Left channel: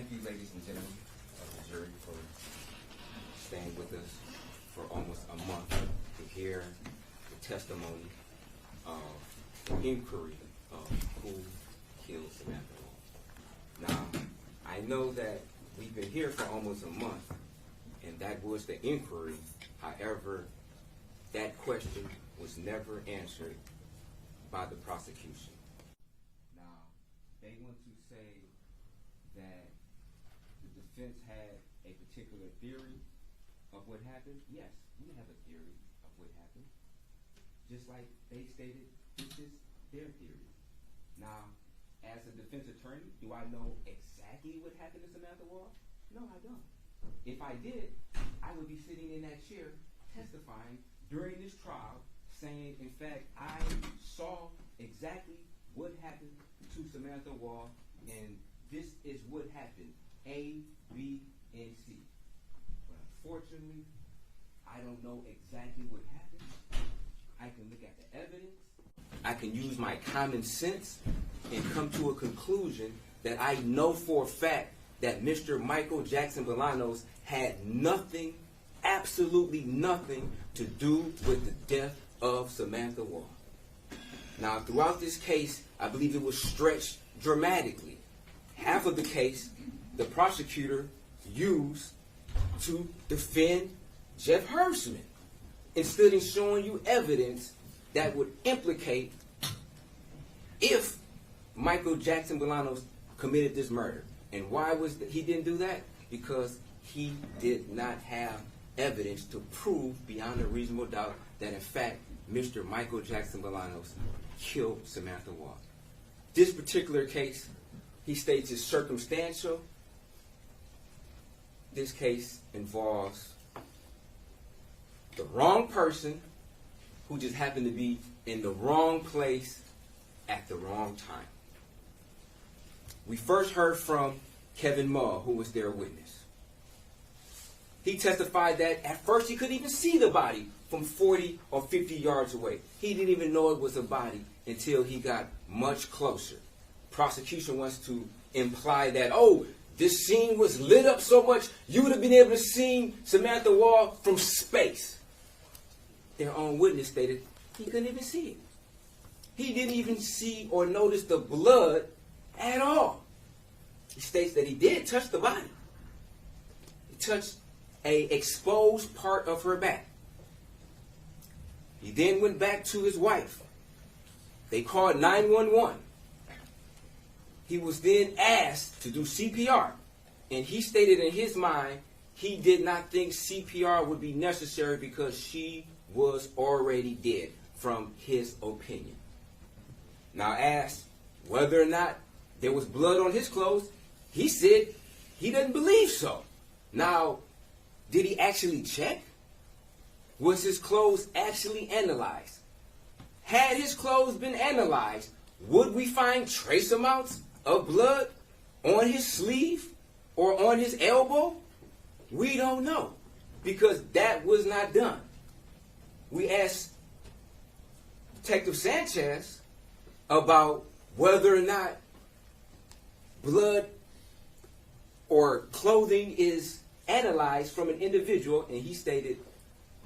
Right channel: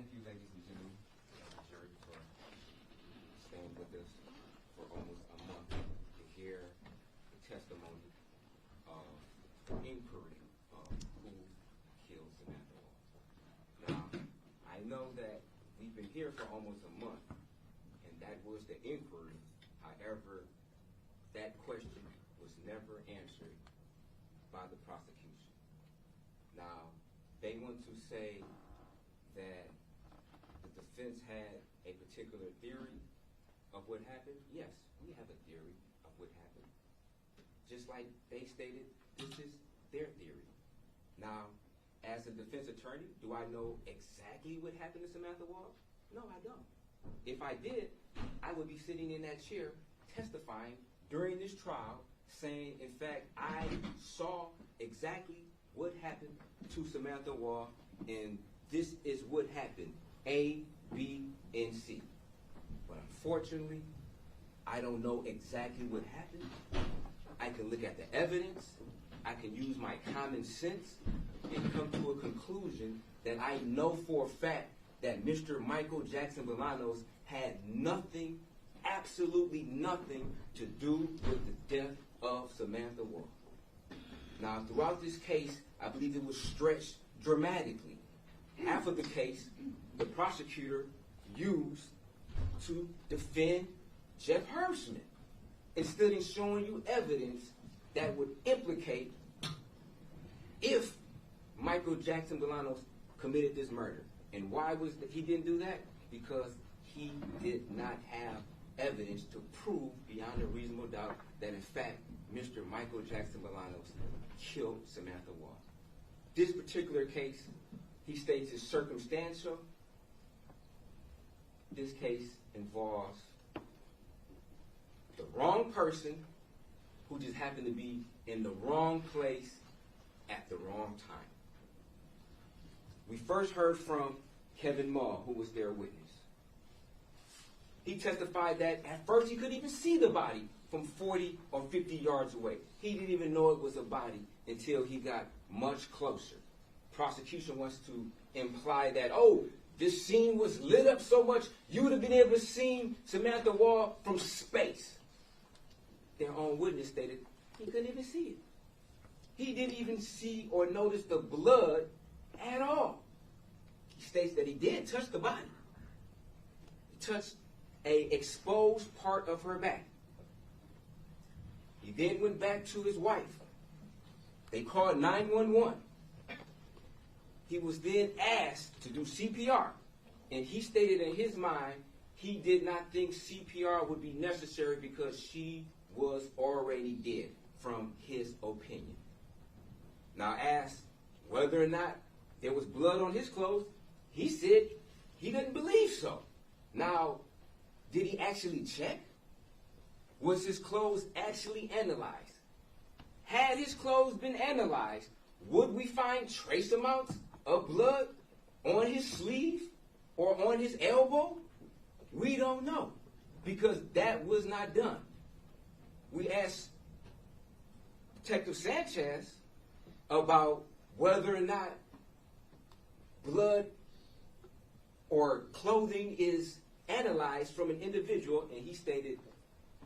Thank you, ladies and gentlemen of the jury, for staying with us for almost a month to hear the testimony of the inquiry of who killed Samantha Woll. Now, I know that we've been here for almost a month, and that was the inquiry. However, that question was never answered by the prosecution. Now, they want to say that the defense had a particular theory of what happened. Yes, we have a theory of what happened. Just like they stated, this is their theory. Now, as a defense attorney, do I know exactly what happened to Samantha Woll? No, I don't. If I did, I would be sitting in that chair testifying during this trial saying, in fact, I saw exactly what happened to Samantha Woll, and this is what happened, A, B, and C. But unfortunately, I don't know exactly what happened. I can look at the evidence, I can use my common sense, and come to a conclusion that I know for a fact that Mr. Michael Jackson-Bolanos had nothing, absolutely nothing, to do with the death of Samantha Woll. Now, throughout this case, I believe it was stretched dramatically. Half of the case, the prosecutor used to defend Jeff Hersman, instead of showing you evidence that would implicate if Michael Jackson-Bolanos committed this murder. And why was he didn't do that? Because he did not have evidence to prove beyond a reasonable doubt that, in fact, Mr. Michael Jackson-Bolanos killed Samantha Woll. This particular case, he states, is circumstantial. This case involves the wrong person who just happened to be in the wrong place at the wrong time. We first heard from Kevin Mull, who was their witness. He testified that at first he couldn't even see the body from 40 or 50 yards away. He didn't even know it was a body until he got much closer. Prosecution wants to imply that, oh, this scene was lit up so much you would have been able to see Samantha Woll from space. Their own witness stated he couldn't even see it. He didn't even see or notice the blood at all. He states that he did touch the body. He touched an exposed part of her back. He then went back to his wife. They called 911. He was then asked to do CPR, and he stated in his mind he did not think CPR would be necessary because she was already dead, from his opinion. Now, asked whether or not there was blood on his clothes, he said he doesn't believe so. Now, did he actually check? Was his clothes actually analyzed? Had his clothes been analyzed, would we find trace amounts of blood on his sleeve or on his elbow? We don't know, because that was not done. We asked Detective Sanchez about whether or not blood or clothing is analyzed from an individual, and he stated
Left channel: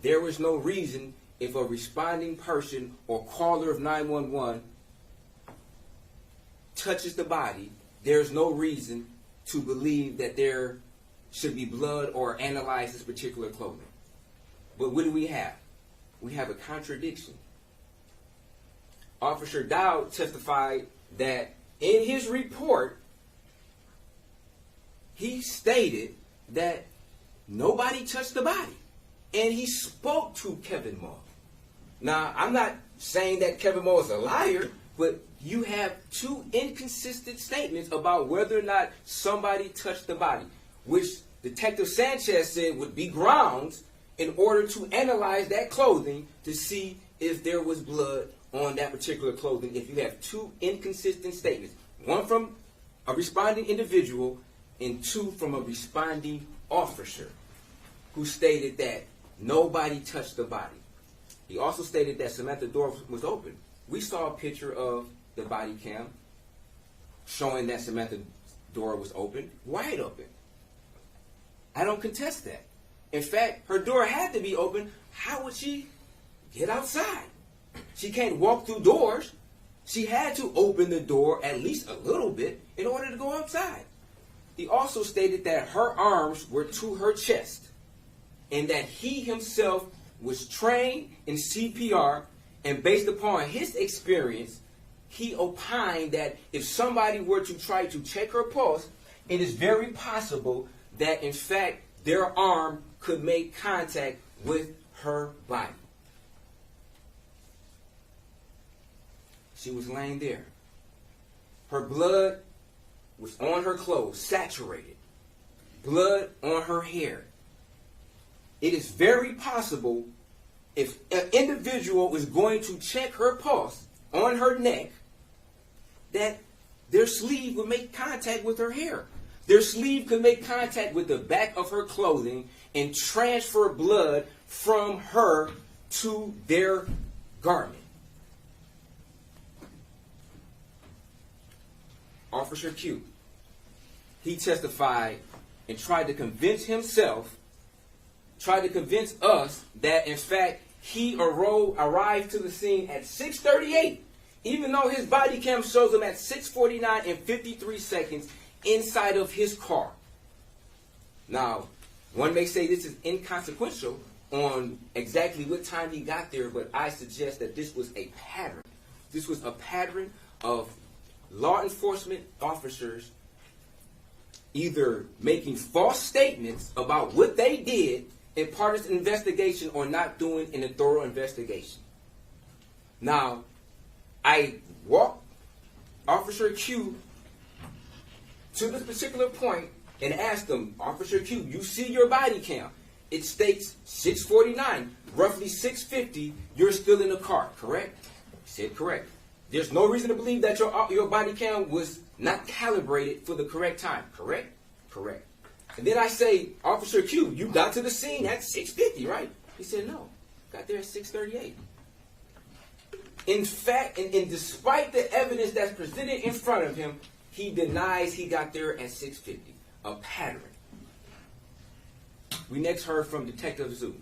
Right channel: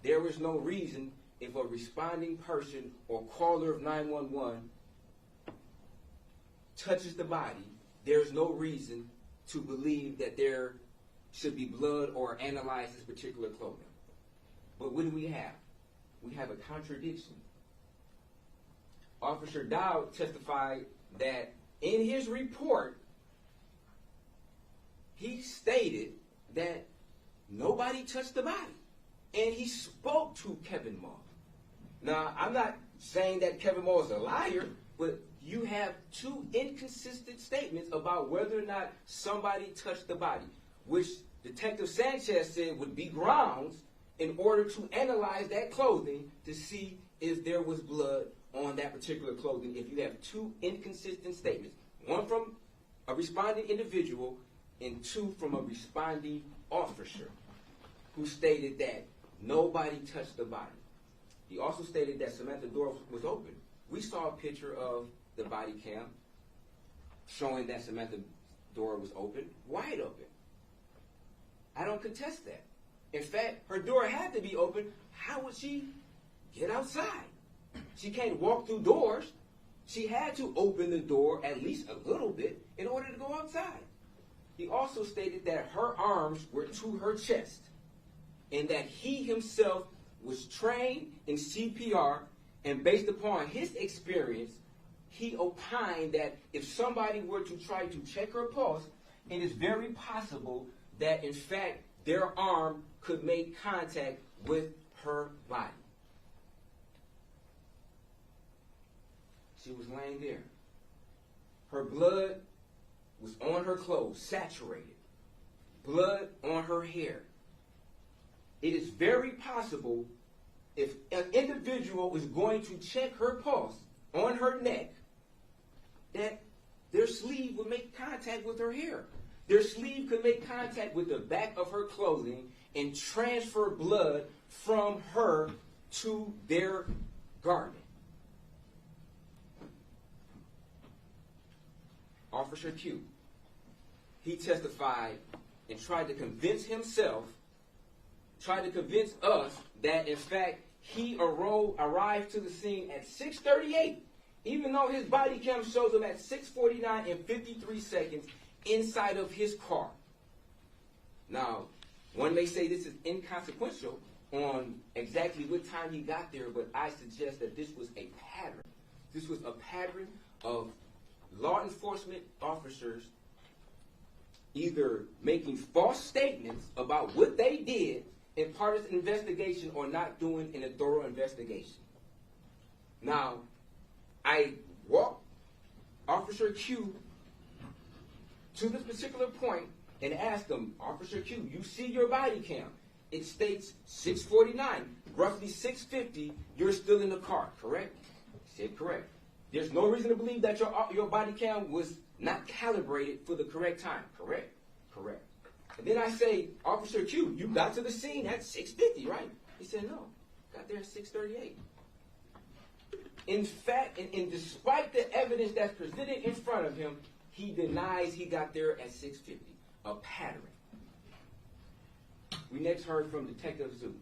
there was no reason, if a responding person or caller of 911 touches the body, there's no reason to believe that there should be blood or analyze this particular clothing. But what do we have? We have a contradiction. Officer Dowd testified that in his report, he stated that nobody touched the body. And he spoke to Kevin Mull. Now, I'm not saying that Kevin Mull is a liar, but you have two inconsistent statements about whether or not somebody touched the body, which Detective Sanchez said would be grounds in order to analyze that clothing to see if there was blood on that particular clothing. If you have two inconsistent statements, one from a responding individual and two from a responding officer who stated that nobody touched the body. He also stated that Samantha's door was open. We saw a picture of the body cam showing that Samantha's door was open, wide open. I don't contest that. In fact, her door had to be open. How would she get outside? She can't walk through doors. She had to open the door at least a little bit in order to go outside. He also stated that her arms were to her chest and that he himself was trained in CPR, and based upon his experience, he opined that if somebody were to try to check her pulse, it is very possible that in fact their arm could make contact with her body. She was laying there. Her blood was on her clothes, saturated. Blood on her hair. It is very possible if an individual is going to check her pulse on her neck, that their sleeve would make contact with her hair. Their sleeve could make contact with the back of her clothing and transfer blood from her to their garment. Officer Q, he testified and tried to convince us that in fact he arrived to the scene at 6:38, even though his body cam shows him at 6:49 and 53 seconds inside of his car. Now, one may say this is inconsequential on exactly what time he got there, but I suggest that this was a pattern. This was a pattern of law enforcement officers either making false statements about what they did in part of an investigation or not doing in a thorough investigation. Now, I walked Officer Q to this particular point and asked him, Officer Q, you see your body cam. It states 6:49, roughly 6:50, you're still in the car, correct? He said correct. There's no reason to believe that your body cam was not calibrated for the correct time, correct? Correct. And then I say, Officer Q, you got to the scene at 6:50, right? He said, no, got there at 6:38. In fact, and despite the evidence that's presented in front of him, he denies he got there at 6:50. A pattern. We next heard from Detective Zhu,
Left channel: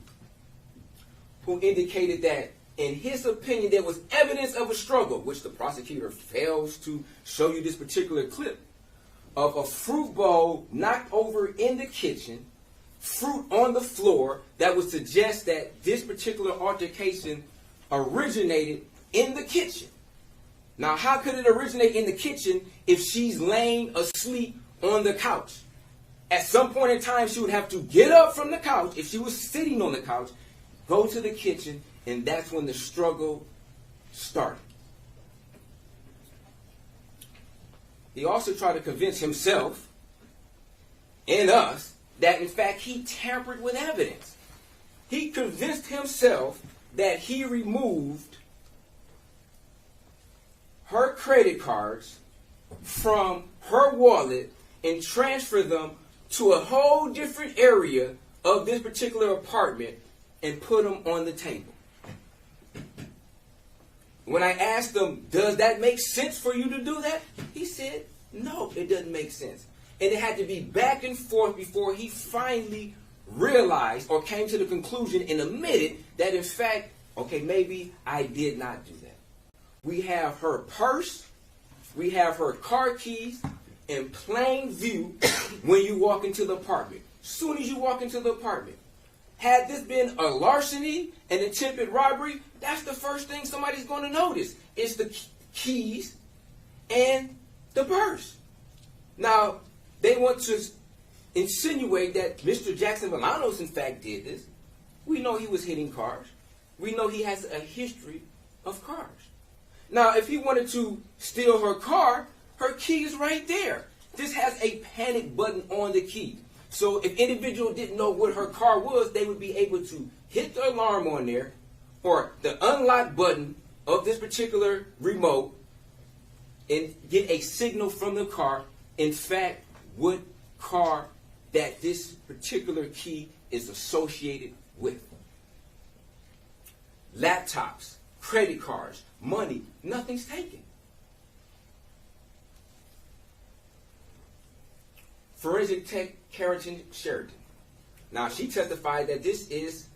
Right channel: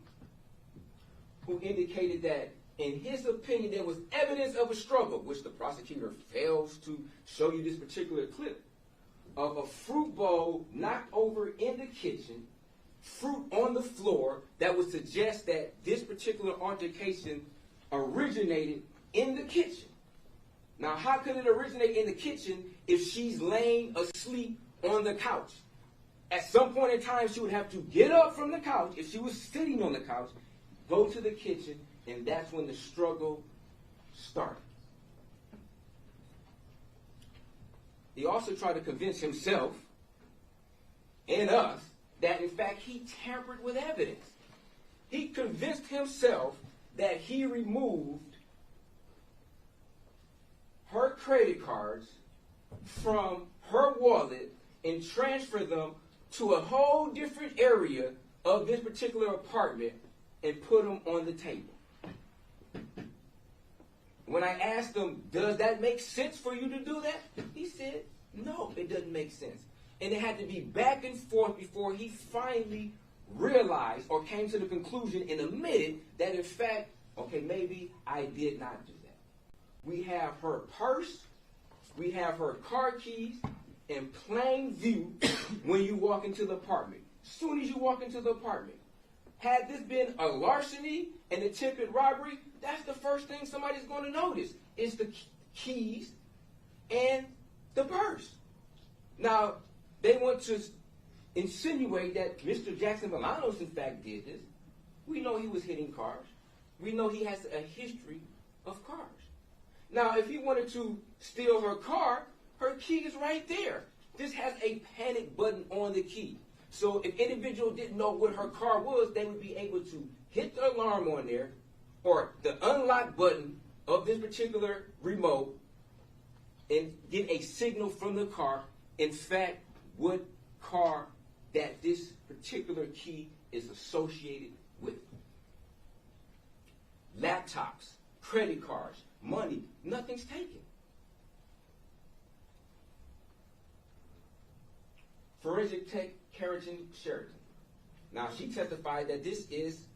who indicated that in his opinion there was evidence of a struggle, which the prosecutor fails to show you this particular clip, of a fruit bowl knocked over in the kitchen, fruit on the floor, that would suggest that this particular altercation originated in the kitchen. Now, how could it originate in the kitchen if she's laying asleep on the couch? At some point in time, she would have to get up from the couch, if she was sitting on the couch, go to the kitchen, and that's when the struggle started. He also tried to convince himself and us that, in fact, he tampered with evidence. He convinced himself that he removed her credit cards from her wallet and transferred them to a whole different area of this particular apartment and put them on the table. When I asked him, does that make sense for you to do that? He said, no, it doesn't make sense. And it had to be back and forth before he finally realized or came to the conclusion and admitted that, in fact, okay, maybe I did not do that. We have her purse, we have her car keys in plain view when you walk into the apartment. Soon as you walk into the apartment. Had this been a larceny, an attempted robbery, that's the first thing somebody's going to notice is the keys and the purse. Now, they want to insinuate that Mr. Jackson-Bolanos, in fact, did this. We know he was hitting cars. We know he has a history of cars. Now, if he wanted to steal her car, her key is right there. This has a panic button on the key. So if individual didn't know what her car was, they would be able to hit the alarm on there or the unlock button of this particular remote and get a signal from the car, in fact, what car that this particular key is associated with. Laptops, credit cards, money, nothing's taken. forensic tech Carrington Sheridan. Now, she testified that this is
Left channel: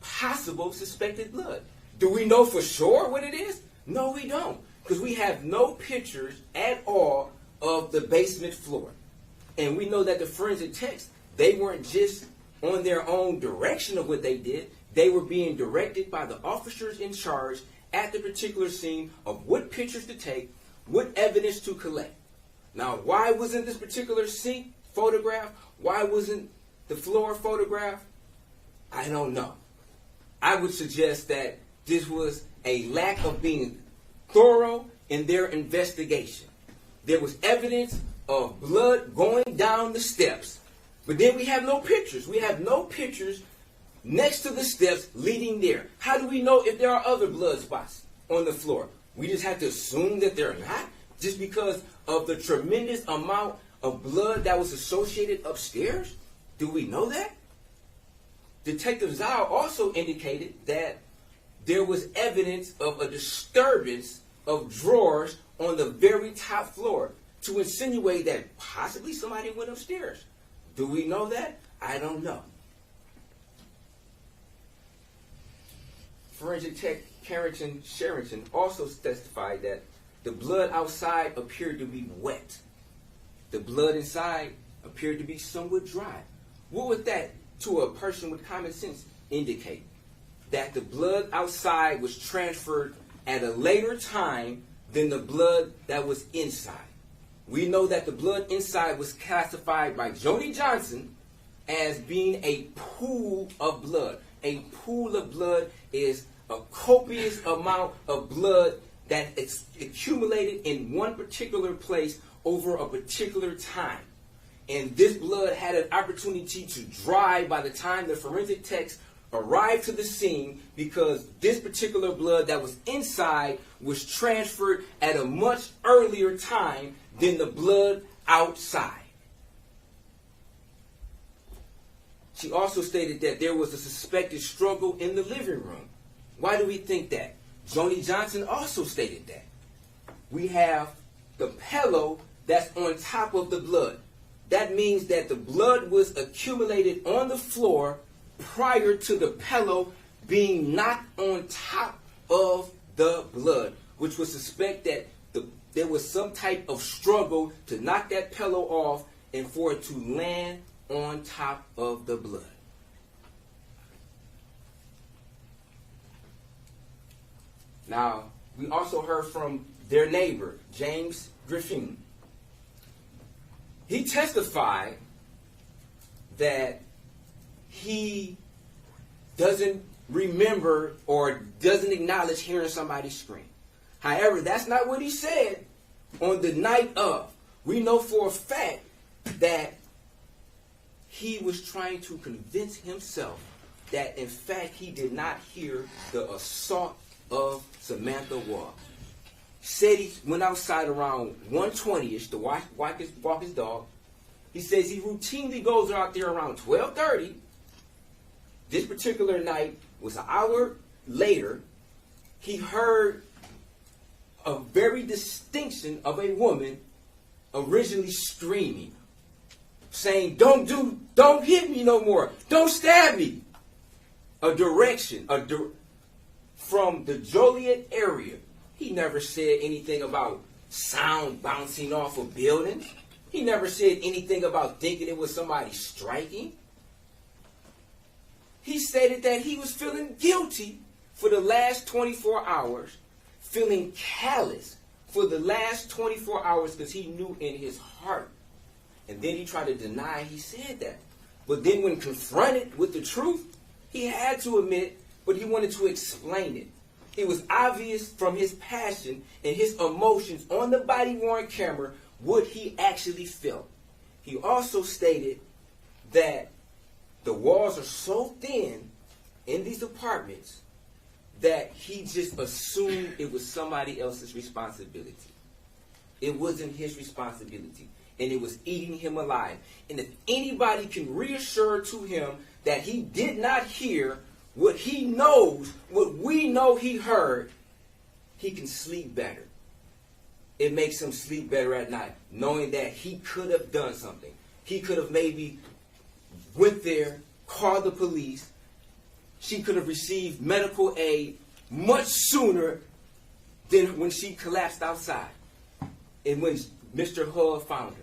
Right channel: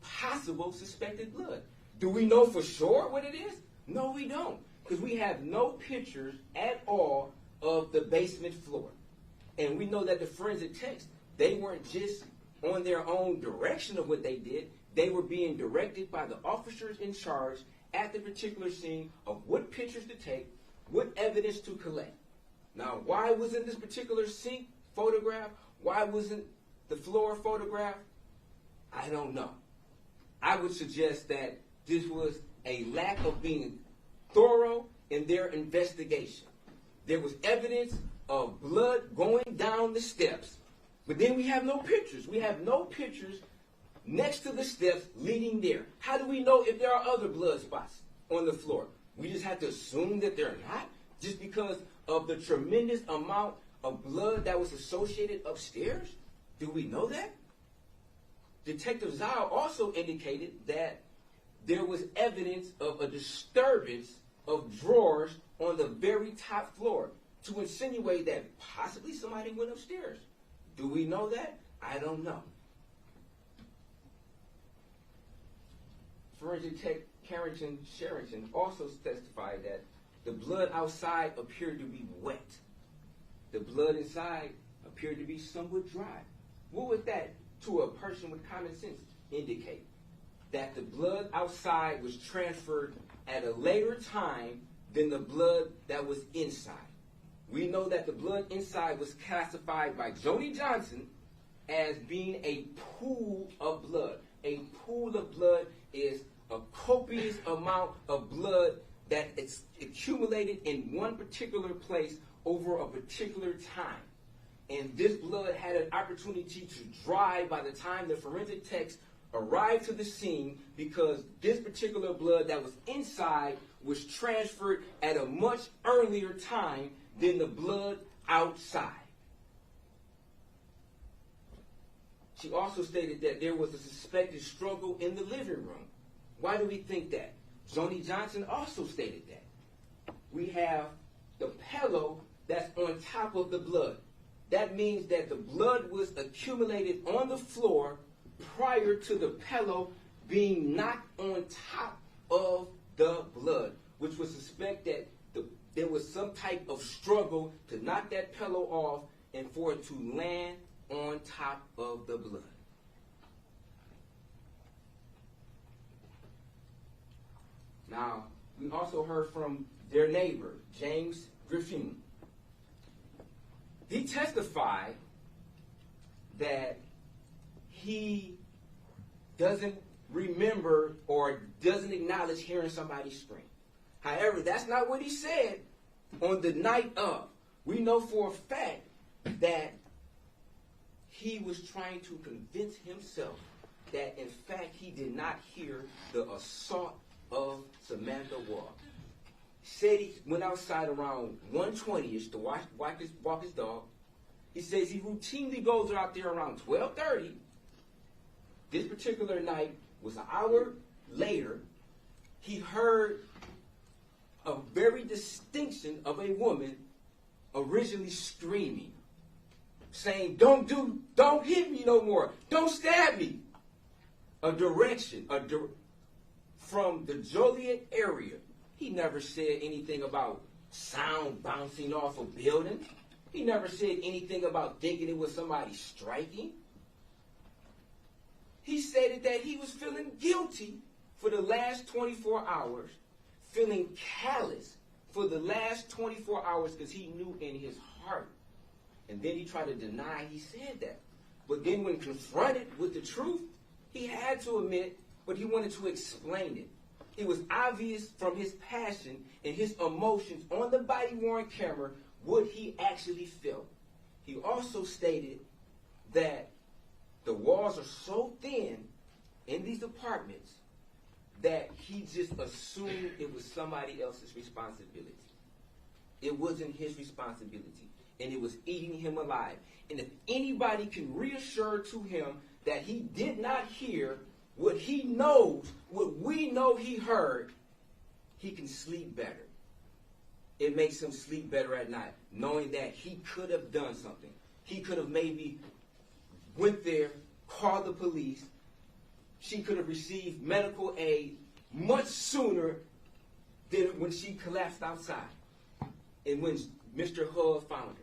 possible suspected blood. Do we know for sure what it is? No, we don't, because we have no pictures at all of the basement floor. And we know that the forensic techs, they weren't just on their own direction of what they did. They were being directed by the officers in charge at the particular scene of what pictures to take, what evidence to collect. Now, why wasn't this particular sink photographed? Why wasn't the floor photographed? I don't know. I would suggest that this was a lack of being thorough in their investigation. There was evidence of blood going down the steps, but then we have no pictures. We have no pictures next to the steps leading there. How do we know if there are other blood spots on the floor? We just have to assume that they're not, just because of the tremendous amount of blood that was associated upstairs? Do we know that? Detective Zhao also indicated that there was evidence of a disturbance of drawers on the very top floor to insinuate that possibly somebody went upstairs. Do we know that? I don't know. Forensic tech Carrington Sheridan also testified that the blood outside appeared to be wet. The blood inside appeared to be somewhat dry. What would that, to a person with common sense, indicate? That the blood outside was transferred at a later time than the blood that was inside. We know that the blood inside was classified by Jody Johnson as being a pool of blood. A pool of blood is a copious amount of blood that is accumulated in one particular place over a particular time. And this blood had an opportunity to dry by the time the forensic techs arrived to the scene, because this particular blood that was inside was transferred at a much earlier time than the blood outside. She also stated that there was a suspected struggle in the living room. Why do we think that? Joni Johnson also stated that. We have the pillow that's on top of the blood. That means that the blood was accumulated on the floor prior to the pillow being knocked on top of the blood, which would suspect that there was some type of struggle to knock that pillow off and for it to land on top of the blood. Now, we also heard from their neighbor, James Griffin. He testified that he doesn't remember or doesn't acknowledge hearing somebody scream. However, that's not what he said on the night of. We know for a fact that he was trying to convince himself that, in fact, he did not hear the assault of Samantha Woll. Said he went outside around 1:20ish to walk his dog. He says he routinely goes out there around 12:30. This particular night was an hour later. He heard a very distinction of a woman originally screaming, saying, don't hit me no more. Don't stab me. A direction from the Joliet area. He never said anything about sound bouncing off a building. He never said anything about thinking it was somebody striking. He stated that he was feeling guilty for the last 24 hours, feeling callous for the last 24 hours because he knew in his heart. And then he tried to deny he said that. But then when confronted with the truth, he had to admit, but he wanted to explain it. It was obvious from his passion and his emotions on the body-worn camera what he actually felt. He also stated that the walls are so thin in these apartments that he just assumed it was somebody else's responsibility. It wasn't his responsibility, and it was eating him alive. And if anybody can reassure to him that he did not hear what he knows, what we know he heard, he can sleep better. it makes him sleep better at night, knowing that he could have done something. He could have maybe went there, called the police. She could have received medical aid much sooner than when she collapsed outside and when Mr. Hull found her.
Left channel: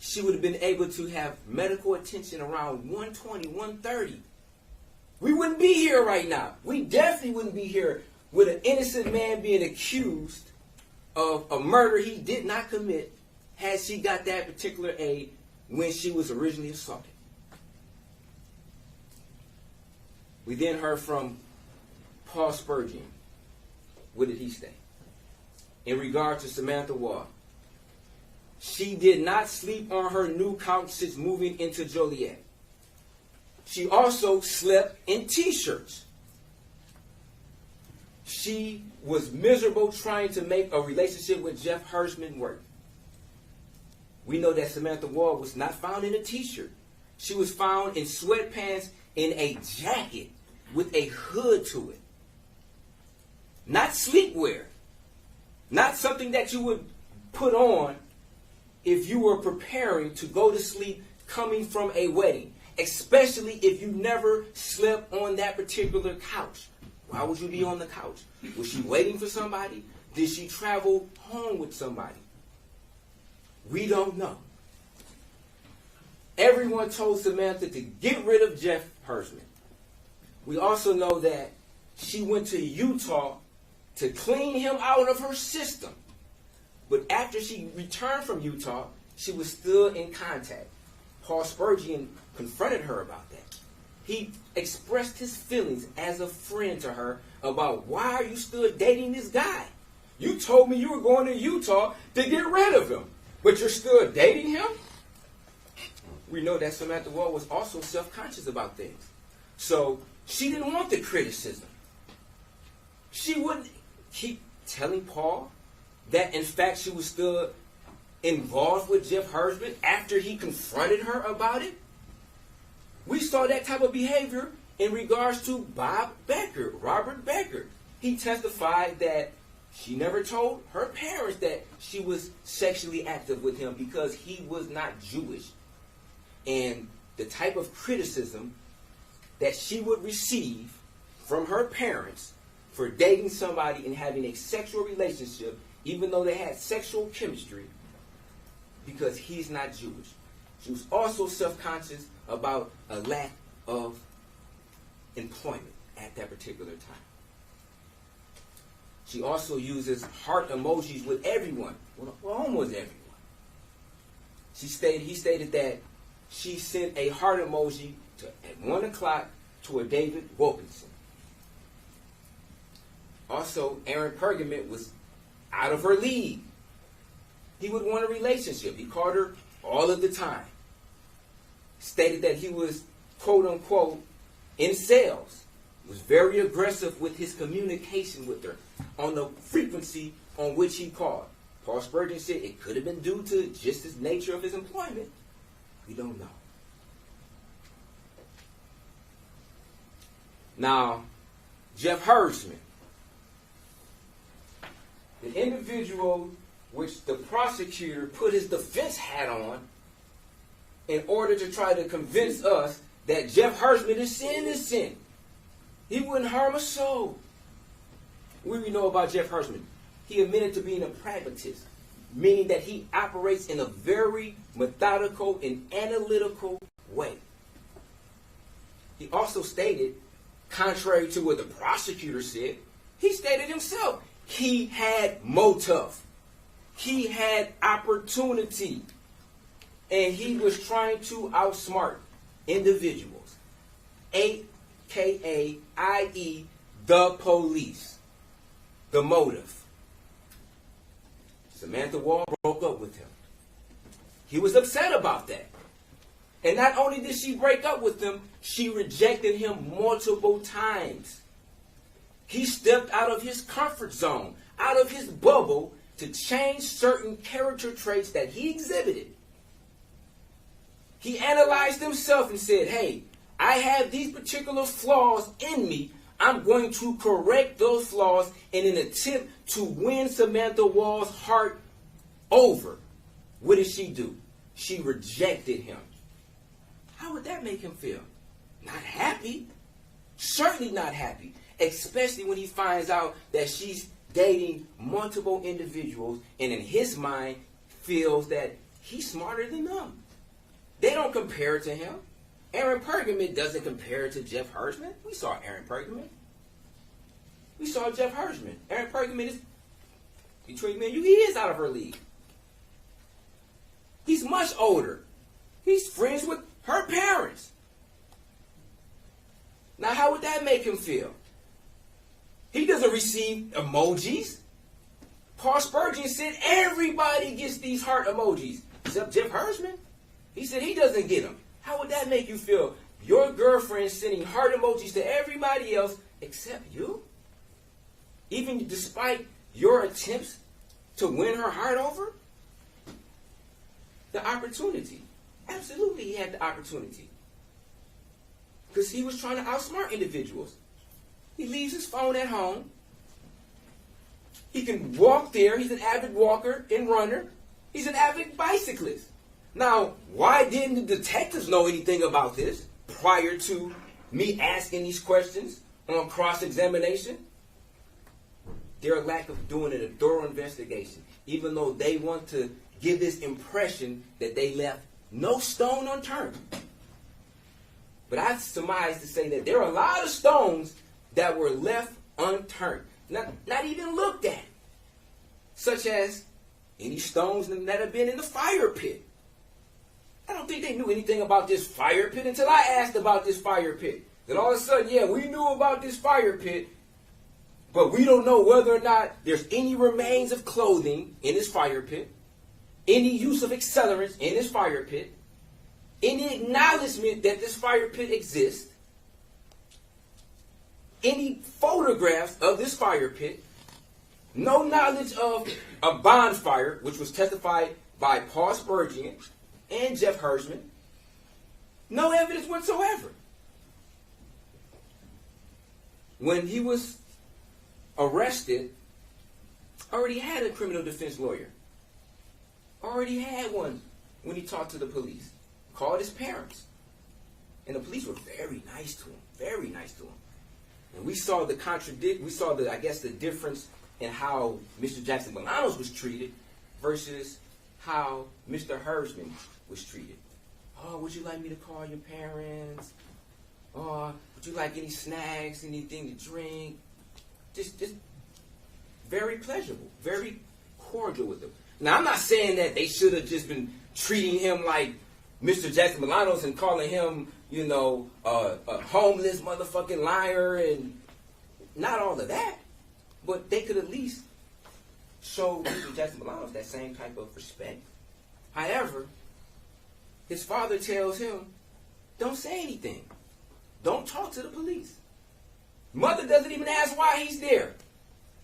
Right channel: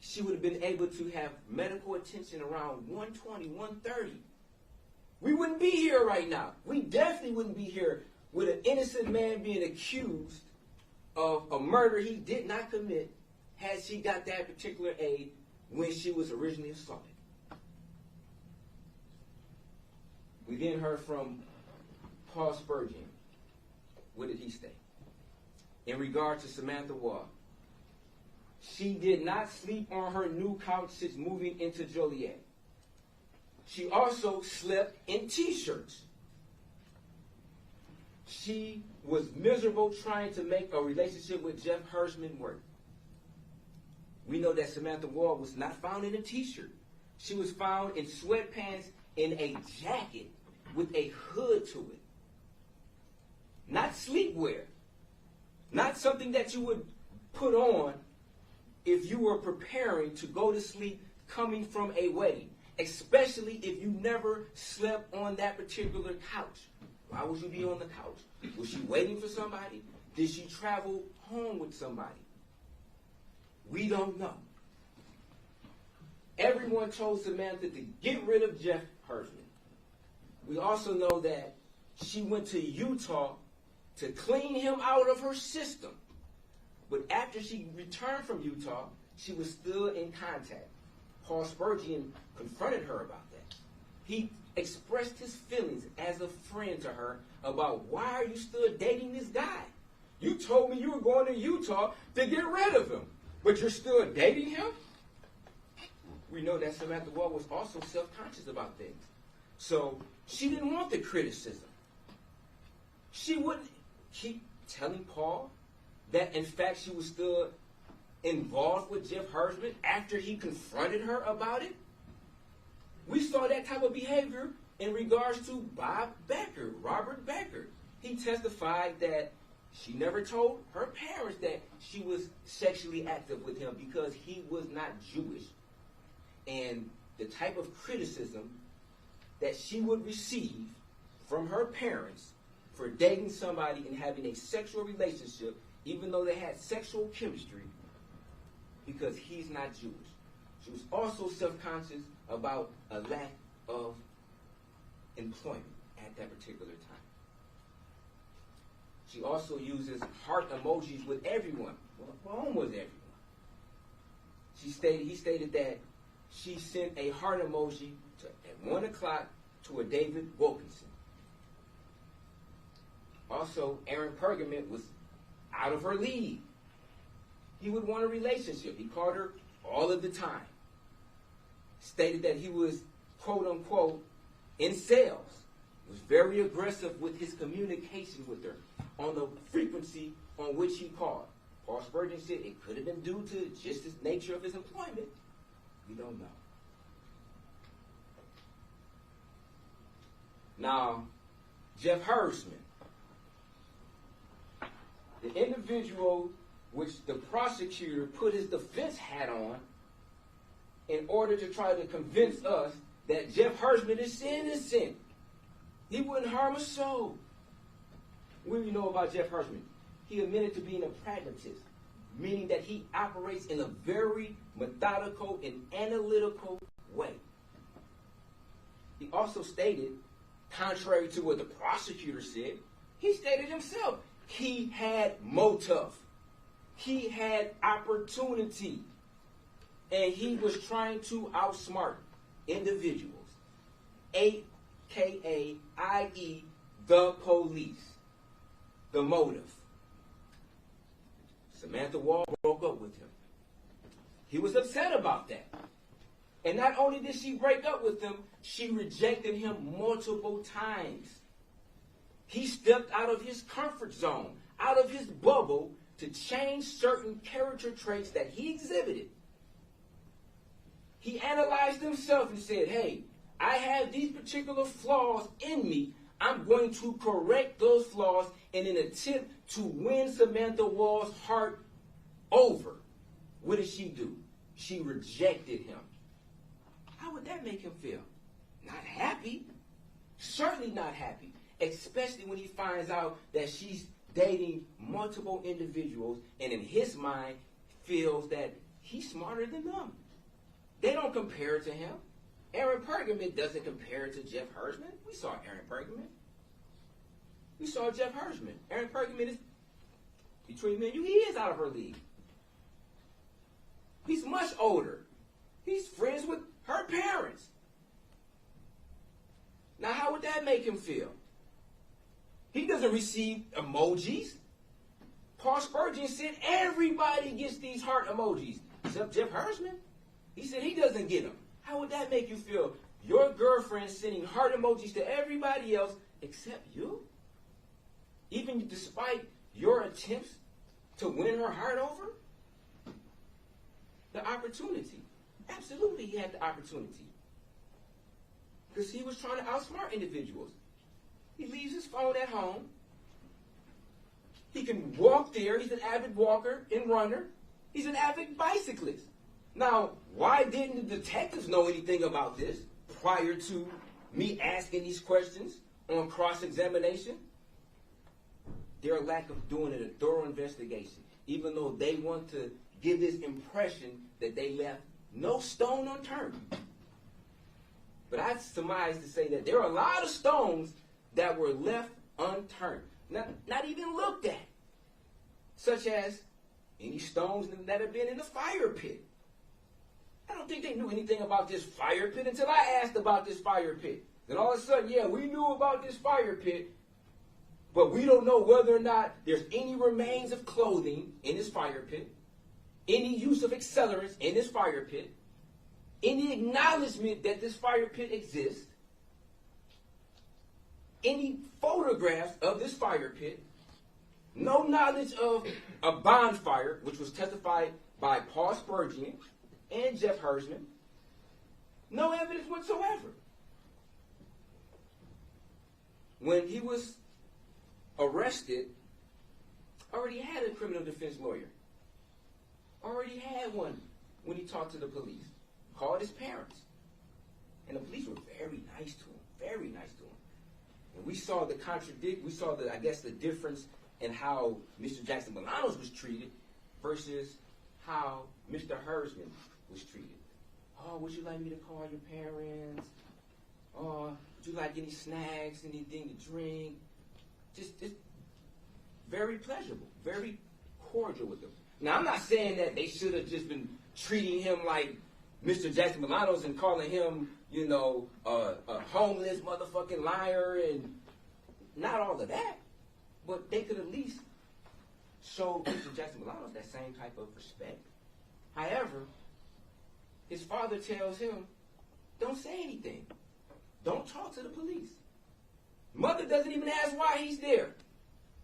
She would have been able to have medical attention around 1:20, 1:30. We wouldn't be here right now. We definitely wouldn't be here with an innocent man being accused of a murder he did not commit had she got that particular aid when she was originally assaulted. We then heard from Paul Spurgeon. What did he say? In regard to Samantha Woll, she did not sleep on her new couch since moving into Joliet. She also slept in T-shirts. She was miserable trying to make a relationship with Jeff Hersman work. We know that Samantha Woll was not found in a T-shirt. She was found in sweatpants in a jacket with a hood to it. Not sleepwear. Not something that you would put on if you were preparing to go to sleep coming from a wedding. Especially if you never slept on that particular couch. Why would you be on the couch? Was she waiting for somebody? Did she travel home with somebody? We don't know. Everyone told Samantha to get rid of Jeff Hersman. We also know that she went to Utah to clean him out of her system. But after she returned from Utah, she was still in contact. Paul Spurgeon confronted her about that. He expressed his feelings as a friend to her about, why are you still dating this guy? You told me you were going to Utah to get rid of him, but you're still dating him? We know that Samantha Woll was also self-conscious about things. So she didn't want the criticism. She wouldn't keep telling Paul that, in fact, she was still involved with Jeff Hersman after he confronted her about it. We saw that type of behavior in regards to Bob Becker, Robert Becker. He testified that she never told her parents that she was sexually active with him because he was not Jewish. And the type of criticism that she would receive from her parents for dating somebody and having a sexual relationship, even though they had sexual chemistry, because he's not Jewish. She was also self-conscious about a lack of employment at that particular time. She also uses heart emojis with everyone, well, almost everyone. He stated that she sent a heart emoji at 1 o'clock to a David Wilkinson. Also, Aaron Pergament was out of her league. He would want a relationship. He called her all of the time. Stated that he was, quote unquote, in sales. Was very aggressive with his communication with her on the frequency on which he called. Paul Spurgeon said it could have been due to just the nature of his employment. We don't know. Now, Jeff Hersman, the individual which the prosecutor put his defense hat on in order to try to convince us that Jeff Hersman is innocent. He wouldn't harm a soul. What do we know about Jeff Hersman? He admitted to being a pragmatist, meaning that he operates in a very methodical and analytical way. He also stated, contrary to what the prosecutor said, he stated himself, he had motive. He had opportunity. And he was trying to outsmart individuals, a.k.a. i.e. the police. The motive. Samantha Woll broke up with him. He was upset about that. And not only did she break up with him, she rejected him multiple times. He stepped out of his comfort zone, out of his bubble, to change certain character traits that he exhibited. He analyzed himself and said, hey, I have these particular flaws in me. I'm going to correct those flaws in an attempt to win Samantha Woll's heart over. What did she do? She rejected him. How would that make him feel? Not happy. Certainly not happy. Especially when he finds out that she's dating multiple individuals and in his mind feels that he's smarter than them. They don't compare to him. Aaron Pergamon doesn't compare to Jeff Hersman. We saw Aaron Pergamon. We saw Jeff Hersman. Aaron Pergamon is, between me and you, he is out of her league. He's much older. He's friends with her parents. Now, how would that make him feel? He doesn't receive emojis. Paul Spurgeon said everybody gets these heart emojis, except Jeff Hersman. He said he doesn't get them. How would that make you feel? Your girlfriend sending heart emojis to everybody else except you? Even despite your attempts to win her heart over? The opportunity. Absolutely, he had the opportunity. Because he was trying to outsmart individuals. He leaves his phone at home. He can walk there. He's an avid walker and runner. He's an avid bicyclist. Now, why didn't the detectives know anything about this prior to me asking these questions on cross-examination? Their lack of doing a thorough investigation, even though they want to give this impression that they left no stone unturned. But I surmise to say that there are a lot of stones that were left unturned, not even looked at, such as any stones that have been in the fire pit. I don't think they knew anything about this fire pit until I asked about this fire pit. Then all of a sudden, yeah, we knew about this fire pit, but we don't know whether or not there's any remains of clothing in this fire pit, any use of accelerants in this fire pit, any acknowledgement that this fire pit exists, any photographs of this fire pit, no knowledge of a bonfire, which was testified by Paul Spurgeon and Jeff Hersman, no evidence whatsoever. When he was arrested, already had a criminal defense lawyer. Already had one when he talked to the police. Called his parents. And the police were very nice to him. Very nice to him. And we saw the the difference in how Mr. Jackson-Bolanos was treated versus how Mr. Hersman was treated. Oh, would you like me to call your parents? Oh, would you like any snacks, anything to drink? Just very pleasurable, very cordial with them. Now, I'm not saying that they should have just been treating him like Mr. Jackson-Bolanos and calling him, a homeless motherfucking liar and not all of that. But they could at least show Mr. Jackson-Bolanos that same type of respect. However, his father tells him, don't say anything. Don't talk to the police. Mother doesn't even ask why he's there.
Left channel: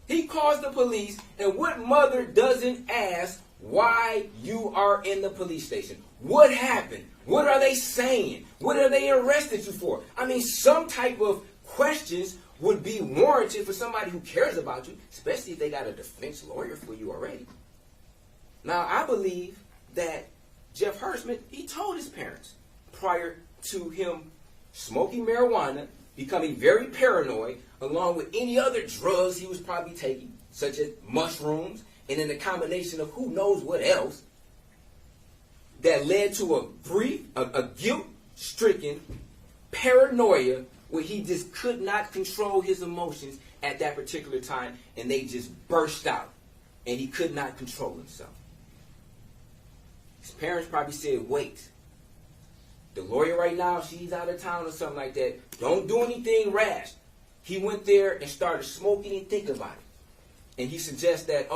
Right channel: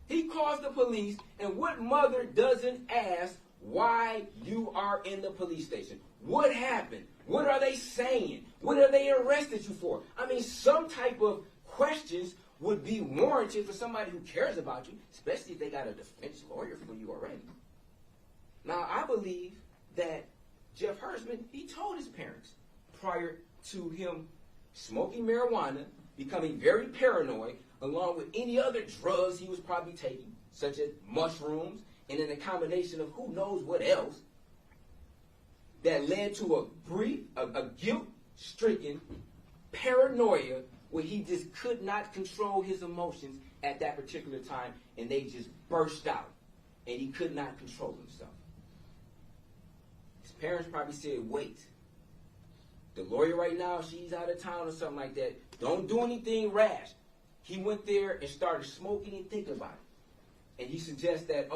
He calls the police, and what mother doesn't ask why you are in the police station? What happened? What are they saying? What are they arrested you for? I mean, some type of questions would be warranted for somebody who cares about you, especially if they got a defense lawyer for you already. Now, I believe that Jeff Hersman, he told his parents prior to him smoking marijuana, becoming very paranoid, along with any other drugs he was probably taking, such as mushrooms, and then a combination of who knows what else, that led to a guilt-stricken paranoia where he just could not control his emotions at that particular time, and they just burst out, and he could not control himself. His parents probably said, wait, the lawyer right now, she's out of town or something like that. Don't do anything rash. He went there and started smoking and think about it. And he suggests that,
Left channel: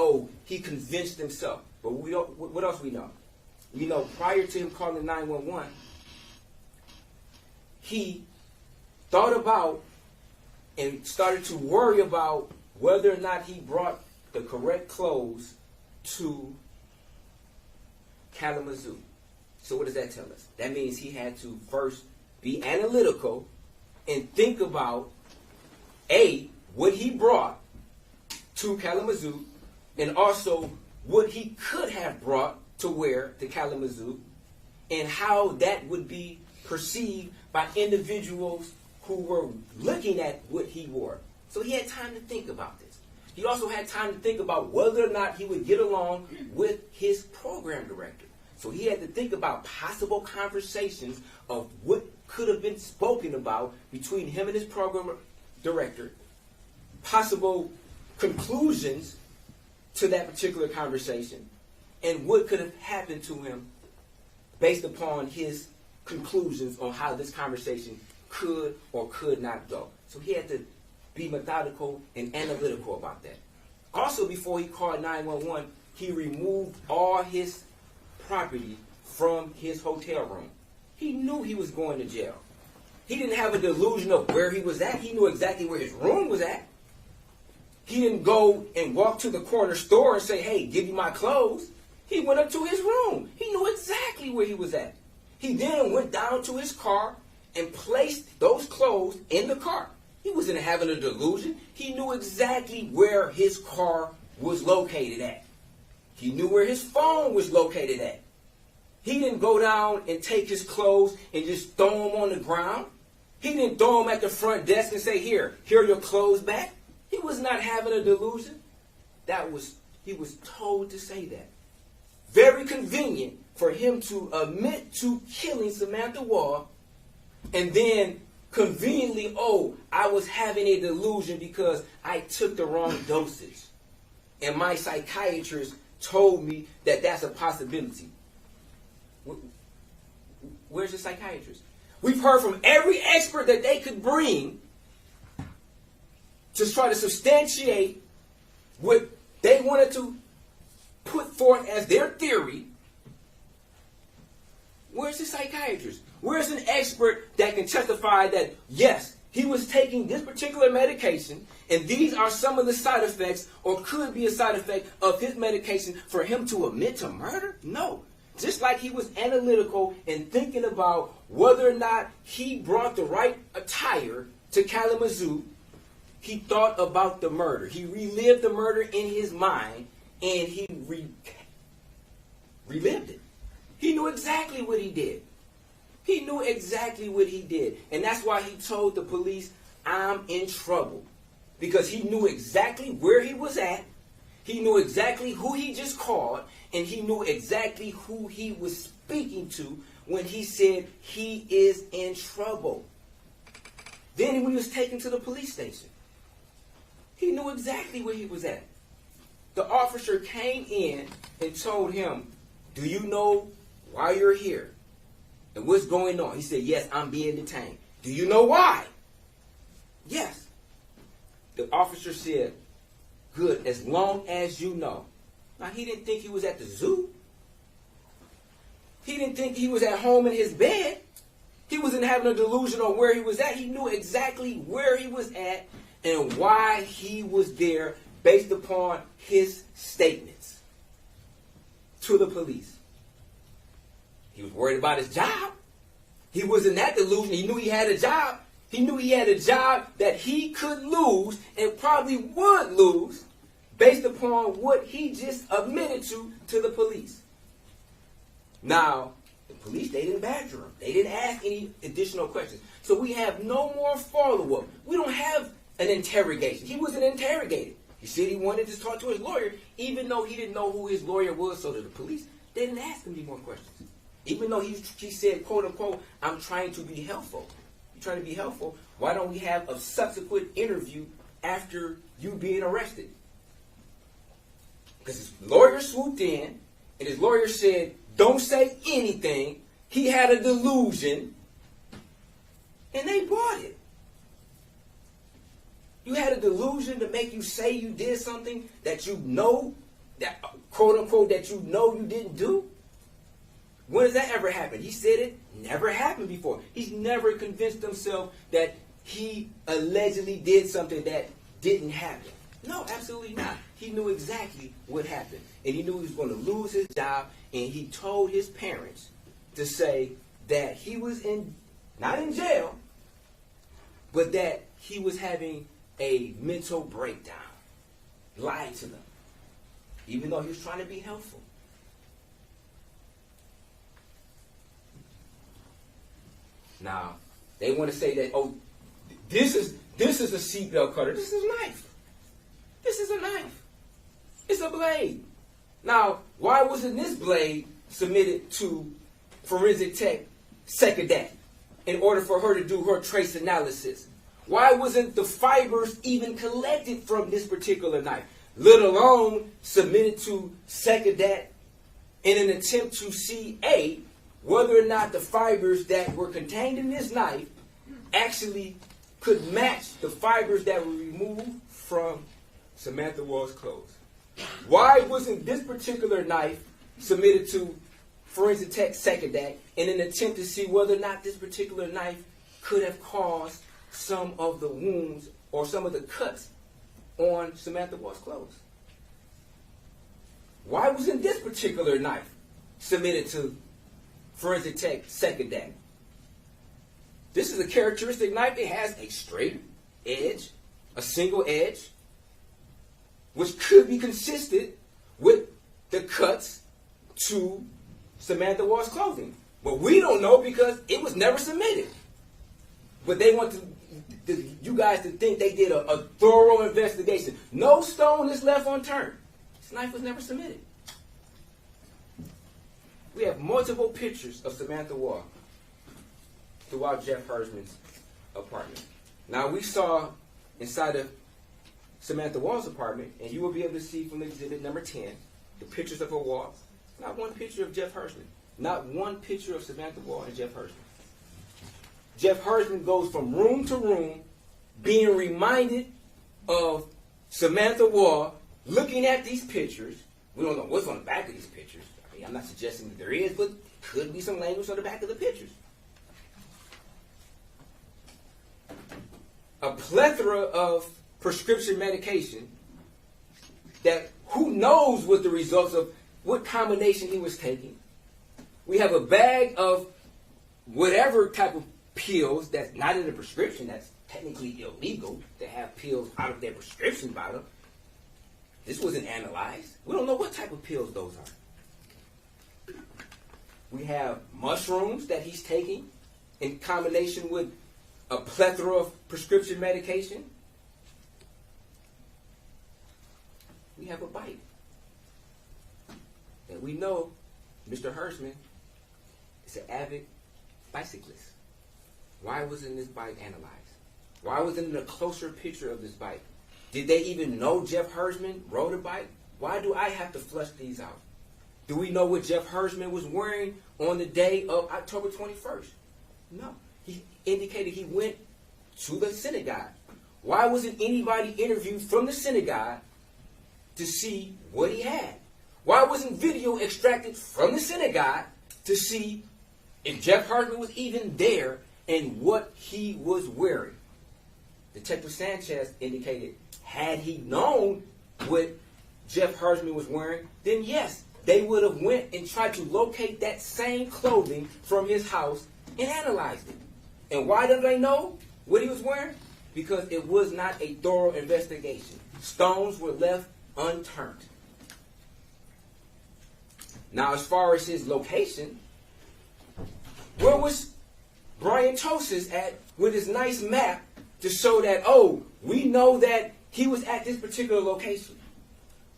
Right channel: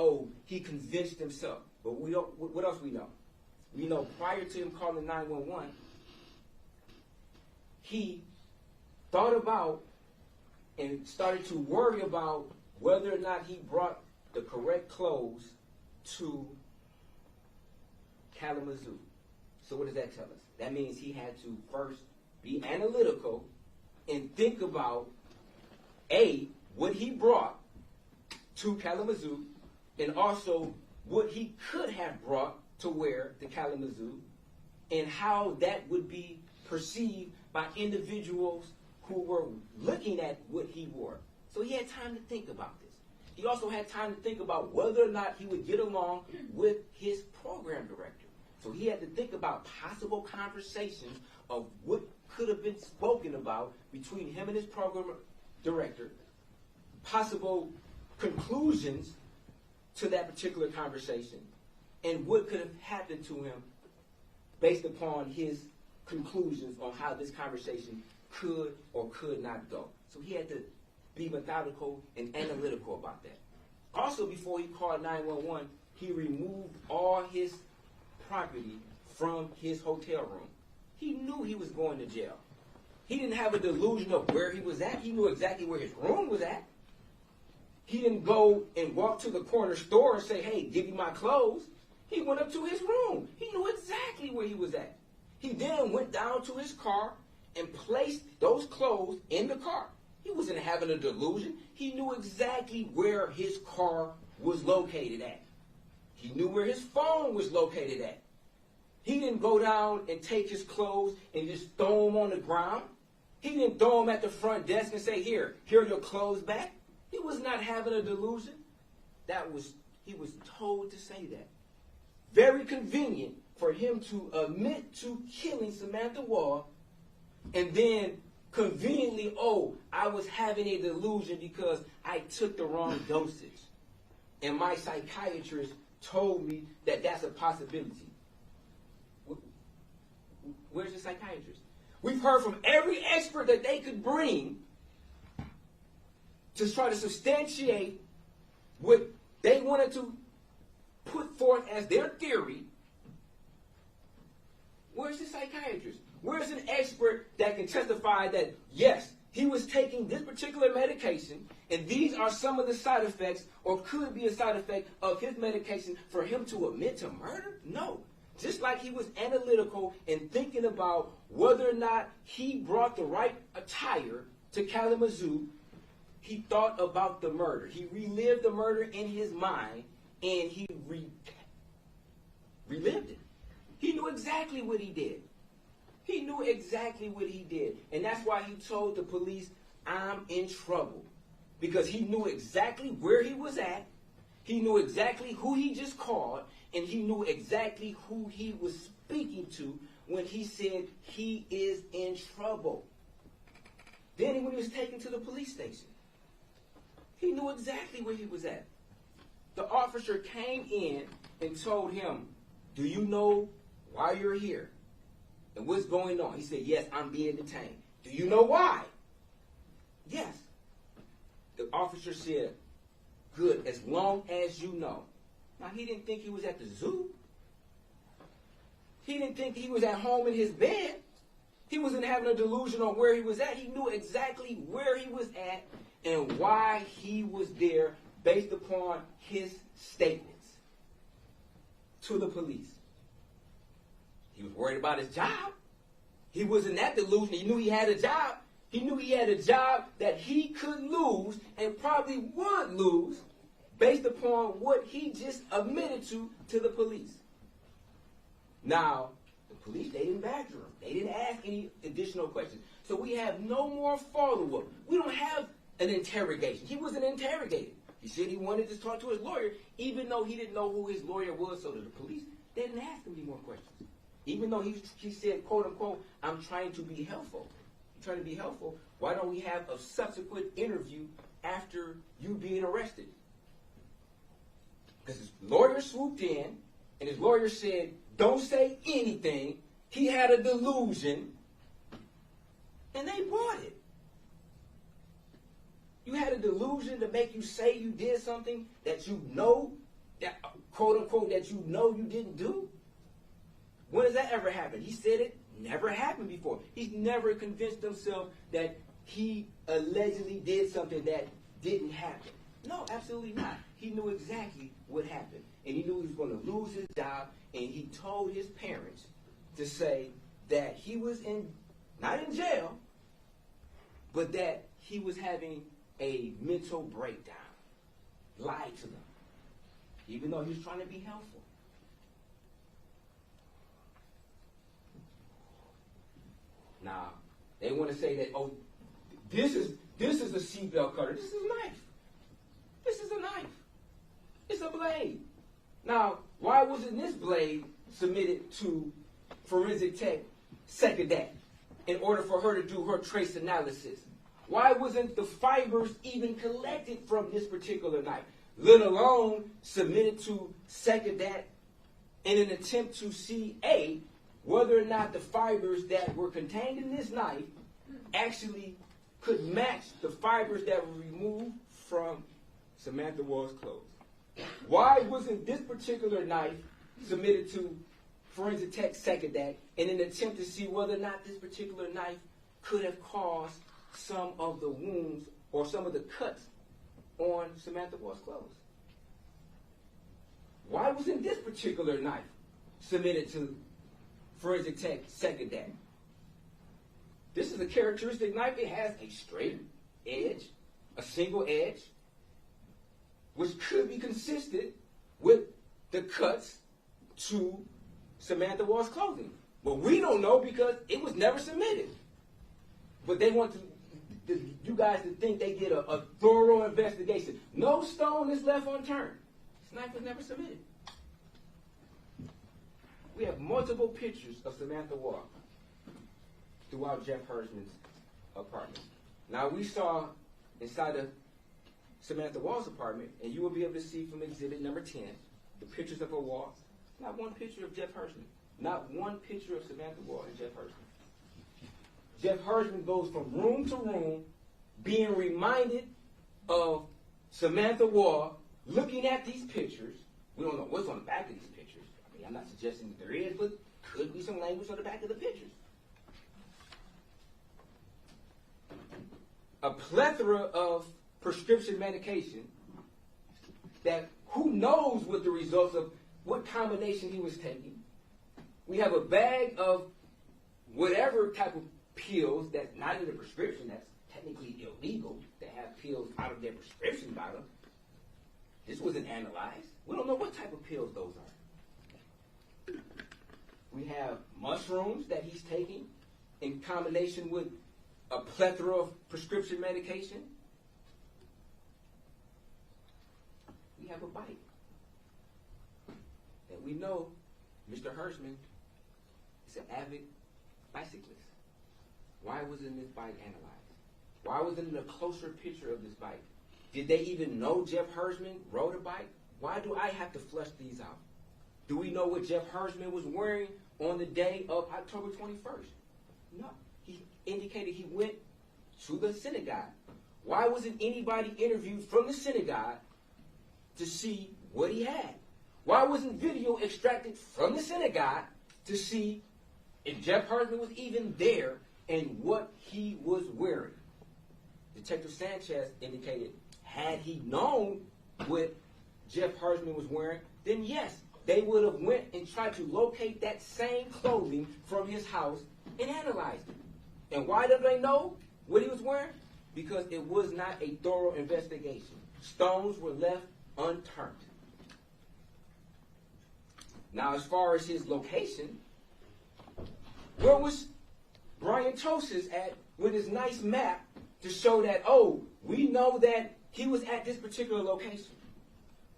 he convinced himself. But we don't. What else we know? We know prior to him calling 911, he thought about and started to worry about whether or not he brought the correct clothes to Kalamazoo. So what does that tell us? That means he had to first be analytical and think about what he brought to Kalamazoo, and also what he could have brought to Kalamazoo, and how that would be perceived by individuals who were looking at what he wore. So he had time to think about this. He also had time to think about whether or not he would get along with his program director. So he had to think about possible conversations of what could have been spoken about between him and his program director, possible conclusions to that particular conversation, and what could have happened to him based upon his conclusions on how this conversation could or could not go. So he had to be methodical and analytical about that. Also, before he called 911, he removed all his property from his hotel room. He knew he was going to jail. He didn't have a delusion of where he was at. He knew exactly where his room was at. He didn't go and walk to the corner store and say, hey, give me my clothes. He went up to his room. He knew exactly where he was at. He then went down to his car and placed those clothes in the car. He wasn't having a delusion. He knew exactly where his car was located at. He knew where his phone was located at. He didn't go down and take his clothes and just throw them on the ground. He didn't throw them at the front desk and say, here are your clothes back. He was not having a delusion. He was told to say that. Very convenient for him to admit to killing Samantha Woll, and then conveniently, I was having a delusion because I took the wrong dosage. And my psychiatrist told me that that's a possibility. Where's the psychiatrist? We've heard from every expert that they could bring to try to substantiate what they wanted to put forth as their theory. Where's the psychiatrist? Where's an expert that can testify that, yes, he was taking this particular medication, and these are some of the side effects, or could be a side effect of his medication for him to admit to murder? No. Just like he was analytical and thinking about whether or not he brought the right attire to Kalamazoo, he thought about the murder. He relived the murder in his mind, and he relived it. He knew exactly what he did. He knew exactly what he did. And that's why he told the police, I'm in trouble. Because he knew exactly where he was at. He knew exactly who he just called. And he knew exactly who he was speaking to when he said he is in trouble. Then when he was taken to the police station, he knew exactly where he was at. The officer came in and told him, do you know why you're here? And what's going on? He said, yes, I'm being detained. Do you know why? Yes. The officer said, good, as long as you know. Now, he didn't think he was at the zoo. He didn't think he was at home in his bed. He wasn't having a delusion on where he was at. He knew exactly where he was at and why he was there based upon his statements to the police. He was worried about his job. He was in that delusion. He knew he had a job. He knew he had a job that he could lose and probably would lose based upon what he just admitted to the police. Now, the police, they didn't badger him. They didn't ask any additional questions. So we have no more follow-up. We don't have an interrogation. He wasn't interrogated. He said he wanted to talk to his lawyer, even though he didn't know who his lawyer was. So to the police, they didn't ask him any more questions. Even though he said, quote unquote, I'm trying to be helpful. You're trying to be helpful. Why don't we have a subsequent interview after you being arrested? Because his lawyer swooped in, and his lawyer said, don't say anything. He had a delusion, and they bought it. You had a delusion to make you say you did something that you know, that quote unquote, that you know you didn't do? When has that ever happened? He said it never happened before. He's never convinced himself that he allegedly did something that didn't happen. No, absolutely not. He knew exactly what happened. And he knew he was going to lose his job. And he told his parents to say that he was not in jail, but that he was having a mental breakdown, lied to them, even though he was trying to be helpful. Now, they want to say that, oh, this is a seatbelt cutter. This is a knife. This is a knife. It's a blade. Now, why wasn't this blade submitted to forensic tech Sekadat in order for her to do her trace analysis? Why wasn't the fibers even collected from this particular knife, let alone submitted to Sekadat in an attempt to see, A, whether or not the fibers that were contained in this knife actually could match the fibers that were removed from Samantha Woll's clothes? Why wasn't this particular knife submitted to forensic tech Sekadat in an attempt to see whether or not this particular knife could have caused some of the wounds or some of the cuts on Samantha Woll's clothes? Why wasn't this particular knife submitted to forensic tech Sekadat? This is a characteristic knife. It has a straight edge, a single edge, which could be consistent with the cuts to Samantha Woll's clothing. But we don't know because it was never submitted. But they want you guys to think they did a thorough investigation. No stone is left unturned. This knife was never submitted. We have multiple pictures of Samantha Woll throughout Jeff Hersman's apartment. Now, we saw inside of Samantha Woll's apartment, and you will be able to see from exhibit number 10, the pictures of her wall. Not one picture of Jeff Hersman. Not one picture of Samantha Woll and Jeff Hersman. Jeff Hersman goes from room to room being reminded of Samantha Woll, looking at these pictures. We don't know what's on the back of these pictures. I mean, I'm not suggesting that there is, but could be some language on the back of the pictures. A plethora of prescription medication that who knows what the results of what combination he was taking. We have a bag of whatever type of pills that's not in the prescription, that's technically illegal to have pills out of their prescription bottle. This wasn't analyzed. We don't know what type of pills those are. We have mushrooms that he's taking in combination with a plethora of prescription medication. We have a bike that we know Mr. Hersman is an avid bicyclist. Why wasn't this bike analyzed? Why wasn't it a closer picture of this bike? Did they even know Jeff Hersman rode a bike? Why do I have to flush these out? Do we know what Jeff Hersman was wearing on the day of October 21st? No. He indicated he went to the synagogue. Why wasn't anybody interviewed from the synagogue to see what he had? Why wasn't video extracted from the synagogue to see if Jeff Hersman was even there and what he was wearing? Detective Sanchez indicated, had he known what Jeff Hersman was wearing, then yes, they would have went and tried to locate that same clothing from his house and analyzed it. And why did they know what he was wearing? Because it was not a thorough investigation. Stones were left unturned. Now, as far as his location, where was Brian Tosis at with his nice map to show that, oh, we know that he was at this particular location?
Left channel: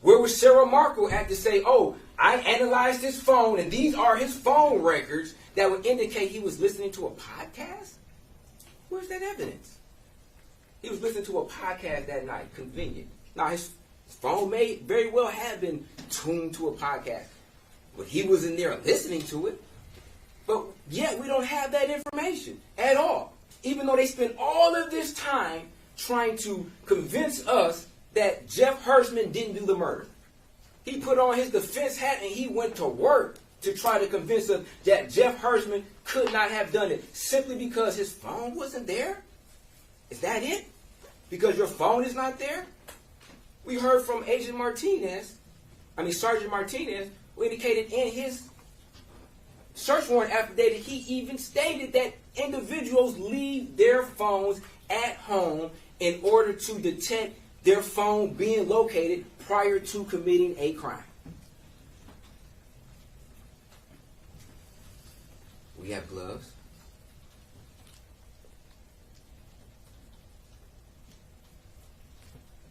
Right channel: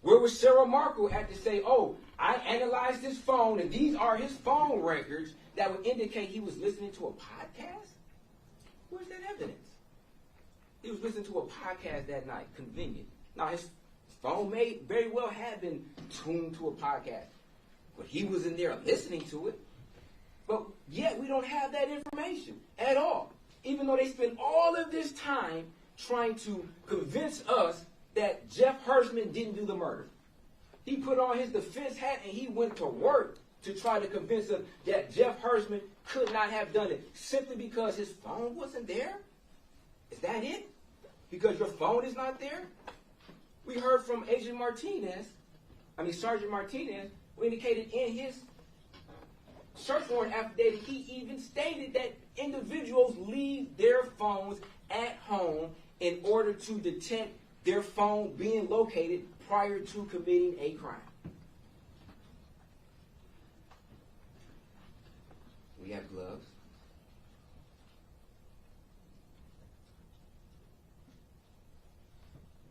Where was Sarah Markle at to say, oh, I analyzed his phone and these are his phone records that would indicate he was listening to a podcast? Where's that evidence? He was listening to a podcast that night. Convenient. Now, his phone may very well have been tuned to a podcast, but he was in there listening to it. But yet we don't have that information at all. Even though they spent all of this time trying to convince us that Jeff Hersman didn't do the murder. He put on his defense hat and he went to work to try to convince us that Jeff Hersman could not have done it simply because his phone wasn't there? Is that it? Because your phone is not there? We heard from Sergeant Martinez, who indicated in his search warrant affidavit, he even stated that individuals leave their phones at home in order to detect their phone being located prior to committing a crime. We have gloves.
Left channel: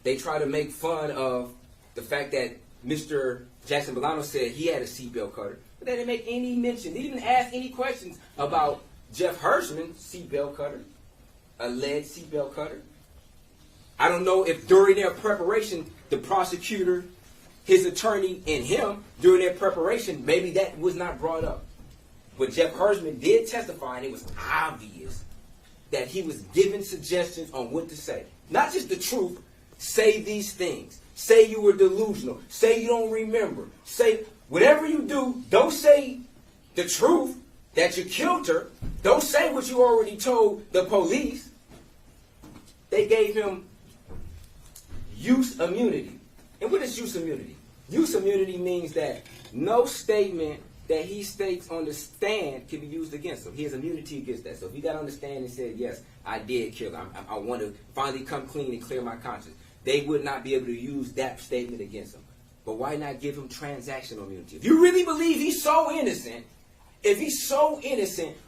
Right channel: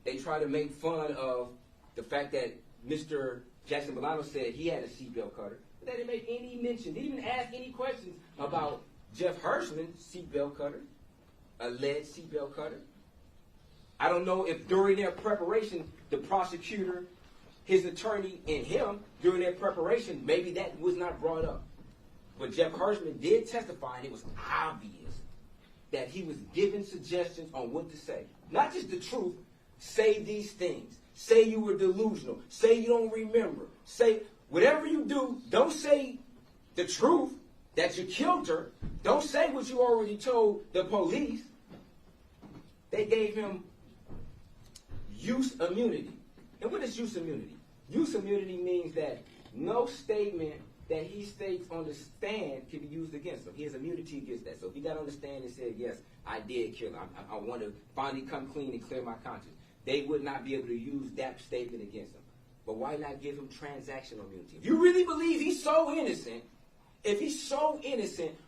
They try to make fun of the fact that Mr. Jackson-Bolanos said he had a seatbelt cutter, but they didn't make any mention. They didn't even ask any questions about Jeff Hirschman's seatbelt cutter, alleged seatbelt cutter. I don't know if during their preparation, the prosecutor, his attorney, and him, during their preparation, maybe that was not brought up. But Jeff Hirschman did testify, and it was obvious that he was giving suggestions on what to say. Not just the truth. Say these things. Say you were delusional. Say you don't remember. Say whatever you do, don't say the truth that you killed her. Don't say what you already told the police. They gave him use immunity. And what is use immunity? Use immunity means that no statement that he states on the stand can be used against him. He has immunity against that. So if he got on the stand and said, yes, I did kill her, I want to finally come clean and clear my conscience, they would not be able to use that statement against him. But why not give him transactional immunity? If you really believe he's so innocent,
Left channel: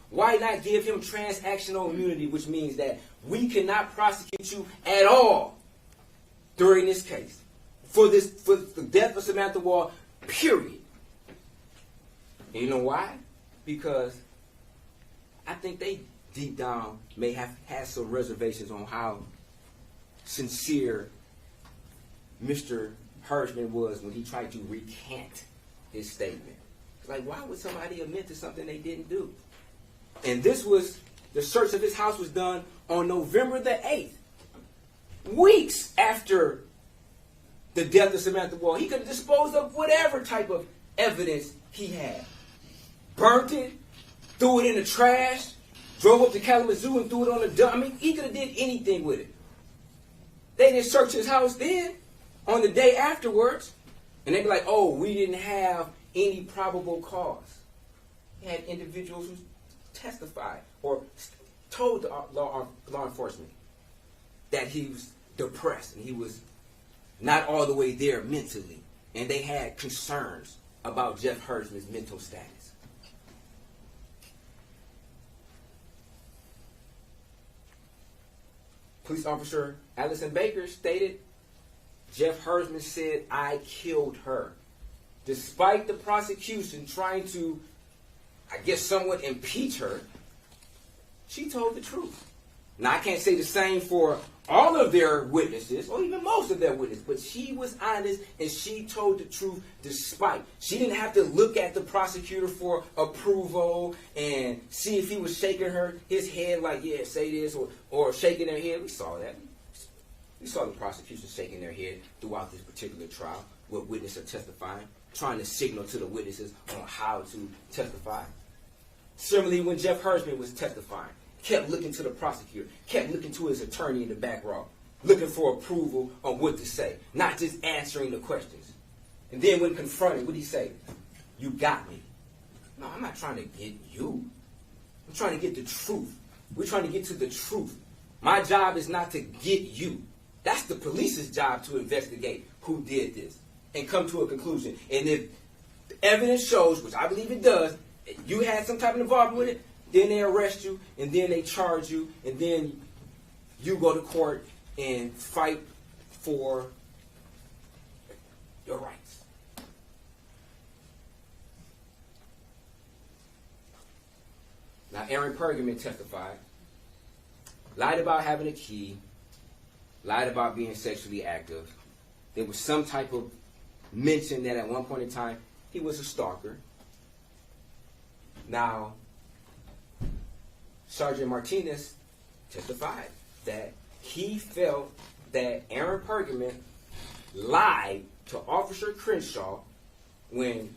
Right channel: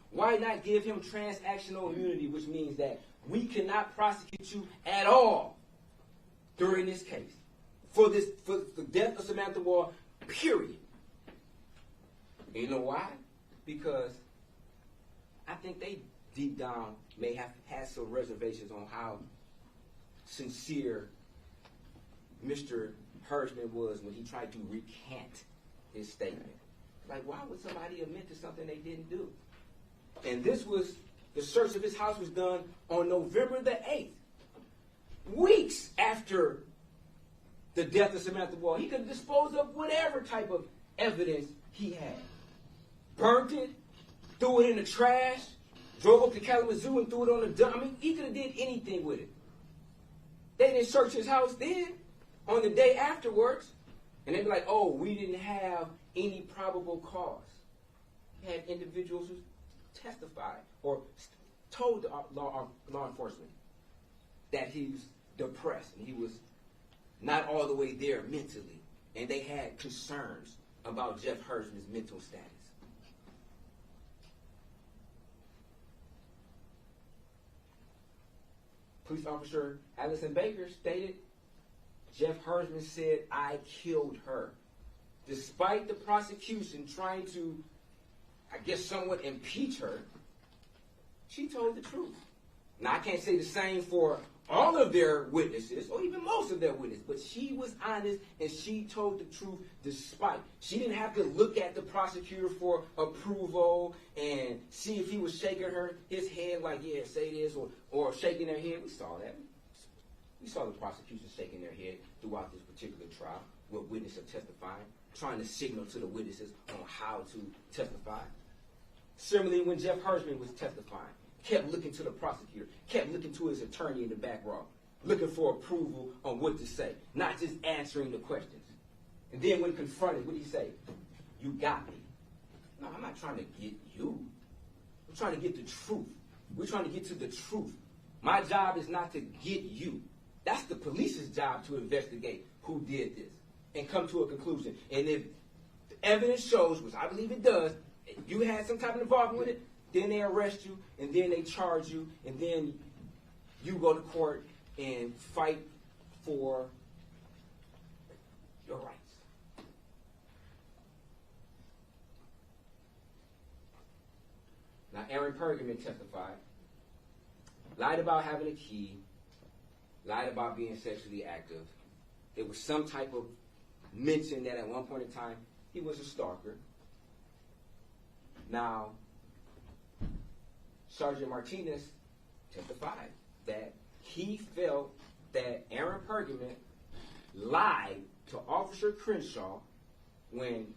why not give him transactional immunity, which means that we cannot prosecute you at all during this case for the death of Samantha Woll, period. And you know why? Because I think they deep down may have had some reservations on how sincere Mr. Hirschman was when he tried to recant his statement. It's like, why would somebody admit to something they didn't do? And this was, the search of his house was done on November the 8th. Weeks after the death of Samantha Woll. He could dispose of whatever type of evidence he had. Burnt it, threw it in the trash, drove up to Kalamazoo and threw it on the dump. I mean, he could have did anything with it. They didn't search his house then, on the day afterwards, and they'd be like, oh, we didn't have any probable cause. He had individuals who testified or told the law enforcement that he was depressed and he was not all the way there mentally, and they had concerns about Jeff Hirschman's mental status. Police officer Allison Baker stated, Jeff Hirschman said, I killed her. Despite the prosecution trying to, I guess, somewhat impeach her, she told the truth. Now, I can't say the same for all of their witnesses, or even most of their witnesses, but she was honest and she told the truth despite. She didn't have to look at the prosecutor for approval and see if he was shaking his head like, yeah, say this, or shaking her head. We saw that. We saw the prosecution shaking their head throughout this particular trial, where witnesses are testifying, trying to signal to the witnesses on how to testify. Similarly, when Jeff Hirschman was testifying, kept looking to the prosecutor, kept looking to his attorney in the back row, looking for approval on what to say, not just answering the questions. And then when confronted, what did he say? You got me. No, I'm not trying to get you. I'm trying to get the truth. We're trying to get to the truth. My job is not to get you. That's the police's job, to investigate who did this and come to a conclusion. And if the evidence shows, which I believe it does, that you had some type of involvement with it, then they arrest you, and then they charge you, and then you go to court and fight for your rights. Now, Aaron Pergament testified, lied about having a key, lied about being sexually active. There was some type of mention that at one point in time he was a stalker. Now, Sergeant Martinez testified that he felt that Aaron Pergament lied to Officer Crenshaw when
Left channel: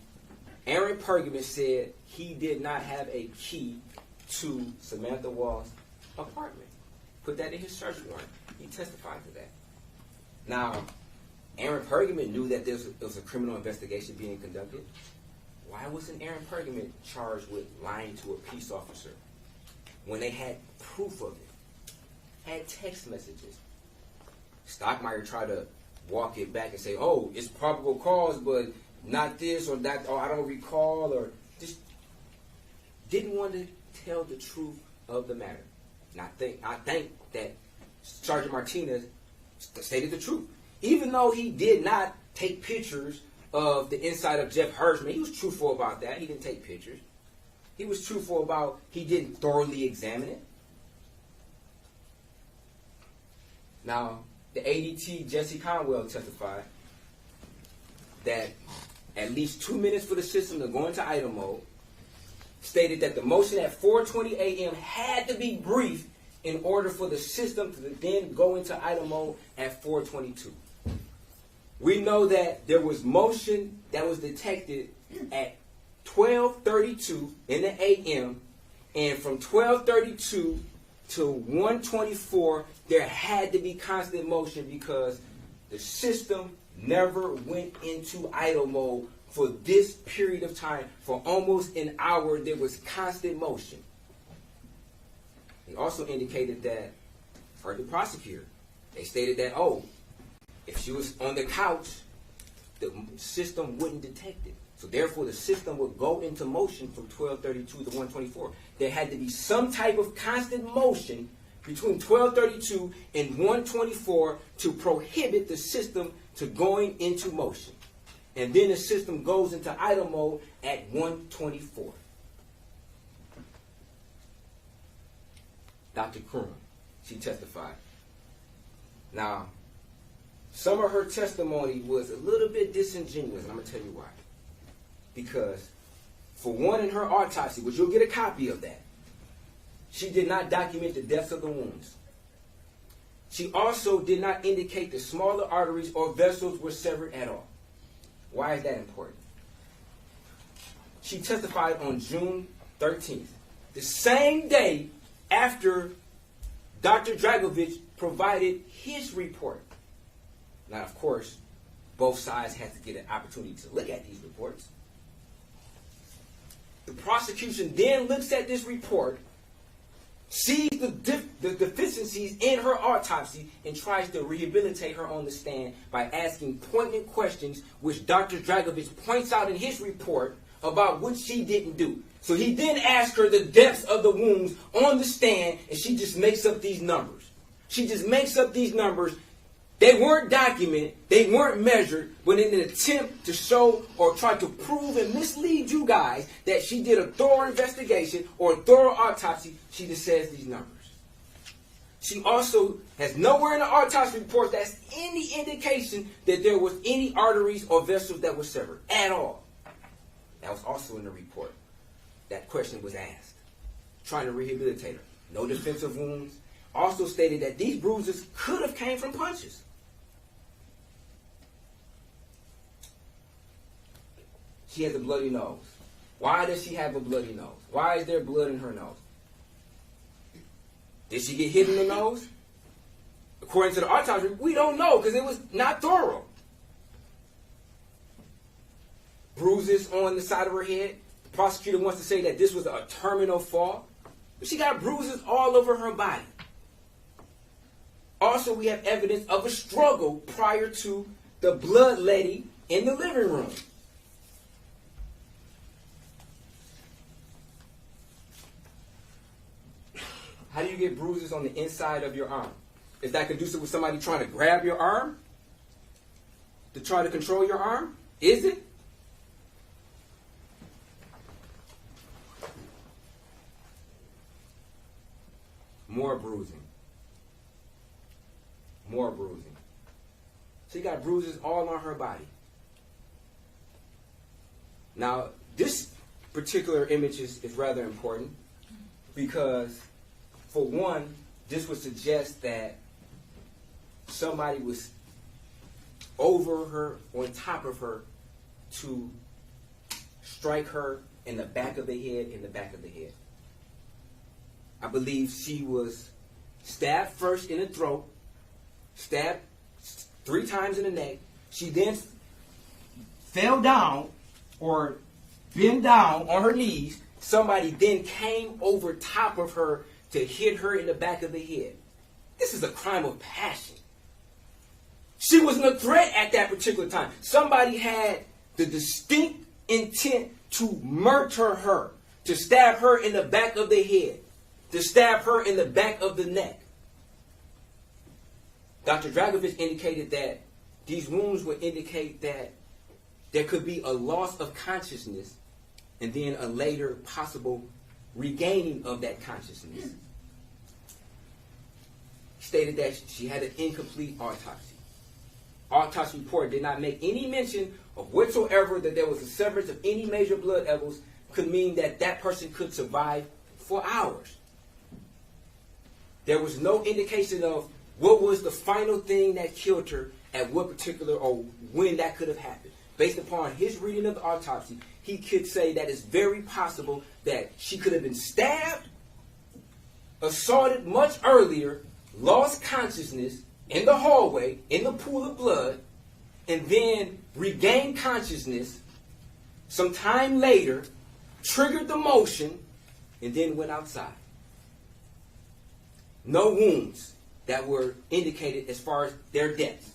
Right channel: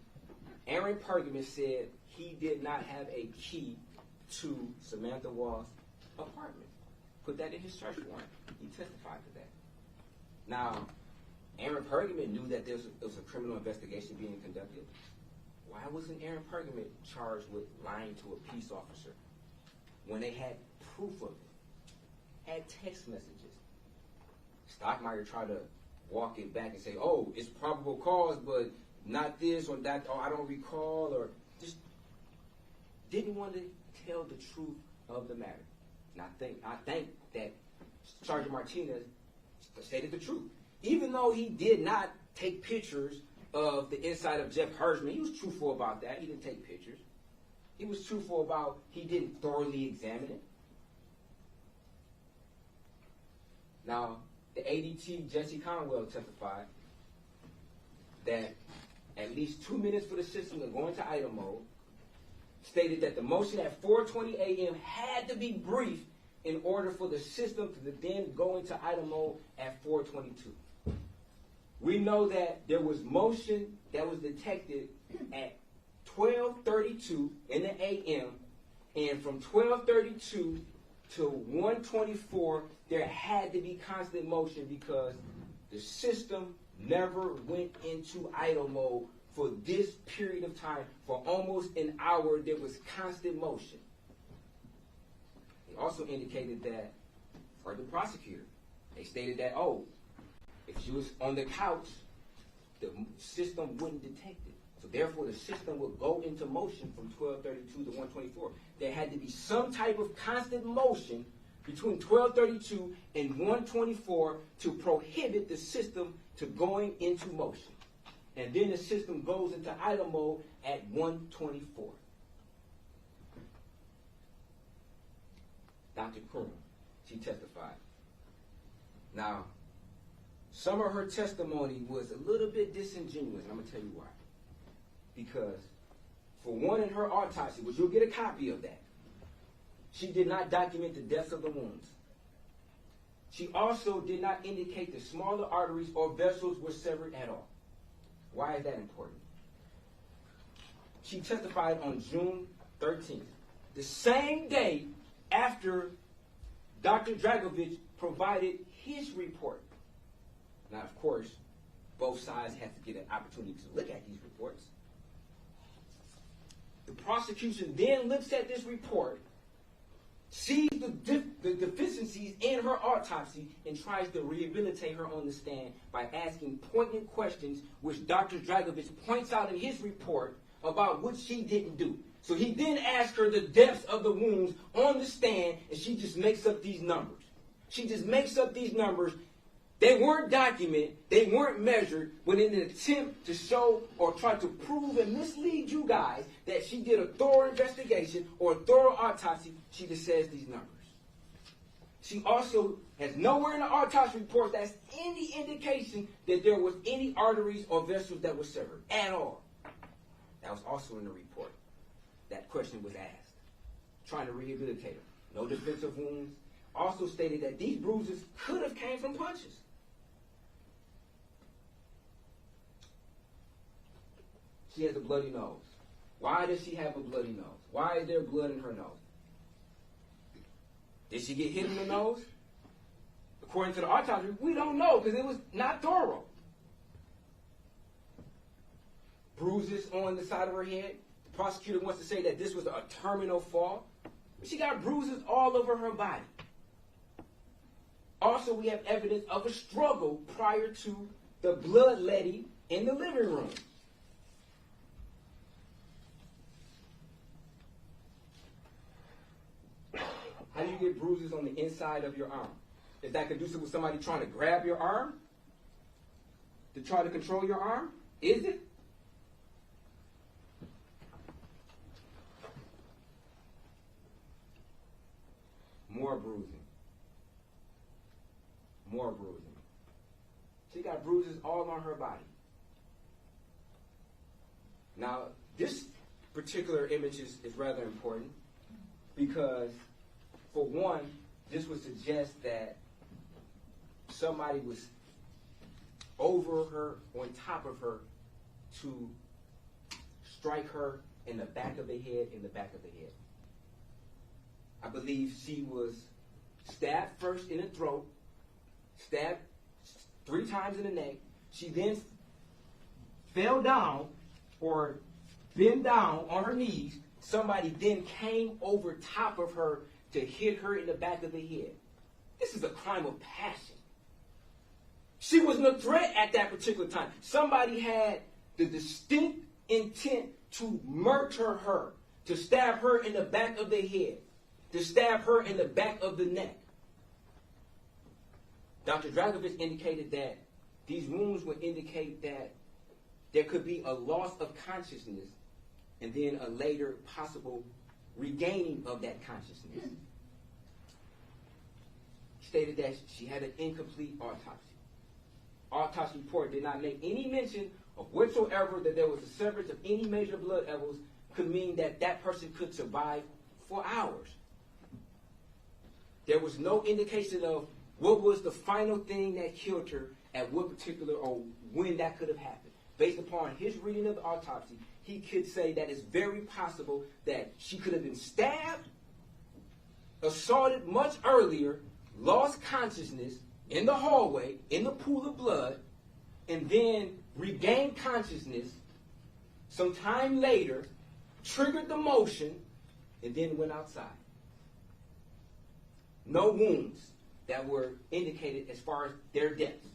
Aaron Pergament said he did not have a key to Samantha Woll's apartment. Put that in his search warrant. He testified to that. Now, Aaron Pergament knew that there was a criminal investigation being conducted. Why wasn't Aaron Pergament charged with lying to a peace officer when they had proof of it, had text messages, Stockmeyer tried to walk it back and say, oh, it's probable cause, but not this or that, or I don't recall, or just didn't want to tell the truth of the matter. And I think that Sergeant Martinez stated the truth. Even though he did not take pictures of the inside of Jeff Hirschman, he was truthful about that. He didn't take pictures. He was truthful about he didn't thoroughly examine it. Now, the ADT Jesse Conwell testified that at least 2 minutes for the system to go into idle mode, stated that the motion at 4:20 a.m. had to be brief in order for the system to then go into idle mode at 4:22. We know that there was motion that was detected at 12:32 in the a.m., and from 12:32 to 1:24, there had to be constant motion because the system never went into idle mode for this period of time. For almost an hour, there was constant motion. They also indicated that, for the prosecutor, they stated that, oh, if she was on the couch, the system wouldn't detect it. So therefore, the system would go into motion from 12:32 to 1:24. There had to be some type of constant motion between 12:32 and 1:24 to prohibit the system to going into motion. And then the system goes into idle mode at 1:24. Dr. Krum, she testified. Now, some of her testimony was a little bit disingenuous, and I'm going to tell you why. Because, for one, in her autopsy, which you'll get a copy of that, she did not document the depths of the wounds. She also did not indicate the smaller arteries or vessels were severed at all. Why is that important? She testified on June 13th, the same day after Dr. Dragovich provided his report. Now, of course, both sides had to get an opportunity to look at these reports. The prosecution then looks at this report, sees the deficiencies in her autopsy, and tries to rehabilitate her on the stand by asking poignant questions, which Dr. Dragovich points out in his report about what she didn't do. So he then asks her the depths of the wounds on the stand, and she just makes up these numbers. She just makes up these numbers. They weren't documented, they weren't measured, but in an attempt to show or try to prove and mislead you guys that she did a thorough investigation or a thorough autopsy, she just says these numbers. She also has nowhere in the autopsy report that's any indication that there was any arteries or vessels that were severed at all. That was also in the report. That question was asked, trying to rehabilitate her. No defensive wounds. Also stated that these bruises could have came from punches. She has a bloody nose. Why does she have a bloody nose? Why is there blood in her nose? Did she get hit in the nose? According to the autopsy, we don't know because it was not thorough. Bruises on the side of her head. The prosecutor wants to say that this was a terminal fall. But she got bruises all over her body. Also, we have evidence of a struggle prior to the bloodletting in the living room. How do you get bruises on the inside of your arm? Is that conducive with somebody trying to grab your arm? To try to control your arm? Is it? More bruising. More bruising. She got bruises all on her body. Now, this particular image is rather important because, for one, this would suggest that somebody was over her, on top of her, to strike her in the back of the head, I believe she was stabbed first in the throat, stabbed 3 times in the neck. She then fell down or bent down on her knees. Somebody then came over top of her to hit her in the back of the head. This is a crime of passion. She wasn't a threat at that particular time. Somebody had the distinct intent to murder her, to stab her in the back of the head, to stab her in the back of the neck. Dr. Dragovich indicated that these wounds would indicate that there could be a loss of consciousness and then a later possible regaining of that consciousness. Stated that she had an incomplete autopsy. Autopsy report did not make any mention of whatsoever that there was a severance of any major blood vessels, could mean that that person could survive for hours. There was no indication of what was the final thing that killed her at what particular or when that could have happened. Based upon his reading of the autopsy, he could say that it's very possible that she could have been stabbed, assaulted much earlier, lost consciousness in the hallway, in the pool of blood, and then regained consciousness some time later, triggered the motion, and then went outside. No wounds that were indicated as far as their deaths.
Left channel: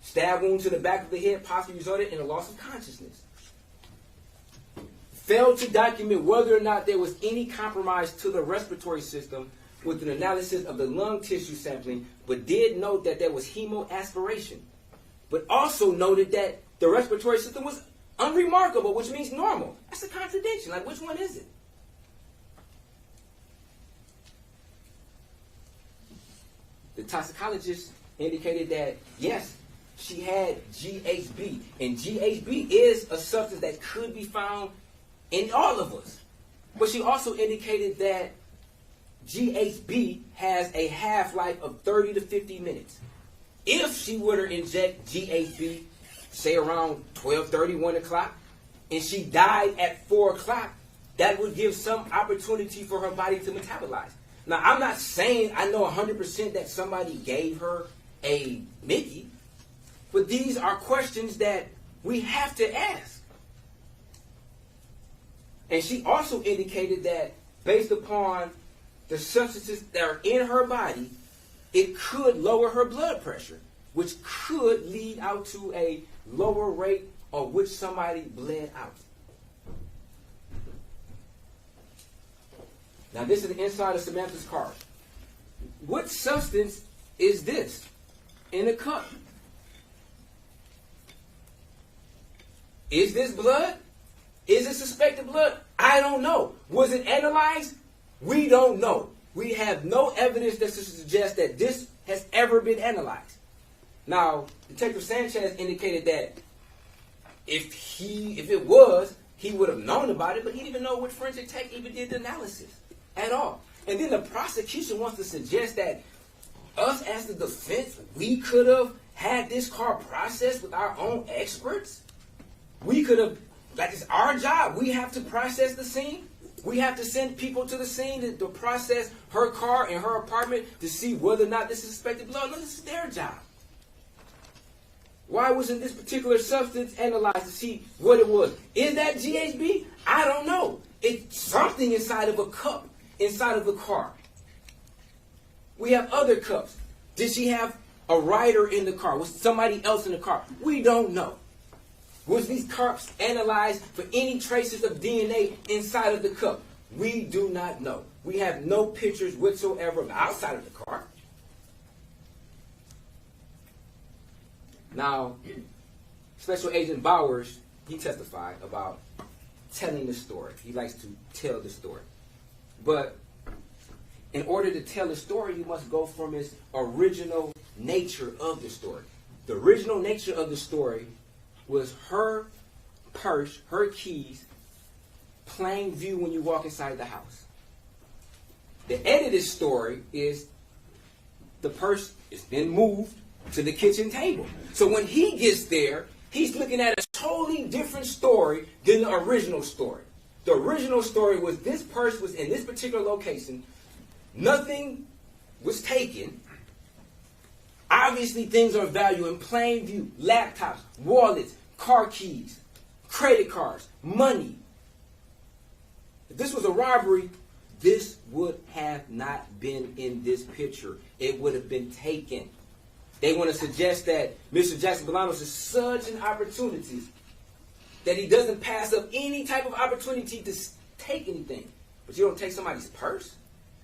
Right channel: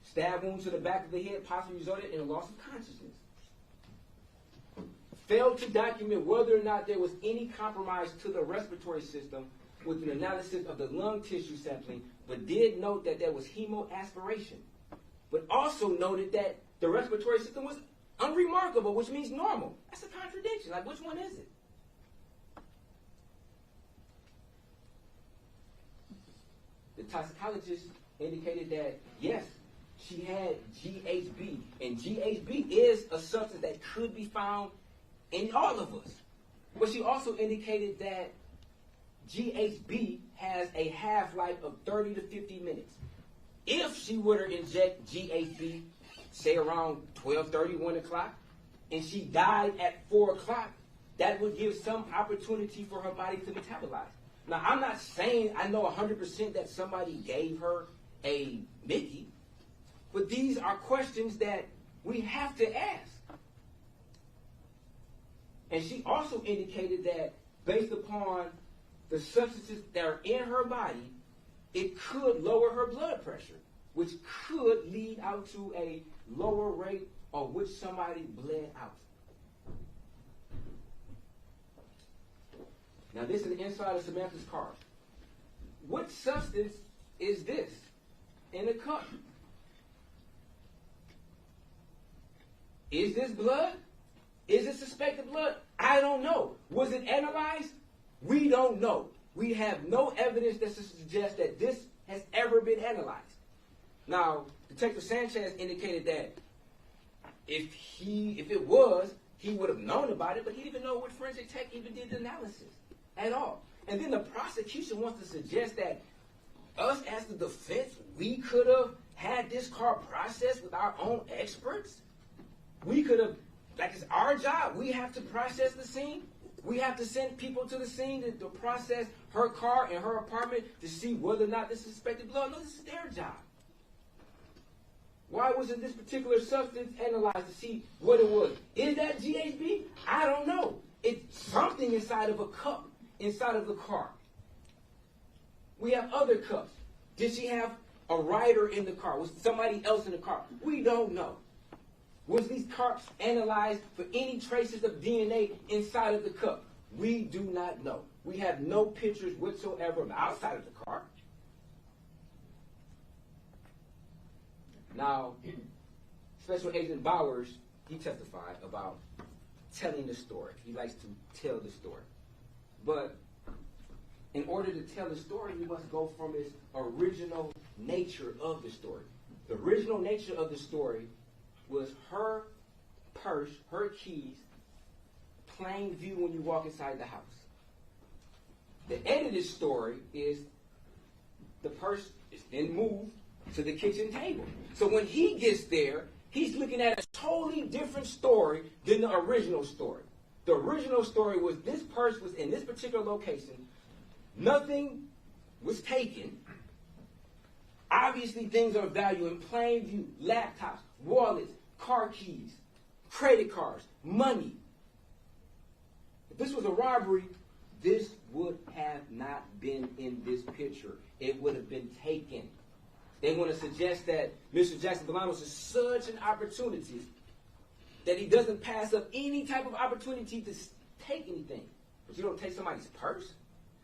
Stab wound to the back of the head possibly resulted in a loss of consciousness. Failed to document whether or not there was any compromise to the respiratory system with an analysis of the lung tissue sampling, but did note that there was hemoaspiration. But also noted that the respiratory system was unremarkable, which means normal. That's a contradiction. Like, which one is it? The toxicologist indicated that, yes, she had GHB. And GHB is a substance that could be found in all of us. But she also indicated that GHB has a half-life of 30 to 50 minutes. If she were to inject GHB, say around 12:30, 1 o'clock, and she died at 4 o'clock, that would give some opportunity for her body to metabolize. Now, I'm not saying I know 100% that somebody gave her a Mickey, but these are questions that we have to ask. And she also indicated that based upon the substances that are in her body, it could lower her blood pressure, which could lead out to a lower rate of which somebody bled out. Now, this is the inside of Samantha's car. What substance is this in the cup? Is this blood? Is it suspected blood? I don't know. Was it analyzed? We don't know. We have no evidence that suggests that this has ever been analyzed. Now, Detective Sanchez indicated that if it was, he would have known about it, but he didn't even know what forensic tech even did the analysis at all. And then the prosecution wants to suggest that us as the defense, we could have had this car processed with our own experts. We could have, like, it's our job. We have to process the scene. We have to send people to the scene to process her car and her apartment to see whether or not this is suspected blood. No, this is their job. Why wasn't this particular substance analyzed to see what it was? Is that GHB? I don't know. It's something inside of a cup, inside of the car. We have other cups. Did she have a rider in the car? Was somebody else in the car? We don't know. Was these cups analyzed for any traces of DNA inside of the cup? We do not know. We have no pictures whatsoever of outside of the car. Now, Special Agent Bowers, he testified about telling the story. He likes to tell the story. But in order to tell the story, you must go from its original nature of the story. The original nature of the story was her purse, her keys, plain view when you walk inside the house. The edited story is the purse is then moved to the kitchen table. So when he gets there, he's looking at a totally different story than the original story. The original story was this purse was in this particular location. Nothing was taken. Obviously, things are of value in plain view. Laptops, wallets, car keys, credit cards, money. If this was a robbery, this would have not been in this picture. It would have been taken. They want to suggest that Mr. Jackson-Bolanos is such an opportunity that he doesn't pass up any type of opportunity to take anything. But you don't take somebody's purse.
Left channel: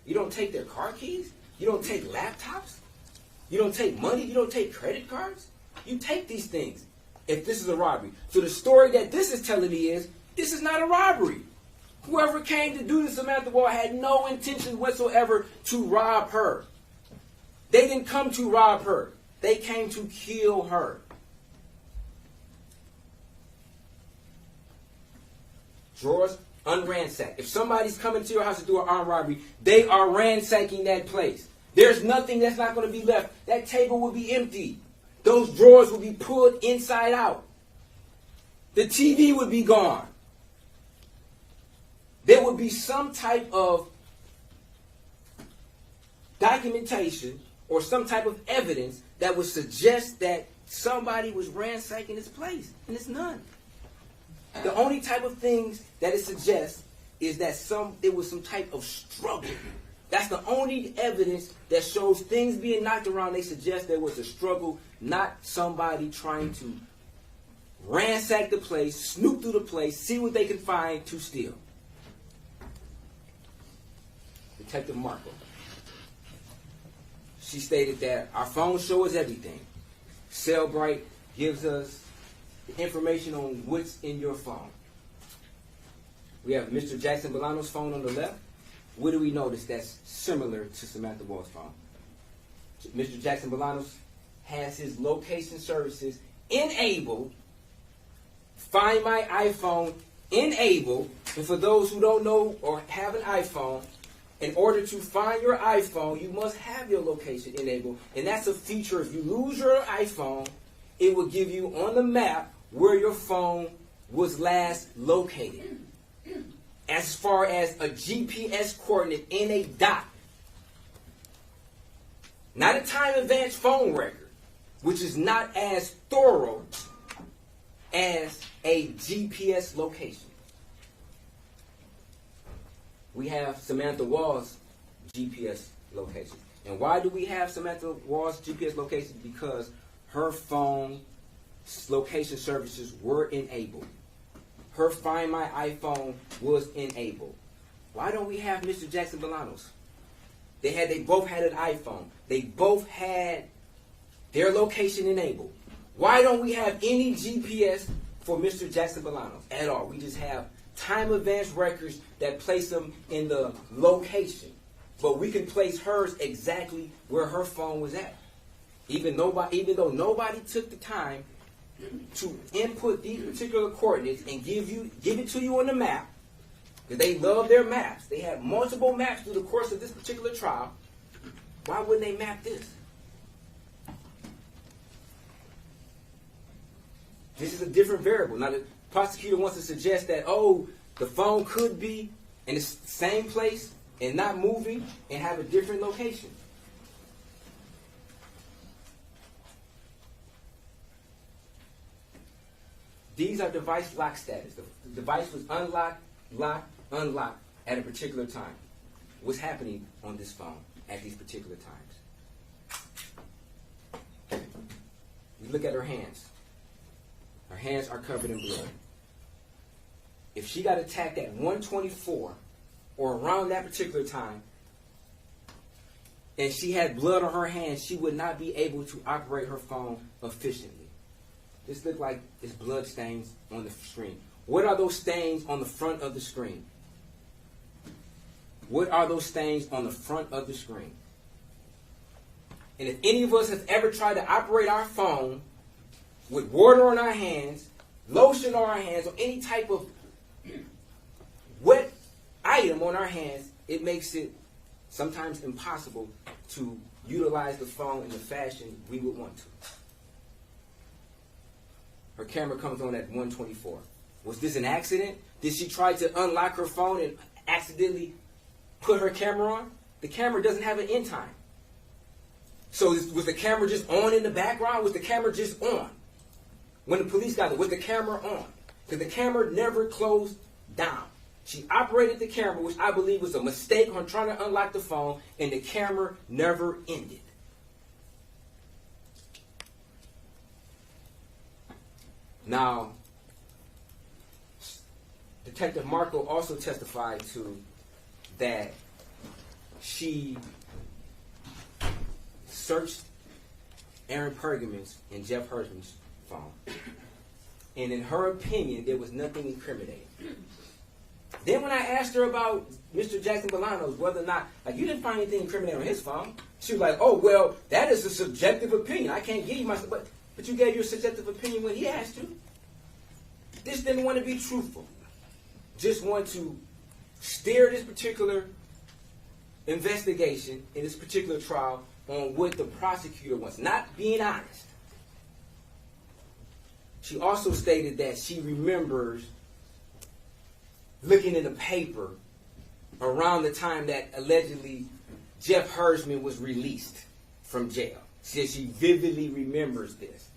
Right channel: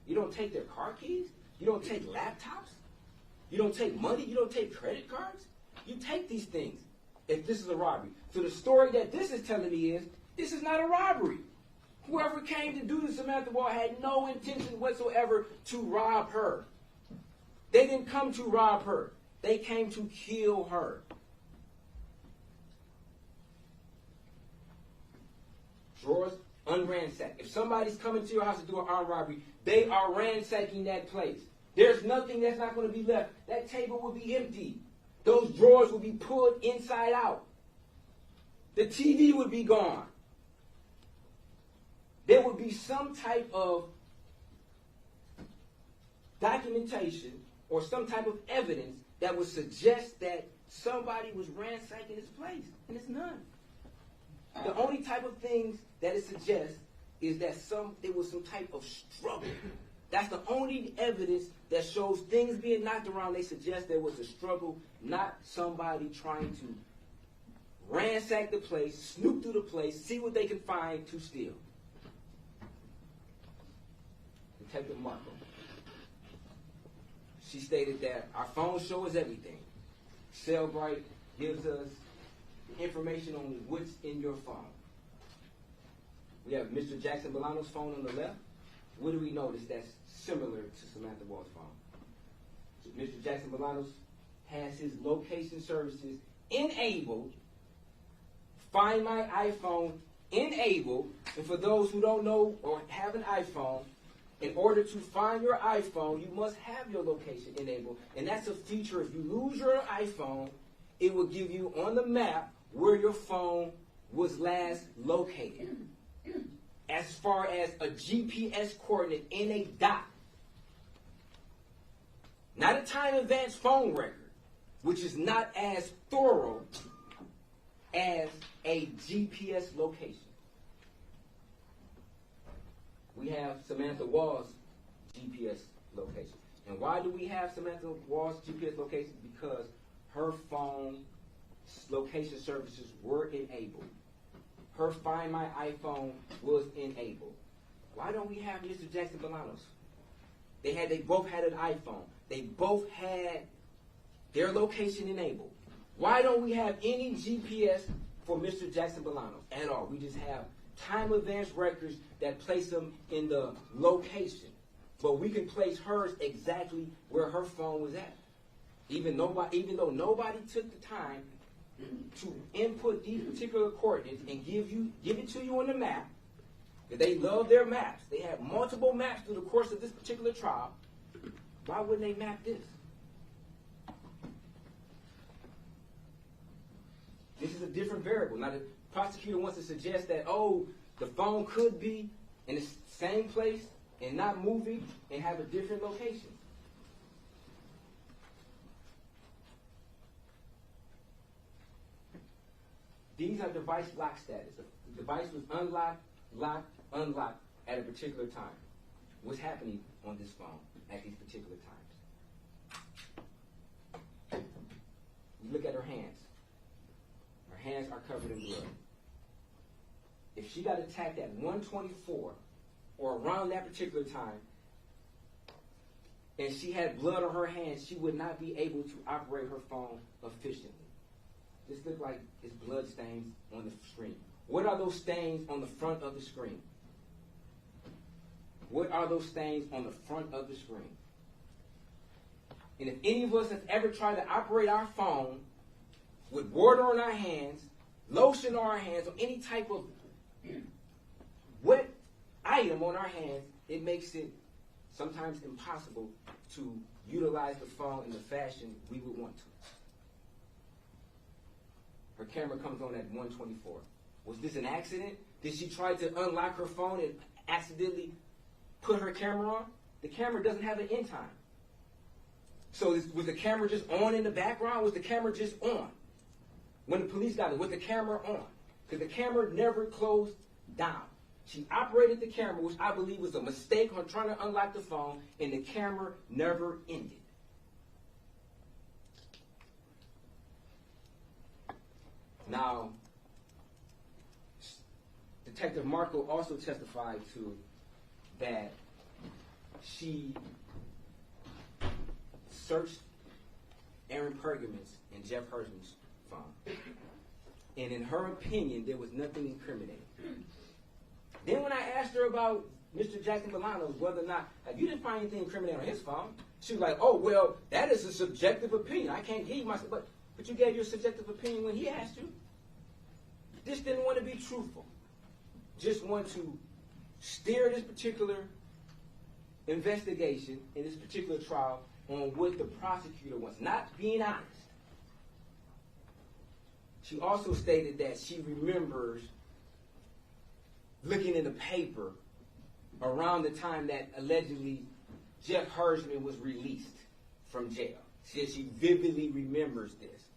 You don't take their car keys. You don't take laptops. You don't take money. You don't take credit cards. You take these things if this is a robbery. So the story that this is telling me is, this is not a robbery. Whoever came to do this, Samantha Woll, had no intention whatsoever to rob her. They didn't come to rob her. They came to kill her. Drawers unransacked. If somebody's coming to your house to do an armed robbery, they are ransacking that place. There's nothing that's not going to be left. That table will be empty. Those drawers will be pulled inside out. The TV would be gone. There would be some type of documentation or some type of evidence that would suggest that somebody was ransacking this place, and it's none. The only type of things that it suggests is that there was some type of struggle. That's the only evidence that shows things being knocked around. They suggest there was a struggle, not somebody trying to ransack the place, snoop through the place, see what they can find to steal. Detective Marco. She stated that our phones show us everything. Cellbrite gives us information on what's in your phone. We have Mr. Jackson-Bolanos' phone on the left. What do we notice that's similar to Samantha Woll's phone? Mr. Jackson-Bolanos has his location services enabled. Find My iPhone enabled. And for those who don't know or have an iPhone, in order to find your iPhone, you must have your location enabled. And that's a feature. If you lose your iPhone, it will give you on the map where your phone was last located, as far as a GPS coordinate in a dot. Not a time-advanced phone record, which is not as thorough as a GPS location. We have Samantha Woll's GPS location. And why do we have Samantha Woll's GPS location? Because her phone location services were enabled. Her Find My iPhone was enabled. Why don't we have Mr. Jackson-Bolanos? They both had an iPhone. They both had their location enabled. Why don't we have any GPS for Mr. Jackson-Bolanos at all? We just have time-advanced records that place them in the location. But we can place hers exactly where her phone was at. Even though nobody took the time to input these particular coordinates and give it to you on the map, because they love their maps. They have multiple maps through the course of this particular trial. Why wouldn't they map this? This is a different variable. Now, the prosecutor wants to suggest that, oh, the phone could be in the same place and not moving and have a different location. These are device lock status. The device was unlocked, locked, unlocked at a particular time. What's happening on this phone at these particular times? We look at her hands. Her hands are covered in blood. If she got attacked at 1:24 or around that particular time, and she had blood on her hands, she would not be able to operate her phone efficiently. This looks like it's blood stains on the screen. What are those stains on the front of the screen? What are those stains on the front of the screen? And if any of us have ever tried to operate our phone with water on our hands, lotion on our hands, or any type of wet item on our hands, it makes it sometimes impossible to utilize the phone in the fashion we would want to. Her camera comes on at 1:24. Was this an accident? Did she try to unlock her phone and accidentally put her camera on? The camera doesn't have an end time. So was the camera just on in the background? Was the camera just on? When the police got it, was the camera on? Because the camera never closed down. She operated the camera, which I believe was a mistake on trying to unlock the phone, and the camera never ended. Now, Detective Marco also testified to that she searched Aaron Pergamon's and Jeff Hersman's phone. And in her opinion, there was nothing incriminating. Then when I asked her about Mr. Jackson-Bolanos, whether or not, like, you didn't find anything incriminating on his phone, she was like, oh, well, that is a subjective opinion. I can't give you my, but you gave your subjective opinion when he asked you. Just didn't want to be truthful. Just want to steer this particular investigation in this particular trial on what the prosecutor wants, not being honest. She also stated that she remembers looking in the paper around the time that allegedly Jeff Hersman was released from jail. She vividly remembers this.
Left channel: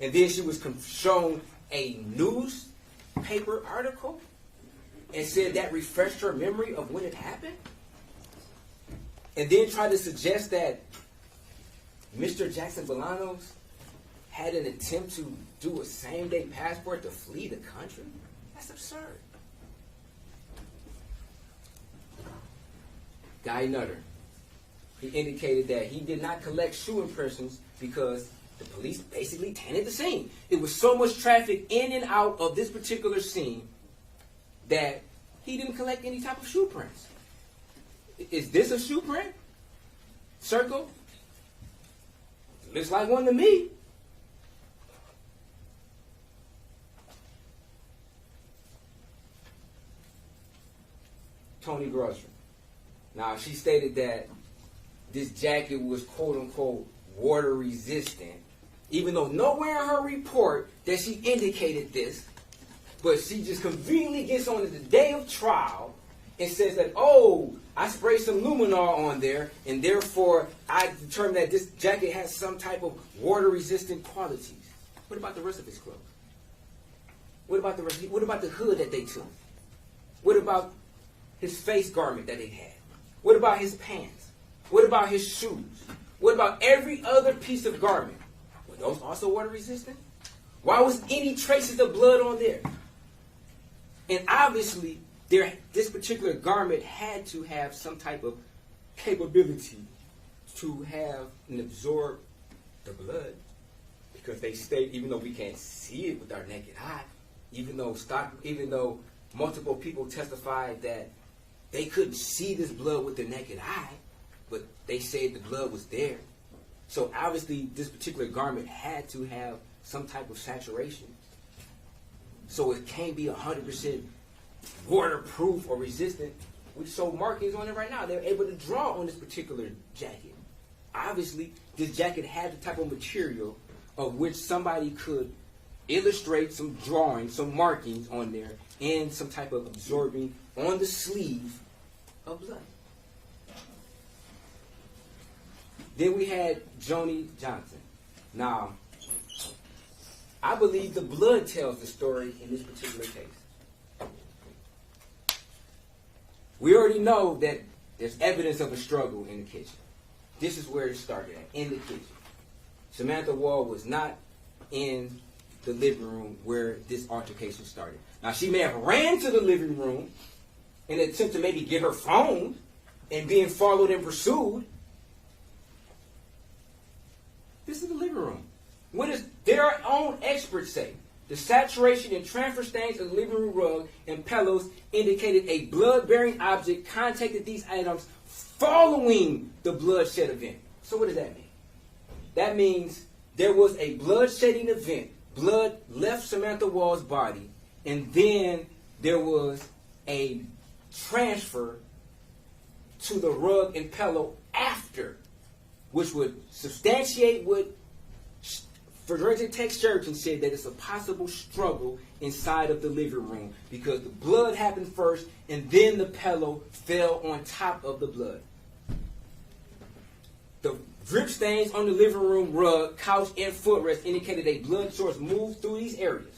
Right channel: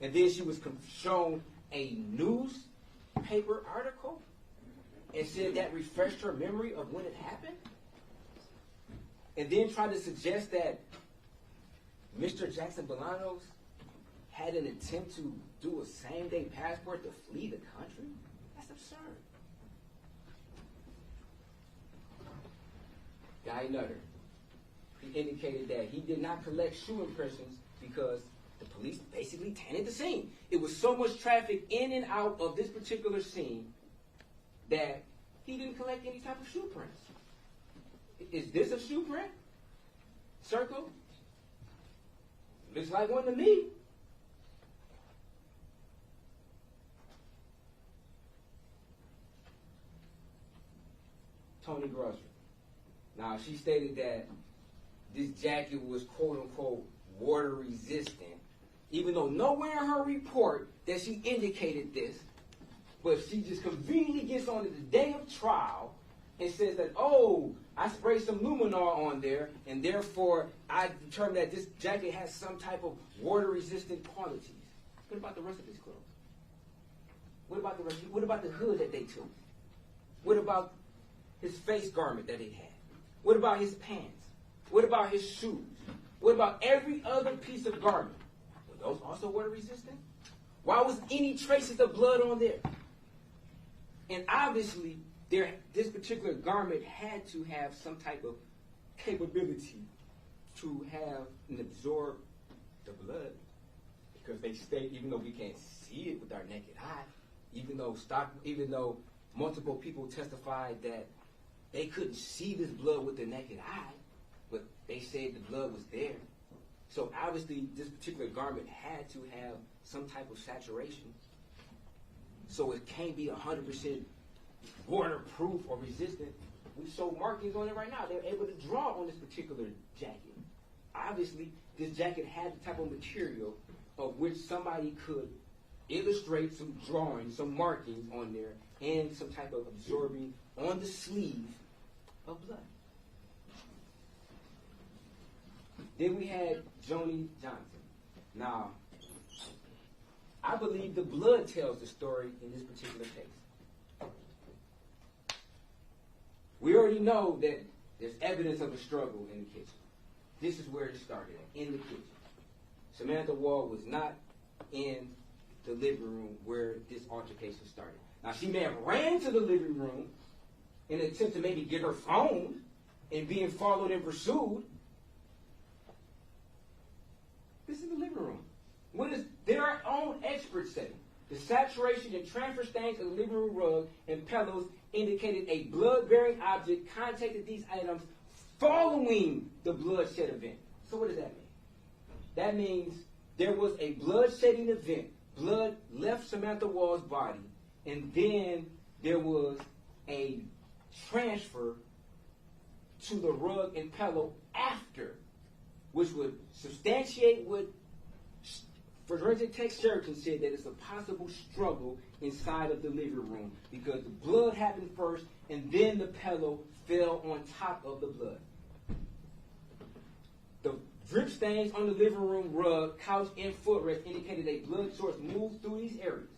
And then she was shown a newspaper article and said that refreshed her memory of when it happened. And then tried to suggest that Mr. Jackson-Bolanos had an attempt to do a same-day passport to flee the country? That's absurd. Guy Nutter, he indicated that he did not collect shoe impressions because the police basically tainted the scene. It was so much traffic in and out of this particular scene that he didn't collect any type of shoe prints. Is this a shoe print? Circle? Looks like one to me. Tony Grocery. Now, she stated that this jacket was quote-unquote water resistant, even though nowhere in her report that she indicated this, but she just conveniently gets on the day of trial and says that, oh, I sprayed some luminol on there, and therefore I determined that this jacket has some type of water-resistant qualities. What about the rest of his clothes? What about the rest? What about the hood that they took? What about his face garment that they had? What about his pants? What about his shoes? What about every other piece of garment? Were those also water-resistant? Why was any traces of blood on there? And obviously, this particular garment had to have some type of capability to have and absorb the blood, because they state, even though we can't see it with our naked eye, even though multiple people testified that they couldn't see this blood with their naked eye, but they said the blood was there. So obviously, this particular garment had to have some type of saturation. So it can't be 100% waterproof or resistant. We show markings on it right now. They're able to draw on this particular jacket. Obviously, this jacket had the type of material of which somebody could illustrate some drawings, some markings on there, and some type of absorbing on the sleeve of blood. Then we had Joni Johnson. Now, I believe the blood tells the story in this particular case. We already know that there's evidence of a struggle in the kitchen. This is where it started at, in the kitchen. Samantha Woll was not in the living room where this altercation started. Now, she may have ran to the living room in an attempt to maybe get her phone and being followed and pursued. This is the living room. What does their own experts say? The saturation and transfer stains of the living room rug and pillows indicated a blood-bearing object contacted these items following the bloodshed event. So what does that mean? That means there was a blood-shedding event. Blood left Samantha Woll's body, and then there was a transfer to the rug and pillow after, which would substantiate what Forensic Tech Surgeon said, that it's a possible struggle inside of the living room because the blood happened first and then the pillow fell on top of the blood. The drip stains on the living room rug, couch, and footrest indicated a blood source moved through these areas.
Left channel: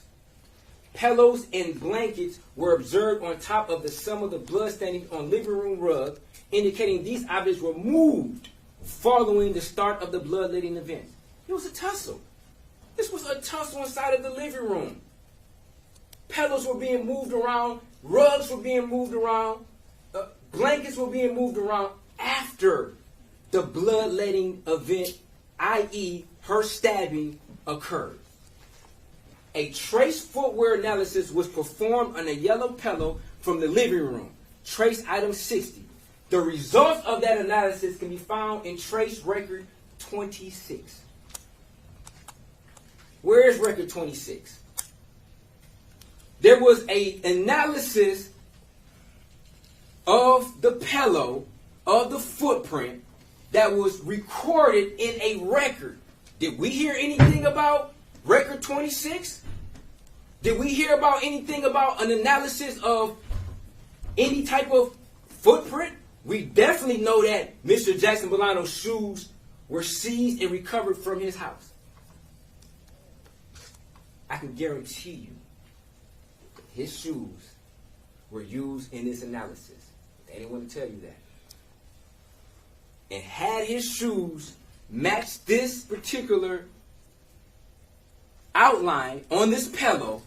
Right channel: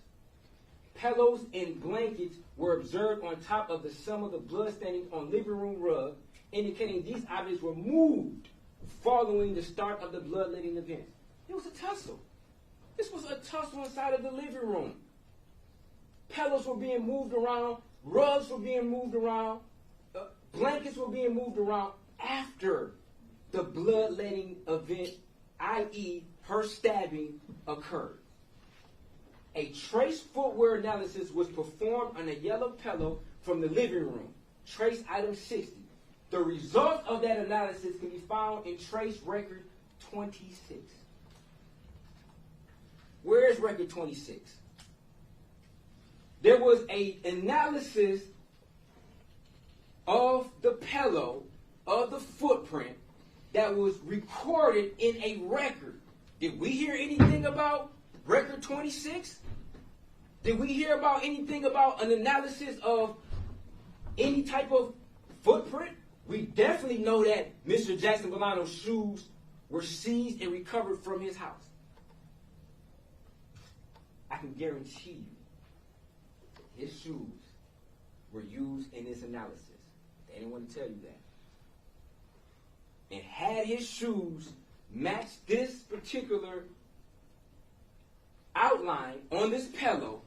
Pillows and blankets were observed on top of the sum of the blood staining on living room rug, indicating these objects were moved following the start of the bloodletting event. It was a tussle. This was a tussle inside of the living room. Pillows were being moved around. Rugs were being moved around. Blankets were being moved around after the bloodletting event, i.e. her stabbing, occurred. A trace footwear analysis was performed on a yellow pillow from the living room. Trace item 60. The result of that analysis can be found in trace record 26. Where is record 26? There was an analysis of the pillow, of the footprint, that was recorded in a record. Did we hear anything about record 26? Did we hear about anything about an analysis of any type of footprint? We definitely know that Mr. Jackson-Bolanos' shoes were seized and recovered from his house. I can guarantee you his shoes were used in this analysis. They didn't want to tell you that. And had his shoes matched this particular outline on this pillow,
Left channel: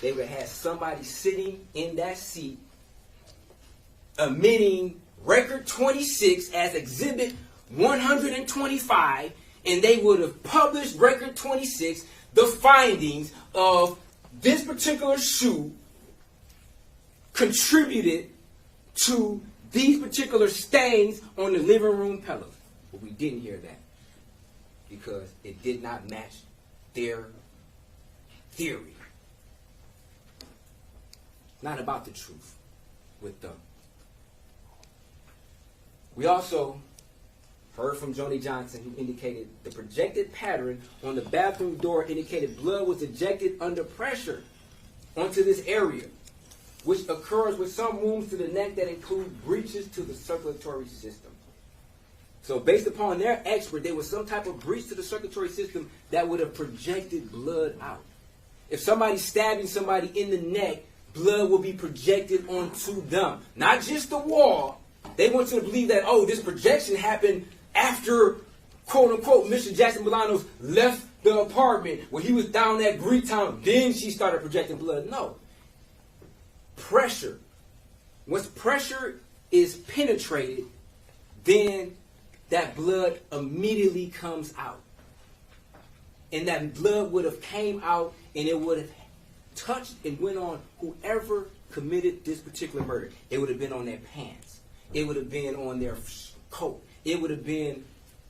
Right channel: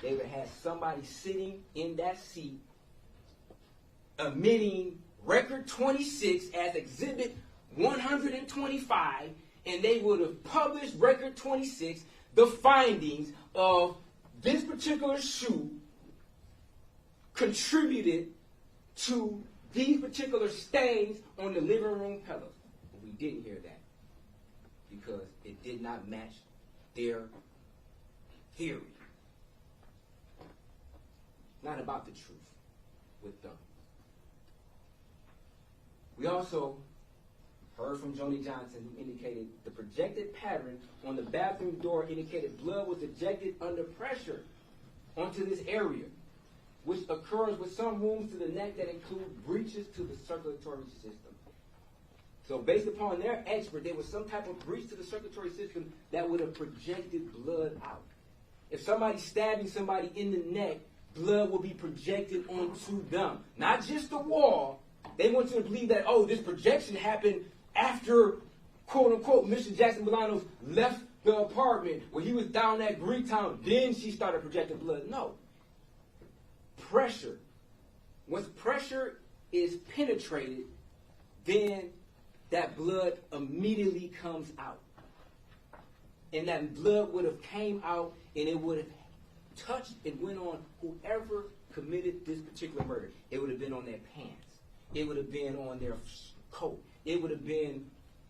they would have had somebody sitting in that seat emitting record 26 as exhibit 125, and they would have published record 26, the findings of this particular shoe contributed to these particular stains on the living room pillows. But we didn't hear that because it did not match their theory. Not about the truth with them. We also heard from Joni Johnson, who indicated the projected pattern on the bathroom door indicated blood was ejected under pressure onto this area, which occurs with some wounds to the neck that include breaches to the circulatory system. So based upon their expert, there was some type of breach to the circulatory system that would have projected blood out. If somebody's stabbing somebody in the neck, blood will be projected onto them. Not just the wall. They want you to believe that, oh, this projection happened after, quote unquote, Mr. Jackson-Bolanos left the apartment when he was down at Greektown. Then she started projecting blood. No. Pressure. Once pressure is penetrated, then that blood immediately comes out. And that blood would have came out and it would have touched and went on whoever committed this particular murder. It would have been on their pants. It would have been on their coat. It would have been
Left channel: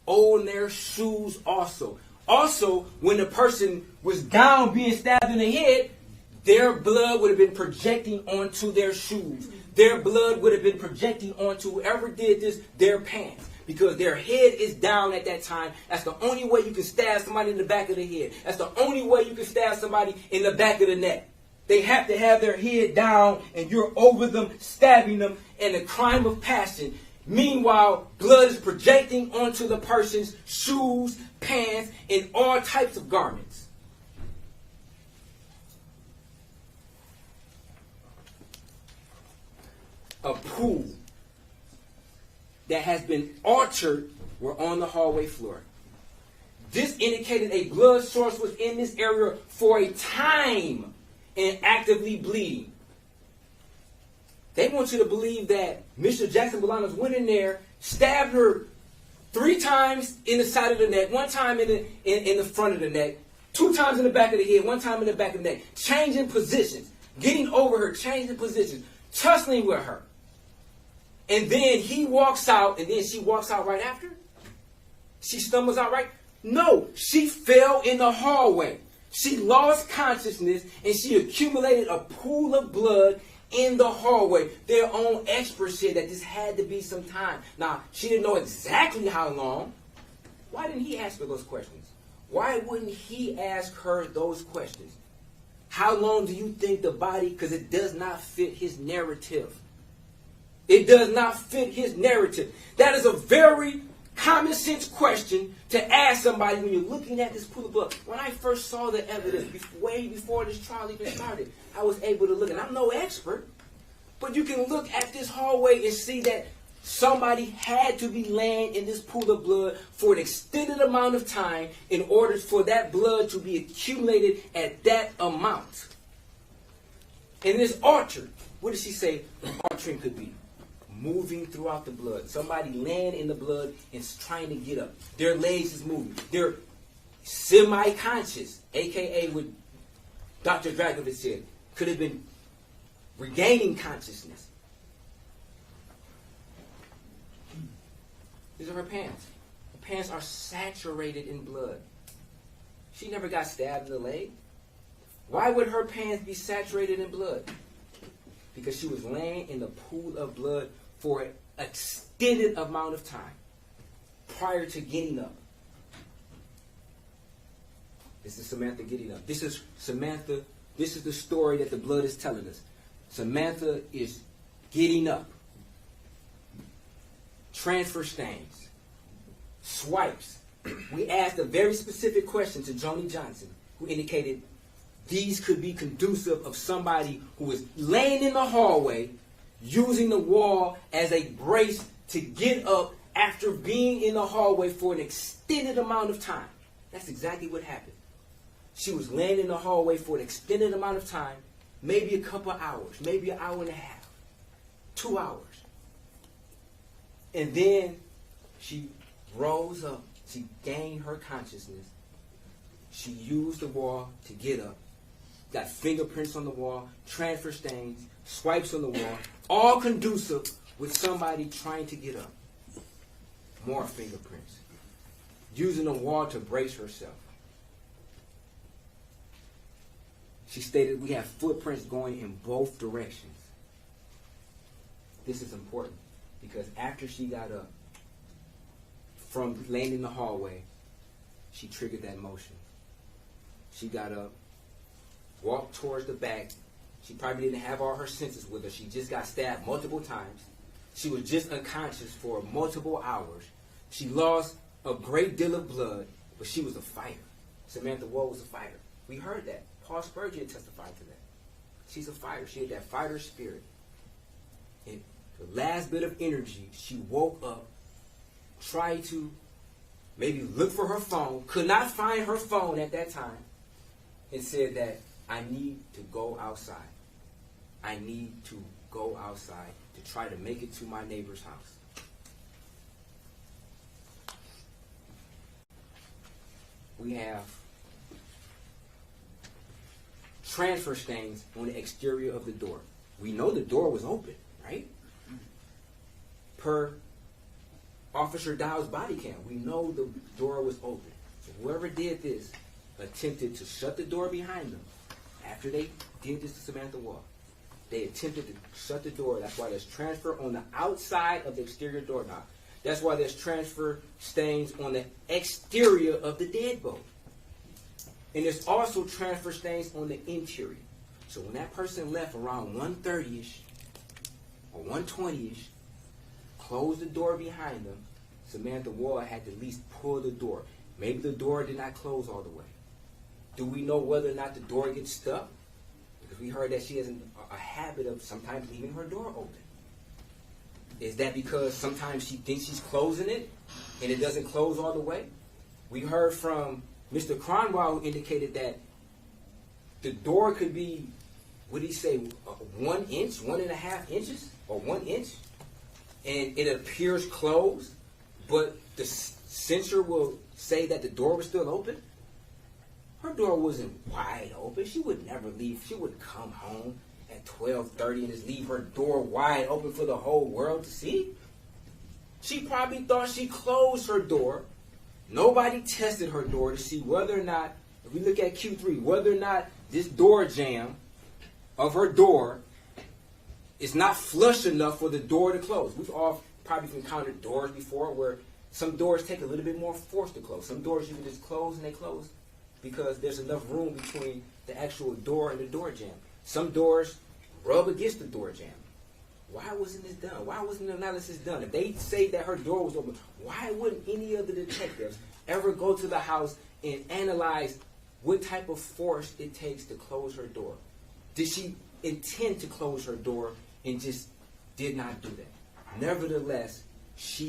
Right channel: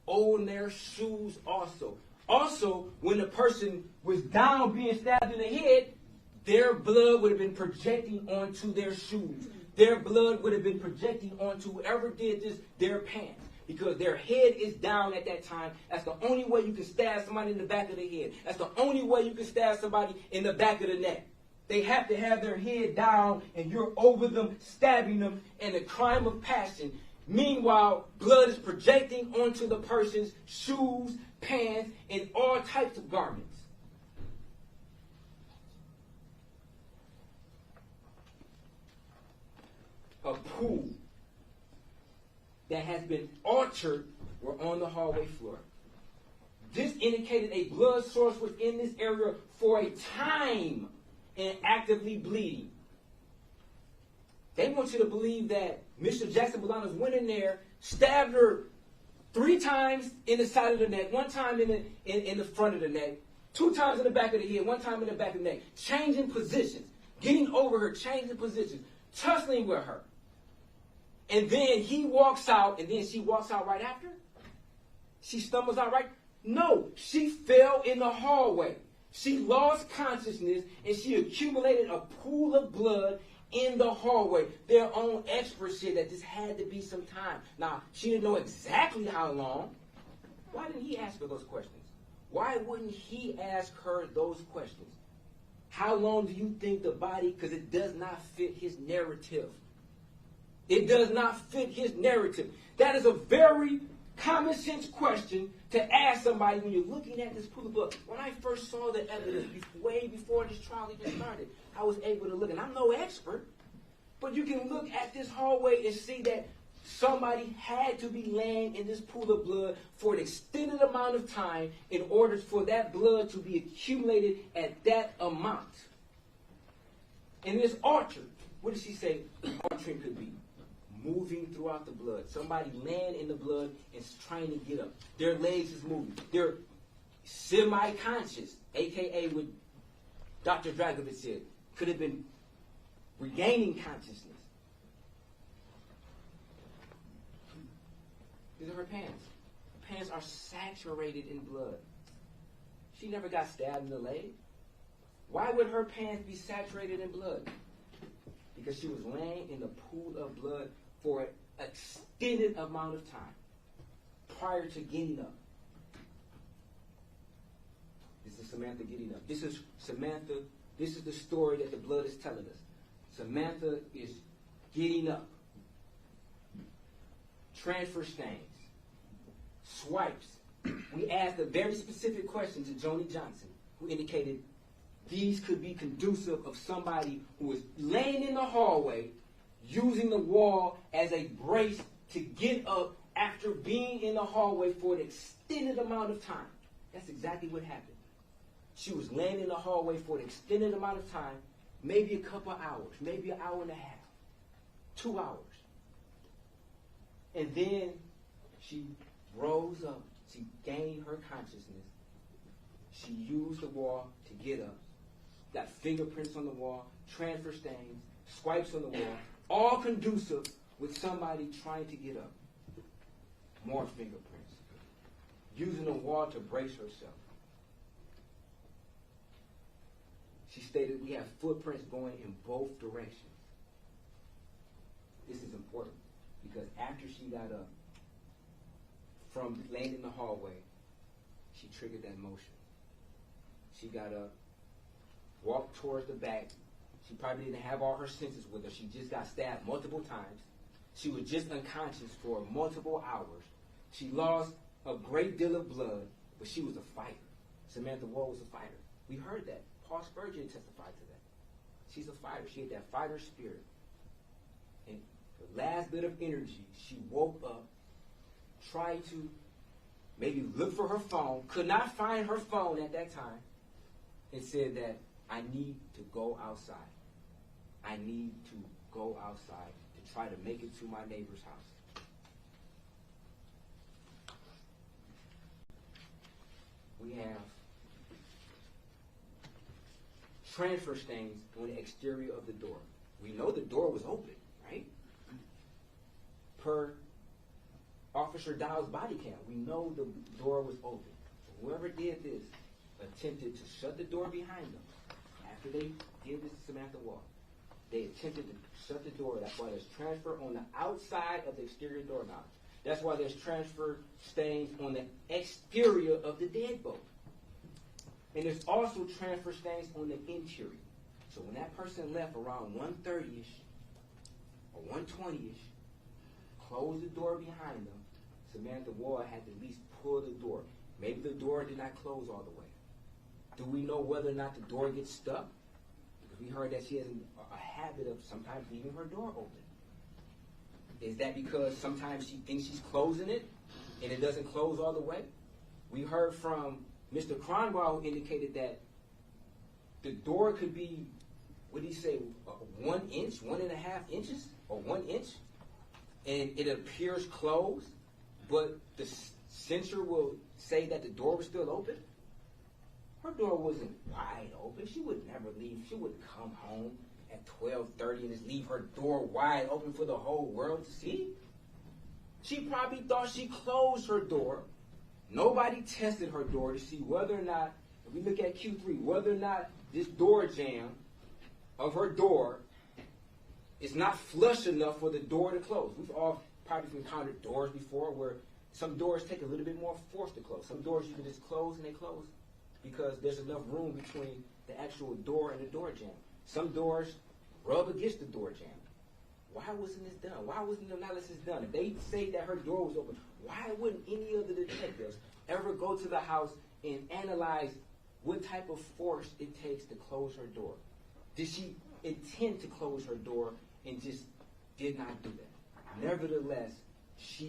on their shoes also. Also, when the person was down being stabbed in the head, their blood would have been projecting onto their shoes. Their blood would have been projecting onto whoever did this, their pants. Because their head is down at that time. That's the only way you can stab somebody in the back of the head. That's the only way you can stab somebody in the back of the neck. They have to have their head down and you're over them, stabbing them in a crime of passion. Meanwhile, blood is projecting onto the person's shoes, pants, and all types of garments. A pool that has been altered were on the hallway floor. This indicated a blood source was in this area for a time and actively bleeding. They want you to believe that Mr. Jackson-Bolanos went in there, stabbed her 3 times in the side of the neck, 1 time in the front of the neck, 2 times in the back of the head, 1 time in the back of the neck, changing positions, getting over her, changing positions, tussling with her. And then he walks out, and then she walks out right after? She stumbles out right? No, she fell in the hallway. She lost consciousness, and she accumulated a pool of blood in the hallway. Their own experts said that this had to be some time. Now, she didn't know exactly how long. Why didn't he ask her those questions? Why wouldn't he ask her those questions? How long do you think the body, because it does not fit his narrative. It does not fit his narrative. That is a very common sense question to ask somebody when you're looking at this pool of blood. When I first saw the evidence, way before this trial even started, I was able to look, and I'm no expert, but you can look at this hallway and see that somebody had to be laying in this pool of blood for an extended amount of time in order for that blood to be accumulated at that amount. And this altered, what does she say the altering could be? Moving throughout the blood. Somebody laying in the blood and trying to get up. Their legs is moving. They're semi-conscious, a.k.a. what Dr. Dragovich said, could have been regaining consciousness. These are her pants. Her pants are saturated in blood. She never got stabbed in the leg. Why would her pants be saturated in blood? Because she was laying in the pool of blood for an extended amount of time prior to getting up. This is Samantha getting up. This is Samantha. This is the story that the blood is telling us. Samantha is getting up. Transfer stains. Swipes. We asked a very specific question to Joni Johnson, who indicated these could be conducive of somebody who is laying in the hallway, using the wall as a brace to get up after being in the hallway for an extended amount of time. That's exactly what happened. She was laying in the hallway for an extended amount of time, maybe a couple hours, maybe an hour and a half, 2 hours. And then she rose up. She gained her consciousness. She used the wall to get up. Got fingerprints on the wall, transfer stains, swipes on the wall, all conducive with somebody trying to get up. More fingerprints. Using the wall to brace herself. She stated we have footprints going in both directions. This is important because after she got up from laying in the hallway, she triggered that motion. She got up, walked towards the back. She probably didn't have all her senses with her. She just got stabbed multiple times. She was just unconscious for multiple hours. She lost a great deal of blood, but she was a fighter. Samantha Woll was a fighter. We heard that. Paul Spurgeon testified to that. She's a fighter. She had that fighter spirit. And the last bit of energy, she woke up, tried to maybe look for her phone, could not find her phone at that time, and said that I need to go outside. I need to go outside to try to make it to my neighbor's house. We have transfer stains on the exterior of the door. We know the door was open, right? Per Officer Dow's body cam, we know the door was open. So whoever did this attempted to shut the door behind them. After they did this to Samantha Woll, they attempted to shut the door. That's why there's transfer on the outside of the exterior doorknob. That's why there's transfer stains on the exterior of the deadbolt. And there's also transfer stains on the interior. So when that person left around 1:30-ish or 1:20-ish, closed the door behind them, Samantha Woll had to at least pull the door. Maybe the door did not close all the way. Do we know whether or not the door gets stuck? Because we heard that she has a habit of sometimes leaving her door open. Is that because sometimes she thinks she's closing it and it doesn't close all the way? We heard from Mr. Cronwell, who indicated that the door could be, what did he say, 1 inch, 1.5 inches, or 1 inch, and it appears closed, but the sensor will say that the door was still open. Her door wasn't wide open. She would never leave. She would come home at 12:30 and just leave her door wide open for the whole world to see. She probably thought she closed her door. Nobody tested her door to see whether or not, if we look at Q3, whether or not this door jamb of her door is not flush enough for the door to close. We've all probably encountered doors before where some doors take a little bit more force to close. Some doors you can just close and they close because there's enough room between the actual door and the door jamb. Some doors rub against the door jamb. Why wasn't this done? Why wasn't the analysis done? If they say that her door was open, why wouldn't any of the detectives ever go to the house and analyze what type of force it takes to close her door? Did she intend to close her door and just did not do that? Nevertheless, if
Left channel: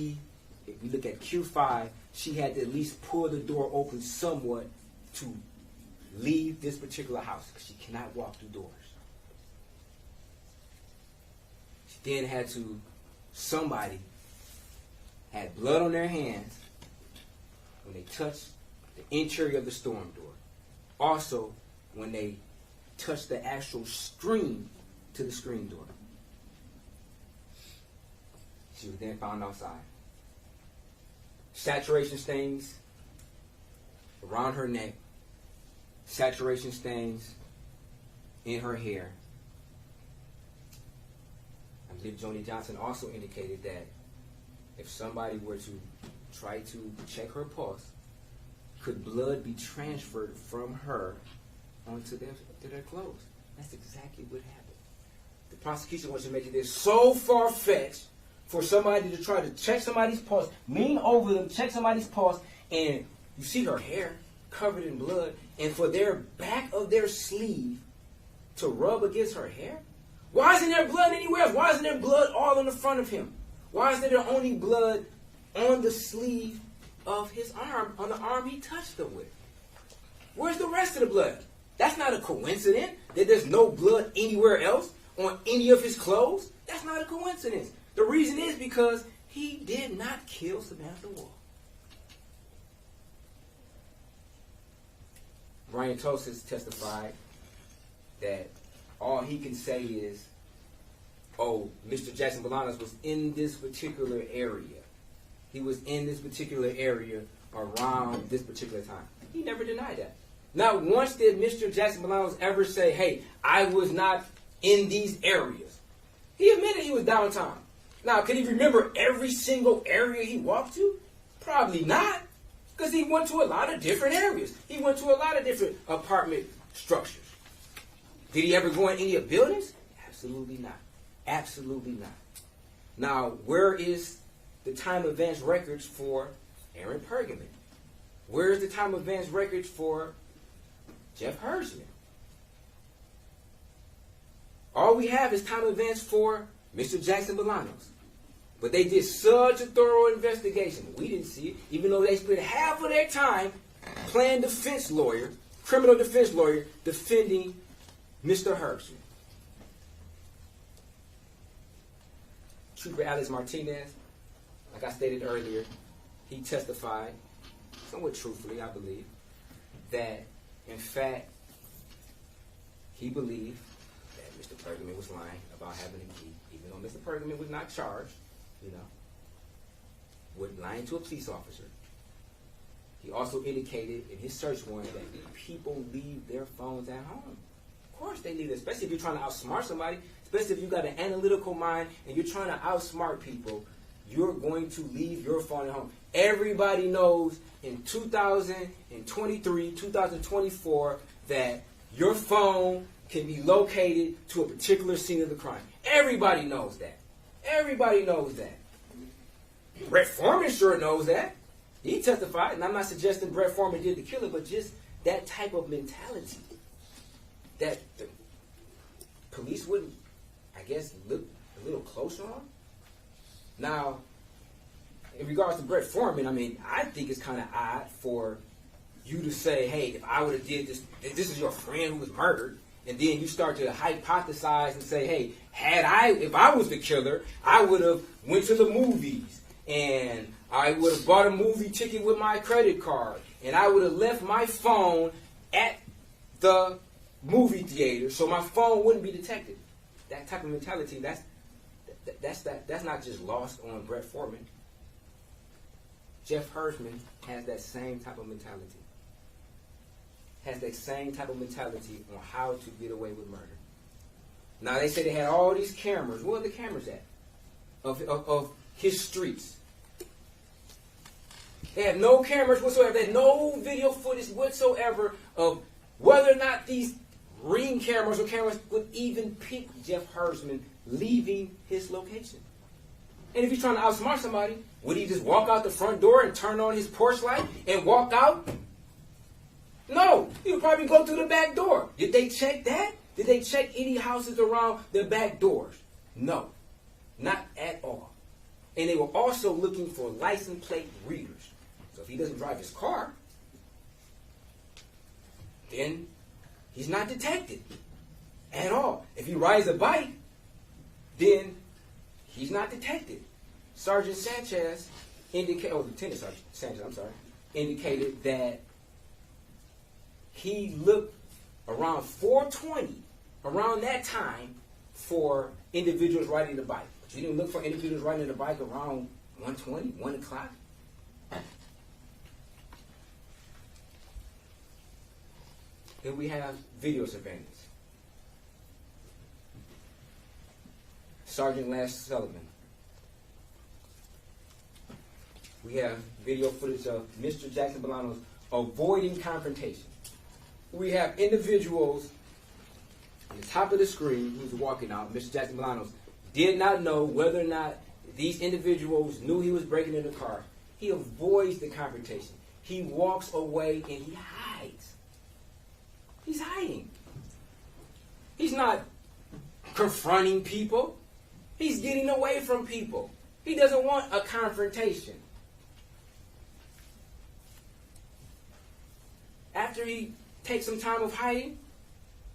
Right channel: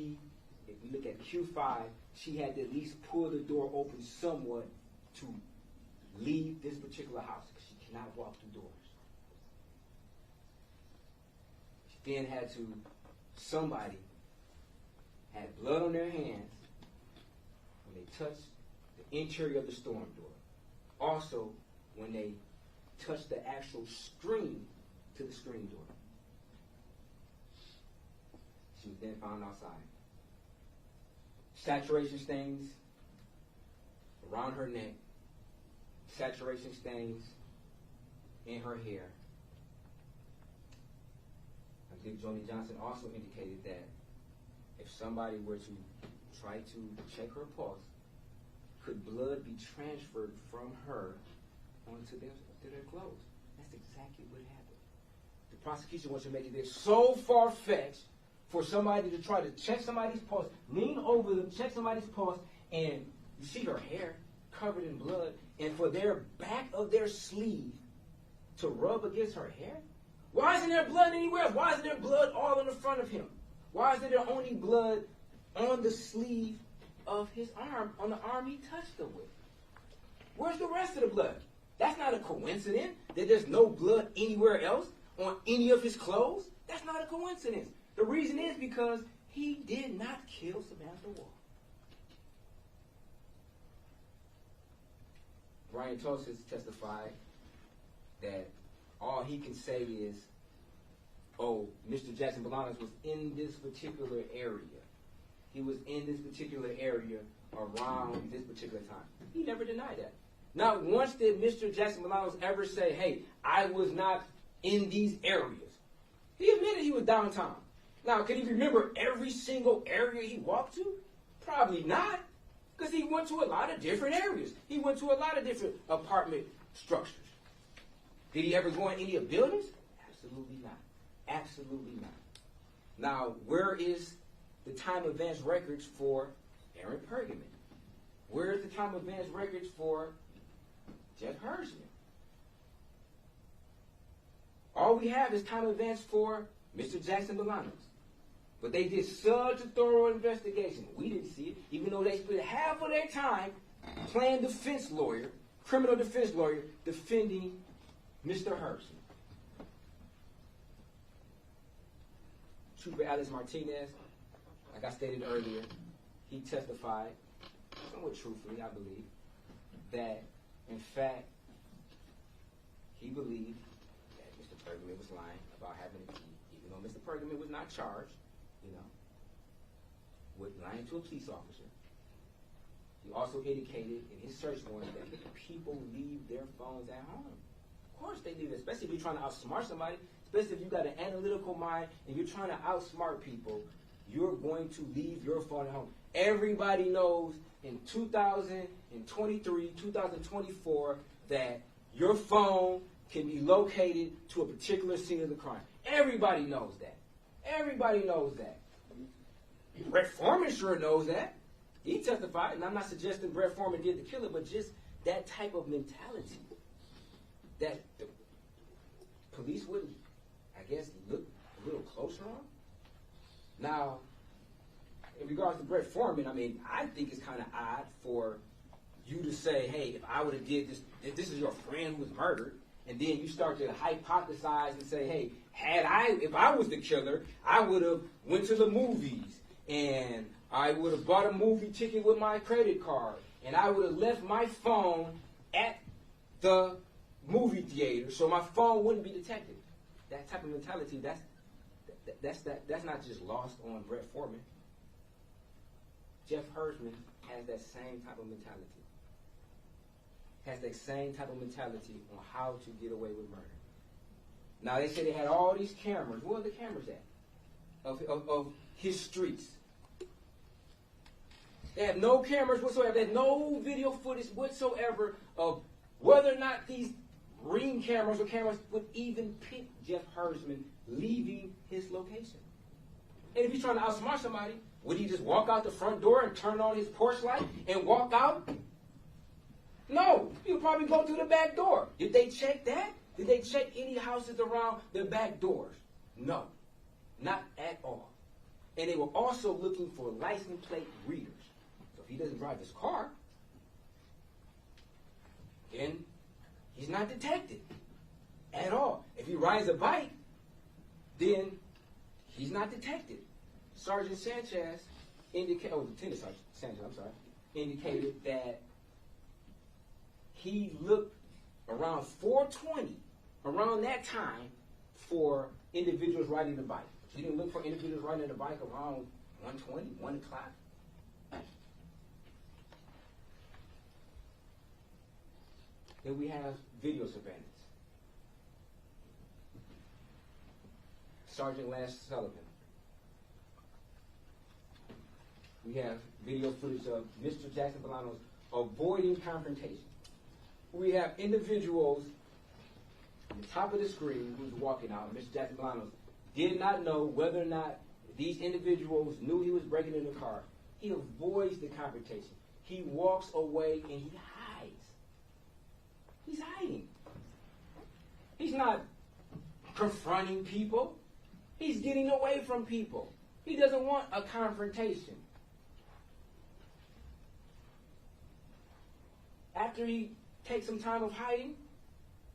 we look at Q5, she had to at least pull the door open somewhat to leave this particular house because she cannot walk through doors. then somebody had blood on their hands when they touched the interior of the storm door. Also, when they touched the actual screen to the screen door. She was then found outside. Saturation stains around her neck. Saturation stains in her hair. I believe Joni Johnson also indicated that if somebody were to try to check her pulse, could blood be transferred from her onto their clothes? That's exactly what happened. The prosecution wants to make it so far-fetched for somebody to try to check somebody's pulse, lean over them, check somebody's pulse, and you see her hair covered in blood, and for their back of their sleeve to rub against her hair? Why isn't there blood anywhere else? Why isn't there blood all in the front of him? Why is there only blood on the sleeve of his arm, on the arm he touched her with? Where's the rest of the blood? That's not a coincidence that there's no blood anywhere else on any of his clothes. That's not a coincidence. The reason is because he did not kill Samantha Woll. Brian Tosis testified that all he can say is, oh, Mr. Jackson-Bolanos was in this particular area. He was in this particular area around this particular time. He never denied that. Not once did Mr. Jackson-Bolanos ever say, hey, I was not in these areas. He admitted he was downtown. Now, can he remember every single area he walked to? Probably not, because he went to a lot of different areas. He went to a lot of different apartment structures. Did he ever go in any of buildings? Absolutely not. Absolutely not. Now, where is the time advance records for Aaron Pergamon? Where is the time advance records for Jeff Hersman? All we have is time advance for Mr. Jackson-Bolanos. But they did such a thorough investigation. We didn't see it, even though they spent half of their time playing defense lawyer, criminal defense lawyer, defending Mr. Hersman. Trooper Alex Martinez, like I stated earlier, he testified, somewhat truthfully, I believe, that, in fact, he believed that Mr. Pergamon was lying about having a key, even though Mr. Pergamon was not charged, with lying to a police officer. He also indicated in his search warrant that people leave their phones at home. Of course they leave it, especially if you're trying to outsmart somebody, especially if you've got an analytical mind and you're trying to outsmart people, you're going to leave your phone at home. Everybody knows in 2023, 2024, that your phone can be located to a particular scene of the crime. Everybody knows that. Everybody knows that. Brett Foreman sure knows that. He testified, and I'm not suggesting Brett Foreman did the killing, but just that type of mentality that the police wouldn't, I guess, look a little closer on. Now, in regards to Brett Foreman, I mean, I think it's kind of odd for you to say, hey, if I would have did this, if this is your friend who was murdered, and then you start to hypothesize and say, hey, if I was the killer, I would have went to the movies, and I would have bought a movie ticket with my credit card, and I would have left my phone at the movie theater so my phone wouldn't be detected. That type of mentality, that's not just lost on Brett Foreman. Jeff Hersman has that same type of mentality. Has that same type of mentality on how to get away with murder. Now, they say they had all these cameras. Where are the cameras at? Of his streets. They had no cameras whatsoever. They had no video footage whatsoever of whether or not these ring cameras or cameras would even pick Jeff Hersman leaving his location. And if he's trying to outsmart somebody, would he just walk out the front door and turn on his porch light and walk out? No. He would probably go through the back door. Did they check that? Did they check any houses around the back doors? No. Not at all. And they were also looking for license plate readers. So if he doesn't drive his car, then he's not detected at all. If he rides a bike, then He's not detected. Sergeant Sanchez Lieutenant Sergeant Sanchez, indicated that he looked around 4:20, around that time, for individuals riding the bike. But you didn't look for individuals riding the bike around 1:20, 1 o'clock? Here we have video surveillance. Sergeant Lash Sullivan. We have video footage of Mr. Jackson-Bolanos avoiding confrontation. We have individuals on the top of the screen who's walking out. Mr. Jackson-Bolanos did not know whether or not these individuals knew he was breaking into the car. He avoids the confrontation. He walks away and he hides. He's hiding. He's not confronting people. He's getting away from people. He doesn't want a confrontation. After he takes some time of hiding,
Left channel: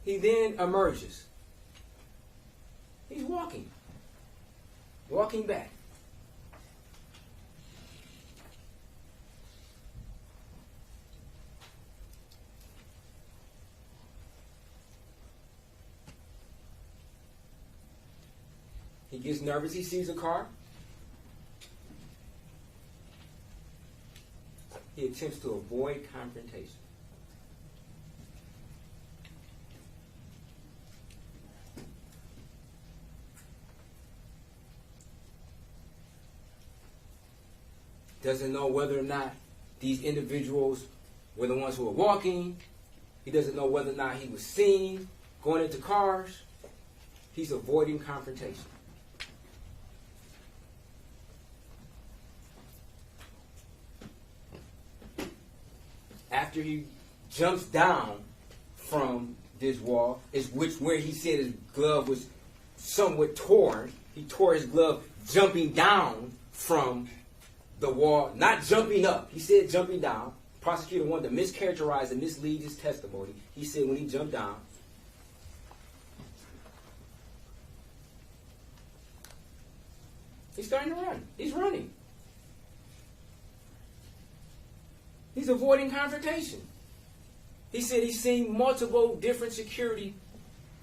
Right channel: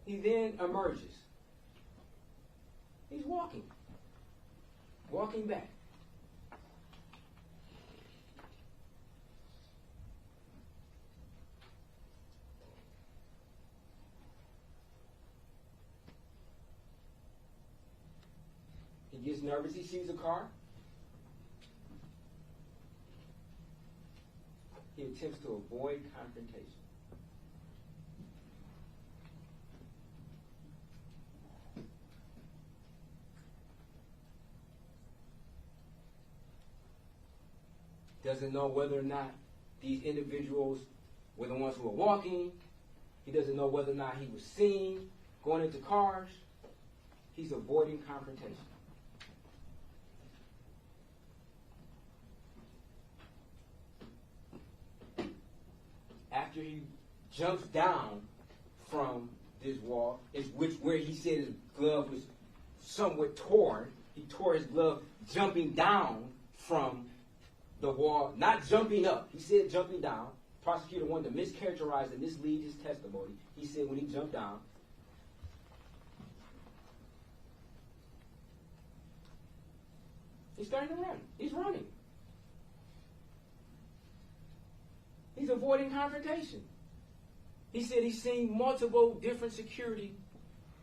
he then emerges. He's walking back. He gets nervous. He sees a car. He attempts to avoid confrontation. Doesn't know whether or not these individuals were the ones who were walking. He doesn't know whether or not he was seen going into cars. He's avoiding confrontation. After he jumps down from this wall, where he said his glove was somewhat torn. He tore his glove jumping down from the wall, not jumping up. He said jumping down. The prosecutor wanted to mischaracterize and mislead his testimony. He said when he jumped down. He's starting to run. He's running. He's avoiding confrontation. He said he's seen multiple different security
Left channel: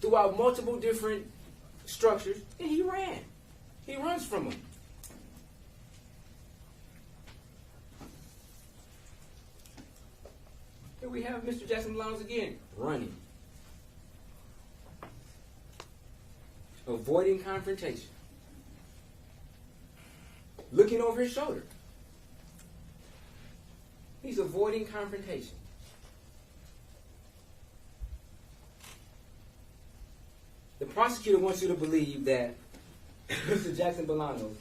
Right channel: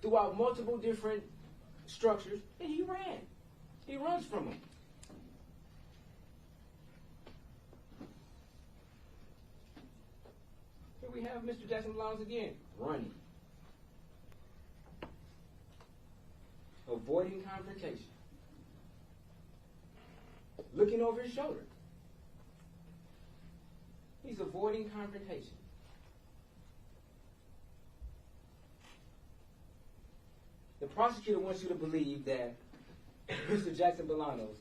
throughout multiple different structures, and he ran. He runs from them. Here we have Mr. Jackson-Bolanos again, running. Avoiding confrontation. Looking over his shoulder. He's avoiding confrontation. The prosecutor wants you to believe that Mr. Jackson-Bolanos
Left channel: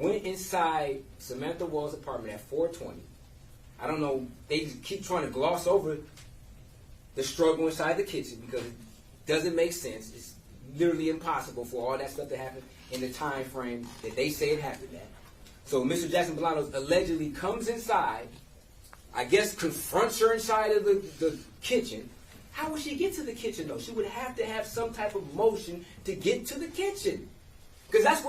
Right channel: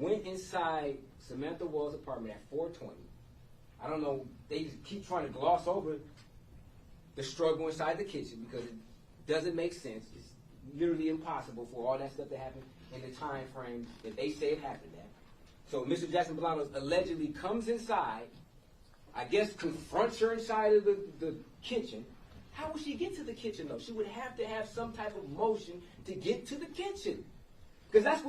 went inside Samantha Woll's apartment at 4:20. I don't know, they just keep trying to gloss over the struggle inside the kitchen because it doesn't make sense. It's literally impossible for all that stuff to happen in the time frame that they say it happened at. So Mr. Jackson-Bolanos allegedly comes inside, I guess confronts her inside of the kitchen. How would she get to the kitchen, though? She would have to have some type of motion to get to the kitchen. Because that's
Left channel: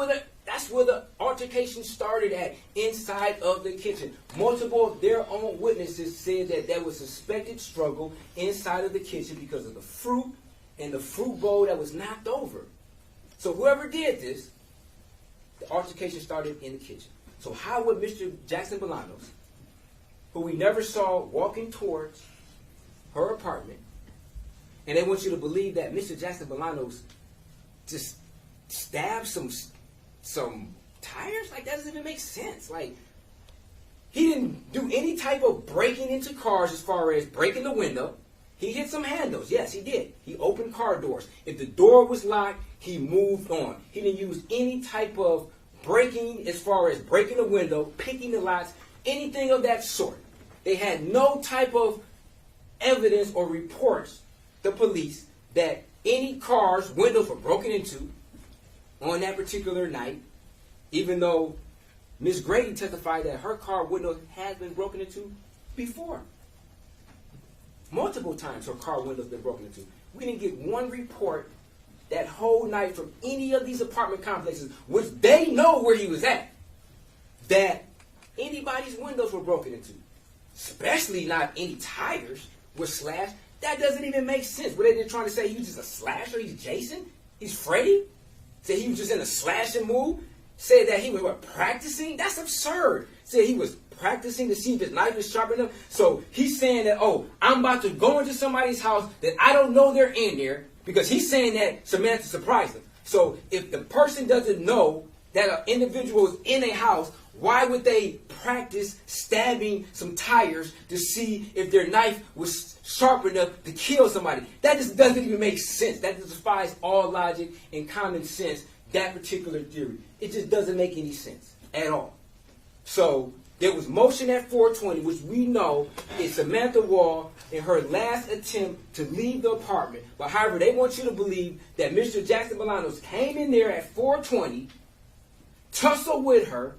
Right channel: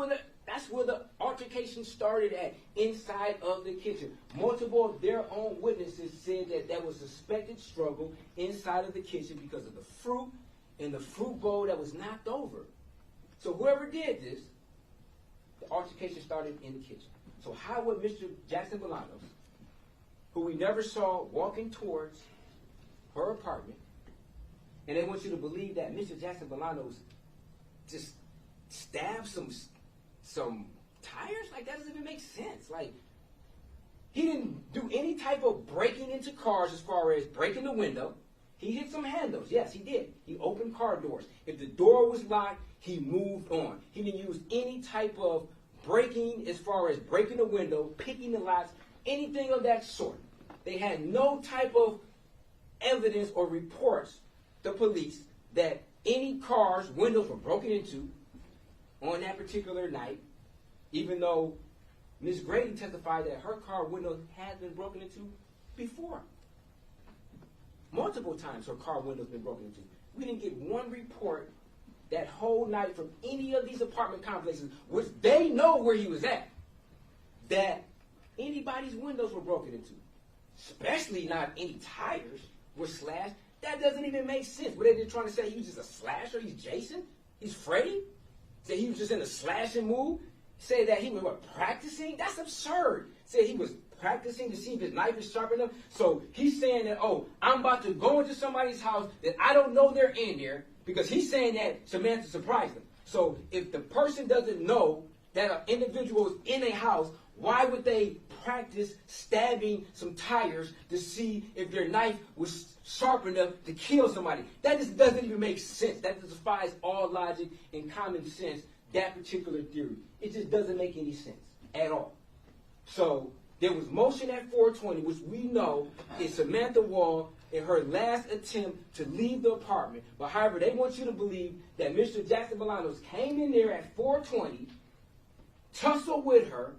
where the altercation started at, inside of the kitchen. Multiple of their own witnesses said that there was suspected struggle inside of the kitchen because of the fruit and the fruit bowl that was knocked over. So whoever did this, the altercation started in the kitchen. So how would Mr. Jackson-Bolanos, who we never saw walking towards her apartment, and they want you to believe that Mr. Jackson-Bolanos just stabbed some tires? Like, that doesn't even make sense. Like, he didn't do any type of breaking into cars as far as breaking the window. He hit some handles. Yes, he did. He opened car doors. If the door was locked, he moved on. He didn't use any type of breaking as far as breaking the window, picking the locks, anything of that sort. They had no type of evidence or reports, the police, that any cars' windows were broken into on that particular night, even though Ms. Grady testified that her car window had been broken into before. Multiple times her car window's been broken into. We didn't get one report that whole night from any of these apartment complexes, which they know where he was at, that anybody's windows were broken into. Especially not any tires were slashed. That doesn't even make sense. Were they just trying to say he was just a slasher? He's Jason? He's Freddy? Say he was just in a slashing mood? Say that he was practicing? That's absurd. Say he was practicing to see if his knife is sharp enough. So he's saying that, oh, I'm about to go into somebody's house that I don't know they're in there, because he's saying that Samantha surprised him. So if the person doesn't know that an individual is in a house, why would they practice stabbing some tires to see if their knife was sharp enough to kill somebody? That just doesn't even make sense. That just defies all logic and common sense, that particular theory. It just doesn't make any sense at all. So there was motion at 420, which we know is Samantha Woll in her last attempt to leave the apartment. But however, they want you to believe that Mr. Jackson-Bolanos came in there at 420, tussled with her,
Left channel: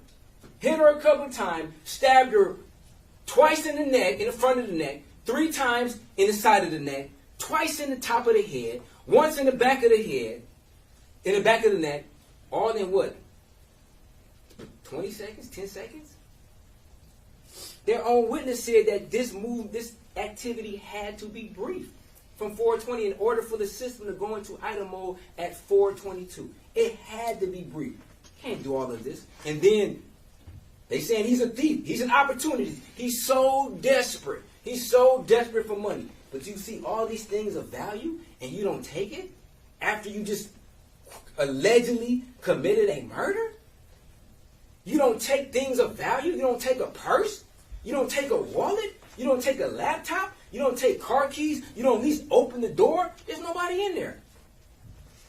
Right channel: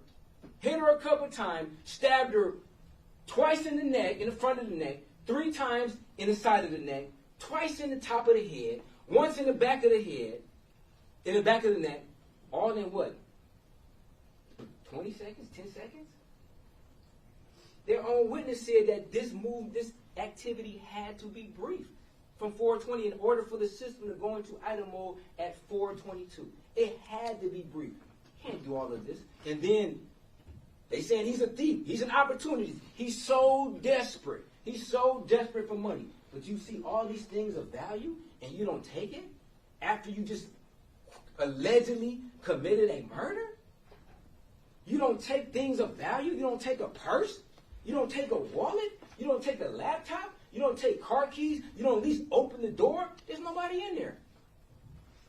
hit her a couple of times, stabbed her twice in the neck, in the front of the neck, 3 times in the side of the neck, twice in the top of the head, once in the back of the head, in the back of the neck, all in what? 20 seconds, 10 seconds? Their own witness said that this activity had to be brief from 420 in order for the system to go into idle mode at 422. It had to be brief. Can't do all of this. And then they saying he's a thief. He's an opportunity. He's so desperate. He's so desperate for money. But you see all these things of value and you don't take it after you just allegedly committed a murder? You don't take things of value? You don't take a purse? You don't take a wallet? You don't take a laptop? You don't take car keys? You don't at least open the door? There's nobody in there.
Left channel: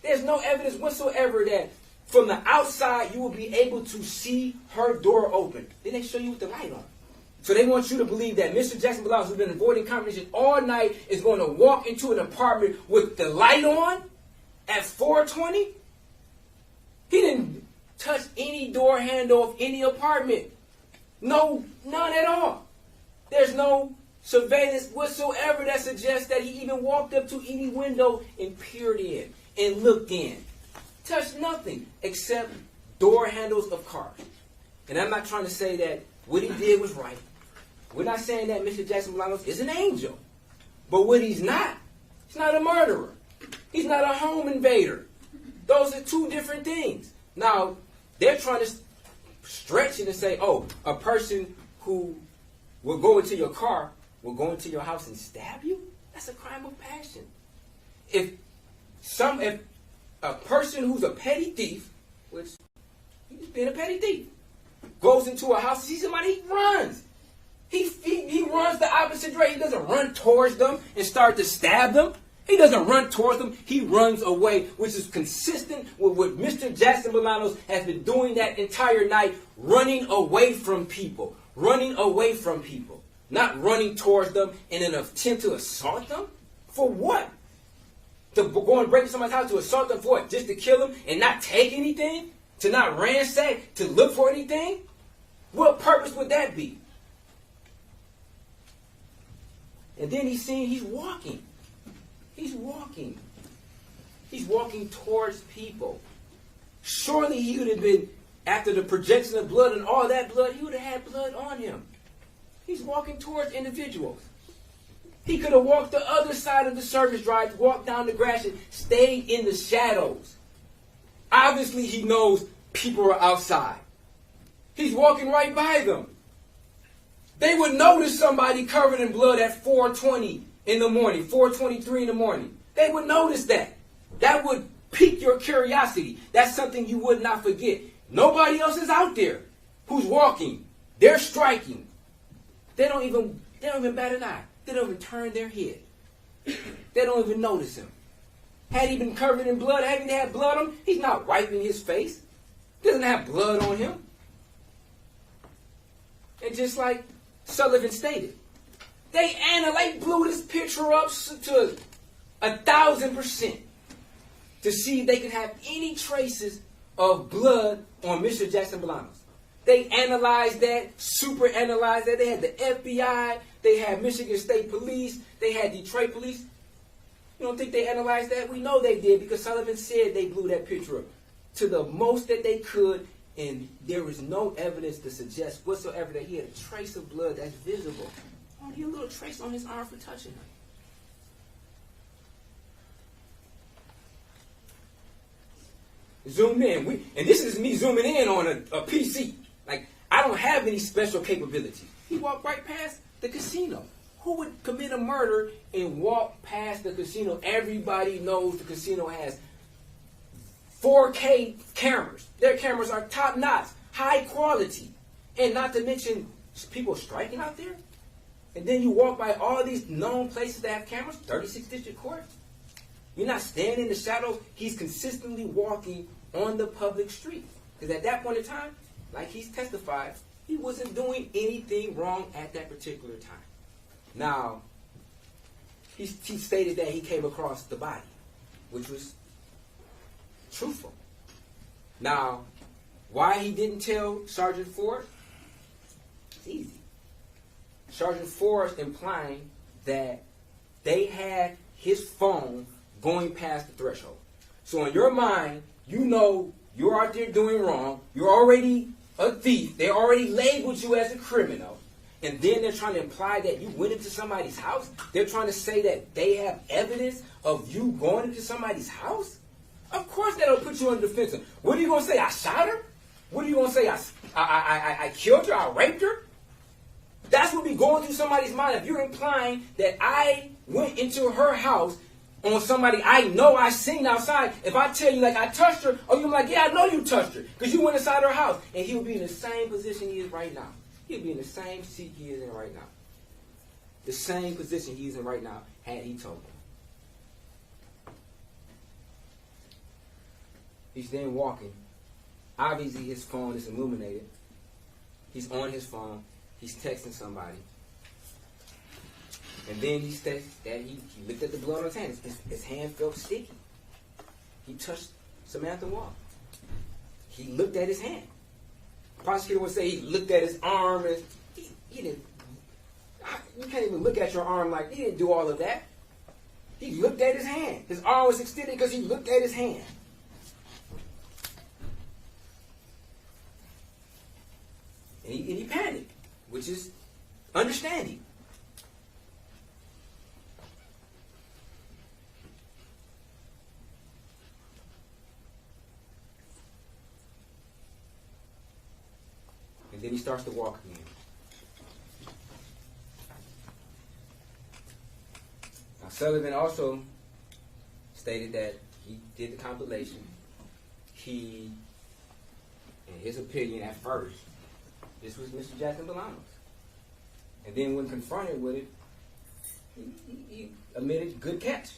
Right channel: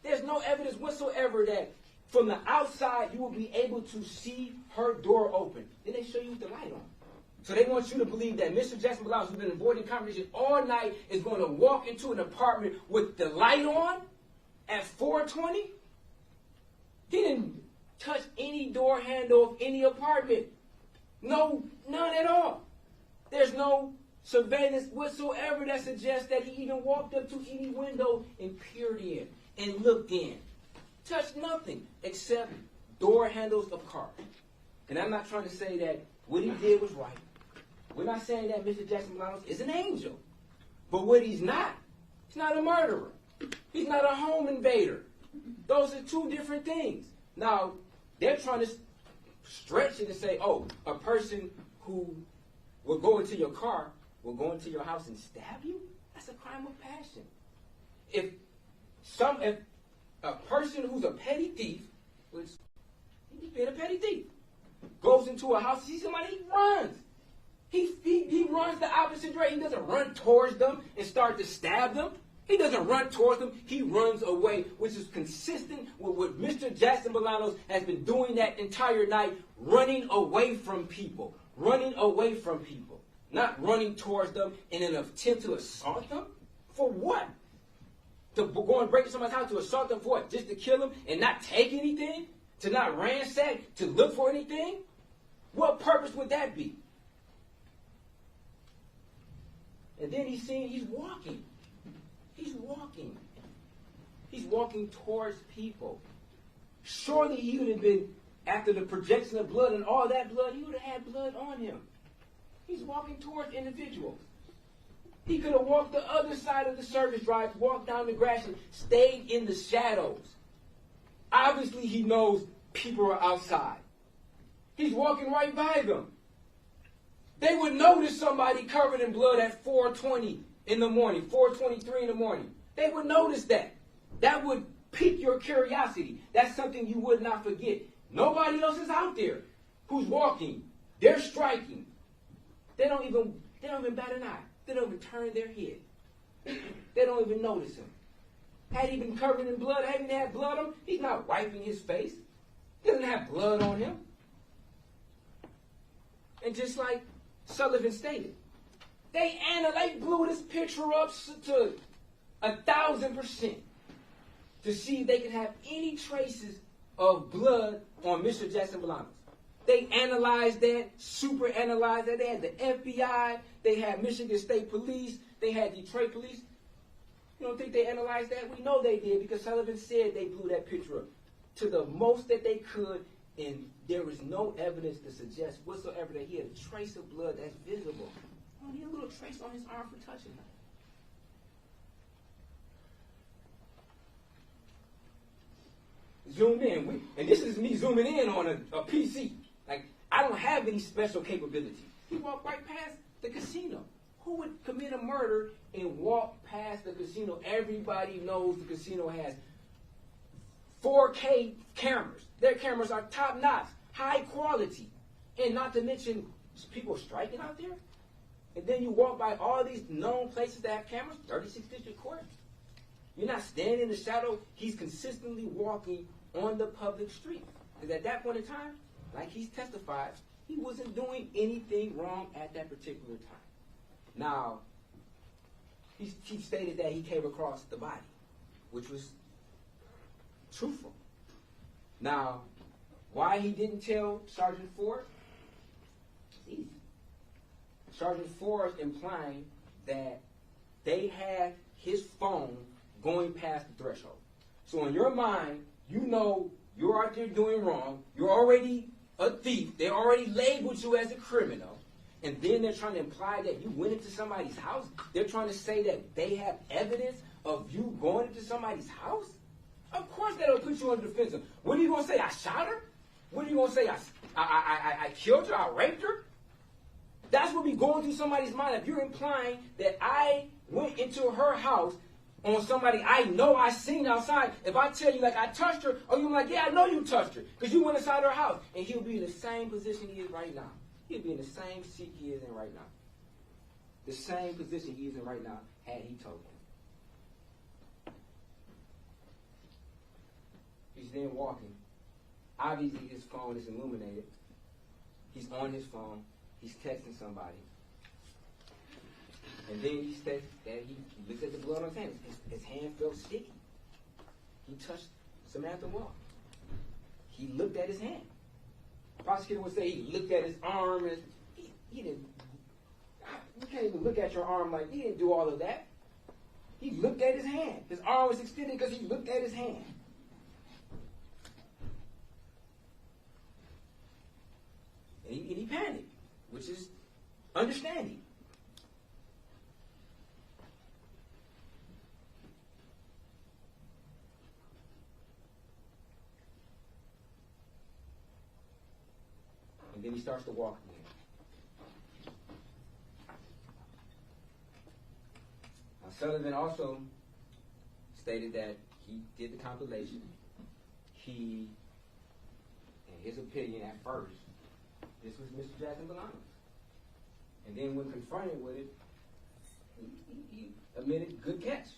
There's no evidence whatsoever that from the outside you will be able to see her door open. Then they show you with the light on. So they want you to believe that Mr. Jackson-Bolanos, who's been avoiding confrontation all night, is going to walk into an apartment with the light on at 420? He didn't touch any door handle of any apartment. No, none at all. There's no surveillance whatsoever that suggests that he even walked up to any window and peered in and looked in. Touched nothing except door handles of cars. And I'm not trying to say that what he did was right. We're not saying that Mr. Jackson-Bolanos is an angel. But what he's not a murderer. He's not a home invader. Those are 2 different things. Now, they're trying to stretch it and say, oh, a person who will go into your car will go into your house and stab you? That's a crime of passion. If a person who's a petty thief, which he's been a petty thief, goes into a house and sees somebody, he runs. He runs the opposite direction. He doesn't run towards them and start to stab them. He doesn't run towards them. He runs away, which is consistent with what Mr. Jackson-Bolanos has been doing that entire night, running away from people. Running away from people. Not running towards them in an attempt to assault them. For what? To go and break into somebody's house to assault them for what? Just to kill them and not take anything? To not ransack? To look for anything? What purpose would that be? And then he's walking. He's walking. He's walking towards people. Surely he would have been, after the projection of blood and all that blood, he would have had blood on him. He's walking towards individuals. He could have walked the other side of the service drive, walked down the grass and stayed in the shadows. Obviously he knows people are outside. He's walking right by them. They would notice somebody covered in blood at 4:20 in the morning, 4:23 in the morning. They would notice that. That would pique your curiosity. That's something you would not forget. Nobody else is out there who's walking. They're striking. They don't even bat an eye. They don't even turn their head. They don't even notice him. Had he been covered in blood, had he had blood on him, he's not wiping his face. He doesn't have blood on him. And just like Sullivan stated, they blew this picture up to 1,000% to see if they could have any traces of blood on Mr. Jackson-Bolanos. They analyzed that, super analyzed that. They had the FBI, they had Michigan State Police, they had Detroit Police. You don't think they analyzed that? We know they did because Sullivan said they blew that picture up to the most that they could, and there was no evidence to suggest whatsoever that he had a trace of blood that's visible. Only a little trace on his arm for touching her. Zoom in. And this is me zooming in on a PC. Like, I don't have any special capabilities. He walked right past the casino. Who would commit a murder and walk past the casino? Everybody knows the casino has 4K cameras. Their cameras are top notch, high quality. And not to mention people striking out there. And then you walk by all these known places that have cameras, 36th District Court. You're not standing in the shadows. He's consistently walking on the public street. Because at that point in time, like he's testified, he wasn't doing anything wrong at that particular time. Now, he stated that he came across the body, which was truthful. Now, why he didn't tell Sergeant Ford? It's easy. Sergeant Ford implying that they had his phone going past the threshold. So in your mind, you know you're out there doing wrong. You're already a thief. They already labeled you as a criminal. And then they're trying to imply that you went into somebody's house. They're trying to say that they have evidence of you going into somebody's house. Of course that'll put you on the defensive. What are you going to say? I shot her? What are you going to say? I killed her? I raped her? That's what be going through somebody's mind. If you're implying that I went into her house on somebody I know I seen outside, if I tell you like I touched her, or you're like, yeah, I know you touched her because you went inside her house, and he'll be in the same position he is right now. He'll be in the same seat he is in right now. The same position he is in right now had he told him. He's then walking. Obviously his phone is illuminated. He's on his phone. He's texting somebody. And then he states that he looked at the blood on his hand. His hand felt sticky. He touched Samantha Woll. He looked at his hand. The prosecutor would say he looked at his arm. And he didn't. You can't even look at your arm like he didn't do all of that. He looked at his hand. His arm was extended because he looked at his hand. And he panicked, which is understanding. And then he starts to walk again. Now, Sullivan also stated that he did the compilation. He, in his opinion at first, this was Mr. Jackson-Bolanos. And then when confronted with it, he admitted, good catch.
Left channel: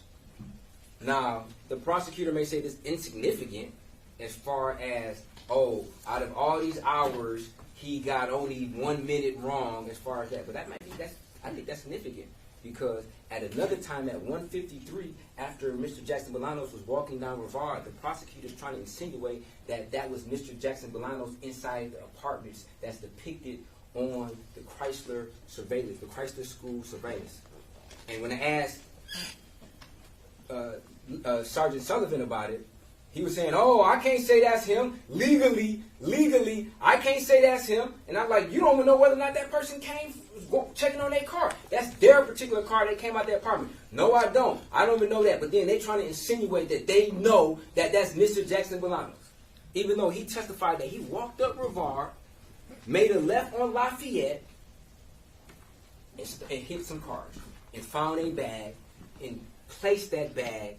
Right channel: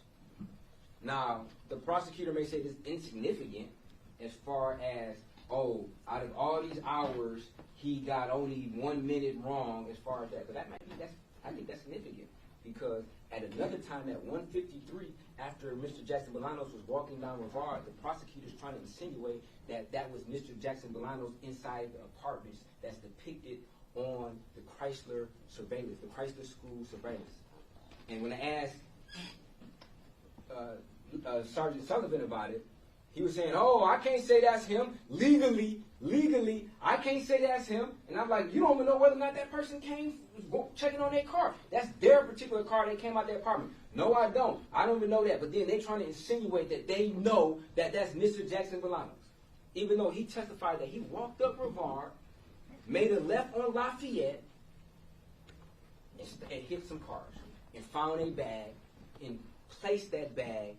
Now, the prosecutor may say this is insignificant as far as, oh, out of all these hours, he got only 1 minute wrong as far as that. But I think that's significant because at another time at 1:53, after Mr. Jackson-Bolanos was walking down Rivard, the prosecutor's trying to insinuate that was Mr. Jackson-Bolanos inside the apartments that's depicted on the Chrysler surveillance, the Chrysler school surveillance. And when I asked Sergeant Sullivan about it, he was saying, oh, I can't say that's him. Legally, I can't say that's him. And I'm like, you don't even know whether or not that person came checking on their car. That's their particular car that came out their apartment. No, I don't. I don't even know that. But then they're trying to insinuate that they know that that's Mr. Jackson-Bolanos. Even though he testified that he walked up Rivard, made a left on Lafayette, and hit some cars, and found a bag, and placed that bag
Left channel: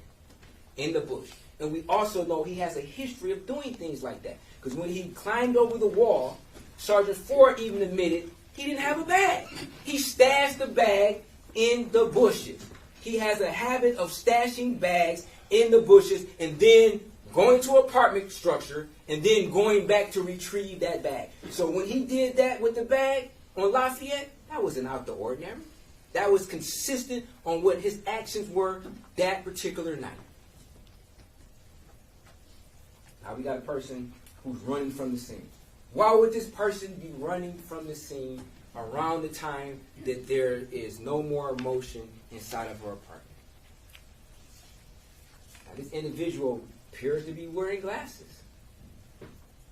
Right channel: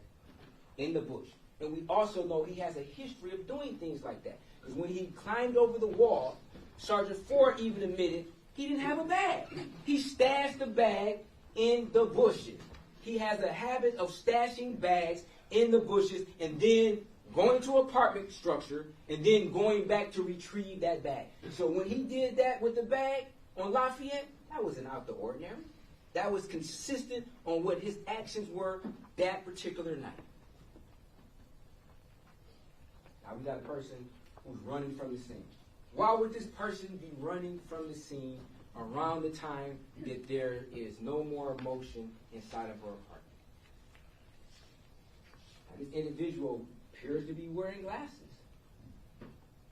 in the bush. And we also know he has a history of doing things like that. Because when he climbed over the wall, Sergeant Ford even admitted he didn't have a bag. He stashed the bag in the bushes. He has a habit of stashing bags in the bushes and then going to an apartment structure and then going back to retrieve that bag. So when he did that with the bag on Lafayette, that wasn't out the ordinary. That was consistent on what his actions were that particular night. Now we got a person who's running from the scene. Why would this person be running from the scene around the time that there is no more emotion inside of her apartment? this individual appears to be wearing glasses.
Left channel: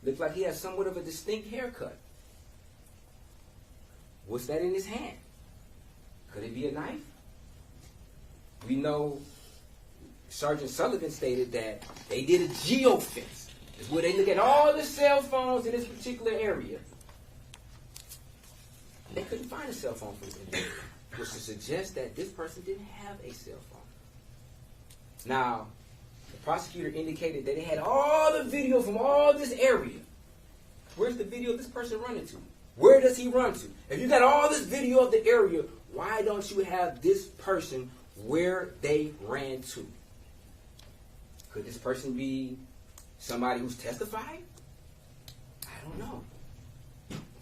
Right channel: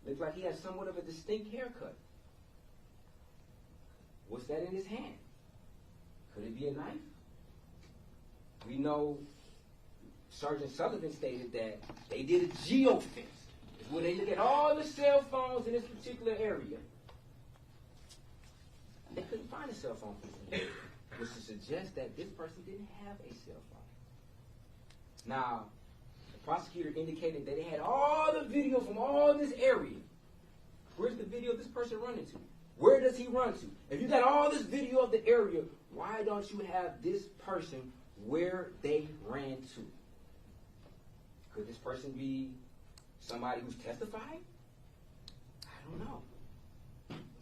Looks like he has somewhat of a distinct haircut. What's that in his hand? Could it be a knife? We know Sergeant Sullivan stated that they did a geofence. It's where they look at all the cell phones in this particular area. They couldn't find a cell phone for this individual, which would suggest that this person didn't have a cell phone. Now, the prosecutor indicated that they had all the video from all this area. Where's the video of this person running to? Where does he run to? If you got all this video of the area, why don't you have this person where they ran to? Could this person be somebody who's testified? I don't know.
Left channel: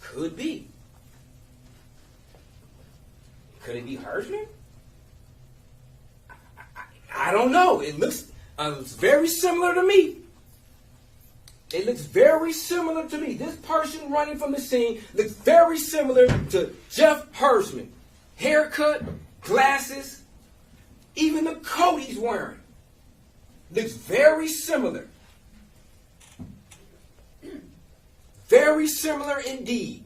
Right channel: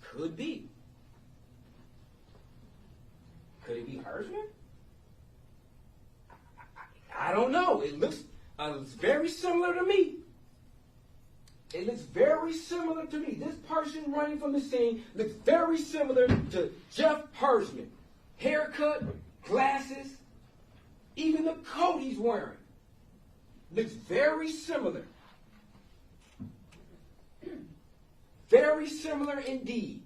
Could be. Could it be Hersman? I don't know. It looks very similar to me. It looks very similar to me. This person running from the scene looks very similar to Jeff Hersman. Haircut, glasses, even the coat he's wearing looks very similar. Very similar indeed.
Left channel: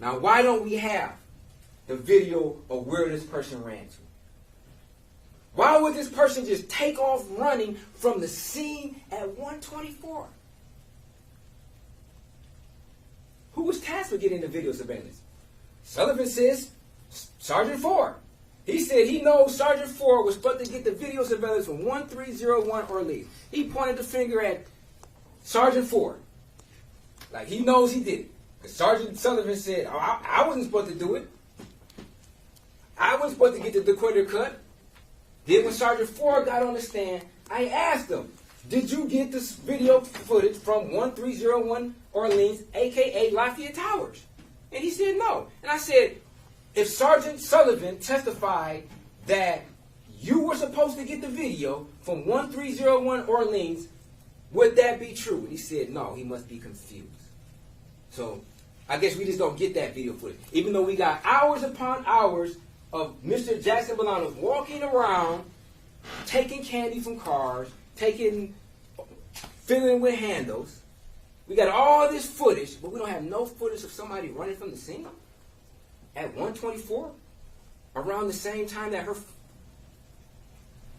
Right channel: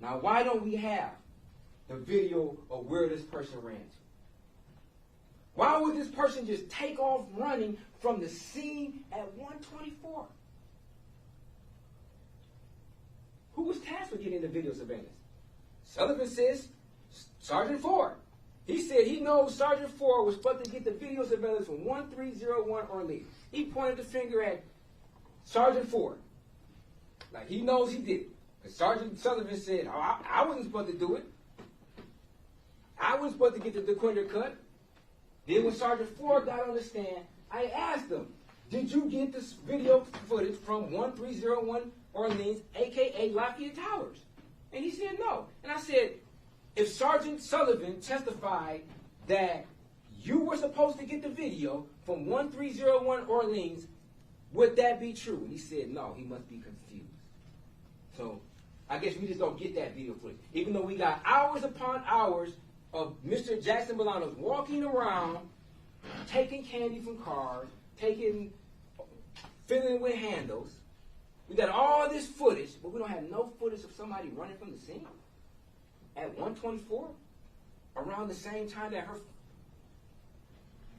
Now, why don't we have the video of where this person ran to? Why would this person just take off running from the scene at 124? Who was tasked with getting the video surveillance? Sullivan says Sergeant Ford. He said he knows Sergeant Ford was supposed to get the video surveillance from 1301 Orleans. He pointed the finger at Sergeant Ford. Like he knows he did it. Because Sergeant Sullivan said, oh, I wasn't supposed to do it. I wasn't supposed to get the decoder cut. Then when Sergeant Ford got on the stand, I asked him, did you get this video footage from 1301 Orleans, a.k.a. Lafayette Towers? And he said no. And I said, if Sergeant Sullivan testified that you were supposed to get the video from 1301 Orleans, would that be true? And he said no, he must be confused. So I guess we just don't get that video footage. Even though we got hours upon hours of Mr. Jackson-Bolanos walking around, taking candy from cars, filling with handles. We got all this footage, but we don't have no footage of somebody running from the scene at 124 around the same time that her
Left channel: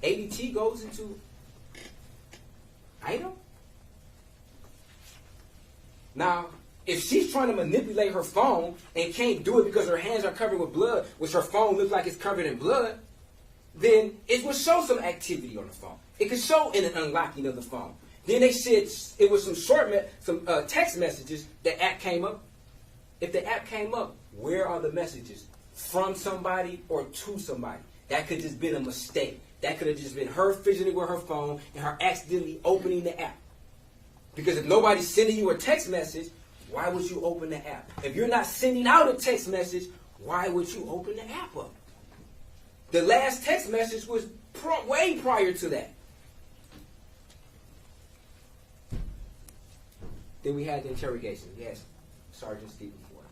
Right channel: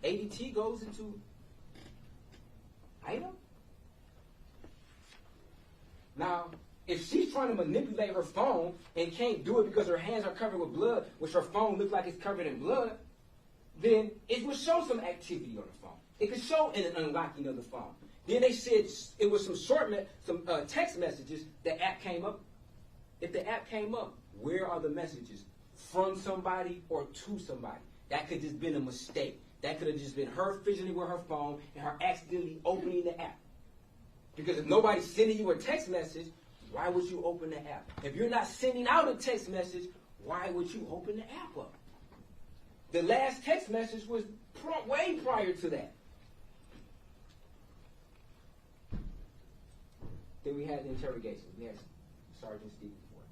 ADT goes into item. Now, if she's trying to manipulate her phone and can't do it because her hands are covered with blood, which her phone looks like it's covered in blood, then it would show some activity on the phone. It could show in an unlocking of the phone. Then they said it was some text messages. The app came up. If the app came up, where are the messages? From somebody or to somebody? That could just been a mistake. That could have just been her fidgeting with her phone and her accidentally opening the app. Because if nobody's sending you a text message, why would you open the app? If you're not sending out a text message, why would you open the app up? The last text message was way prior to that. Then we had the interrogation. We had Sergeant Stephen Ford.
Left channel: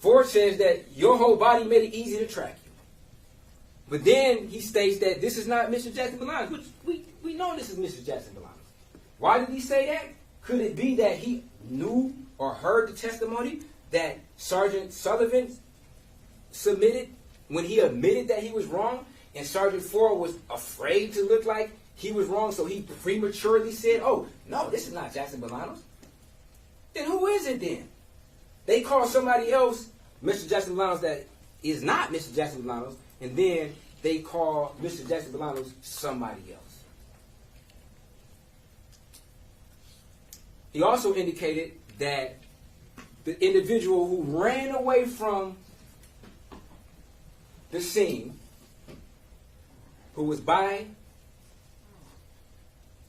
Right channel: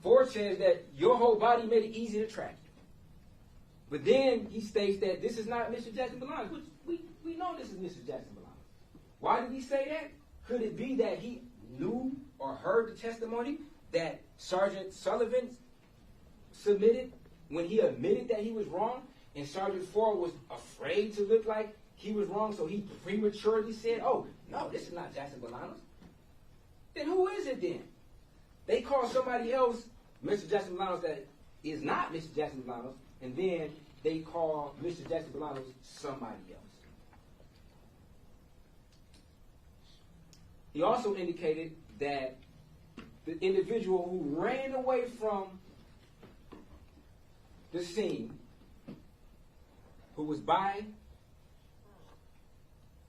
Ford says that your whole body made it easy to track you. But then he states that this is not Mr. Jackson-Bolanos, which we know this is Mr. Jackson-Bolanos. Why did he say that? Could it be that he knew or heard the testimony that Sergeant Sullivan submitted when he admitted that he was wrong, and Sergeant Ford was afraid to look like he was wrong, so he prematurely said, oh, no, this is not Jackson-Bolanos. Then who is it then? They call somebody else Mr. Jackson-Bolanos that is not Mr. Jackson-Bolanos, and then they call Mr. Jackson-Bolanos somebody else. He also indicated that the individual who ran away from the scene, who was by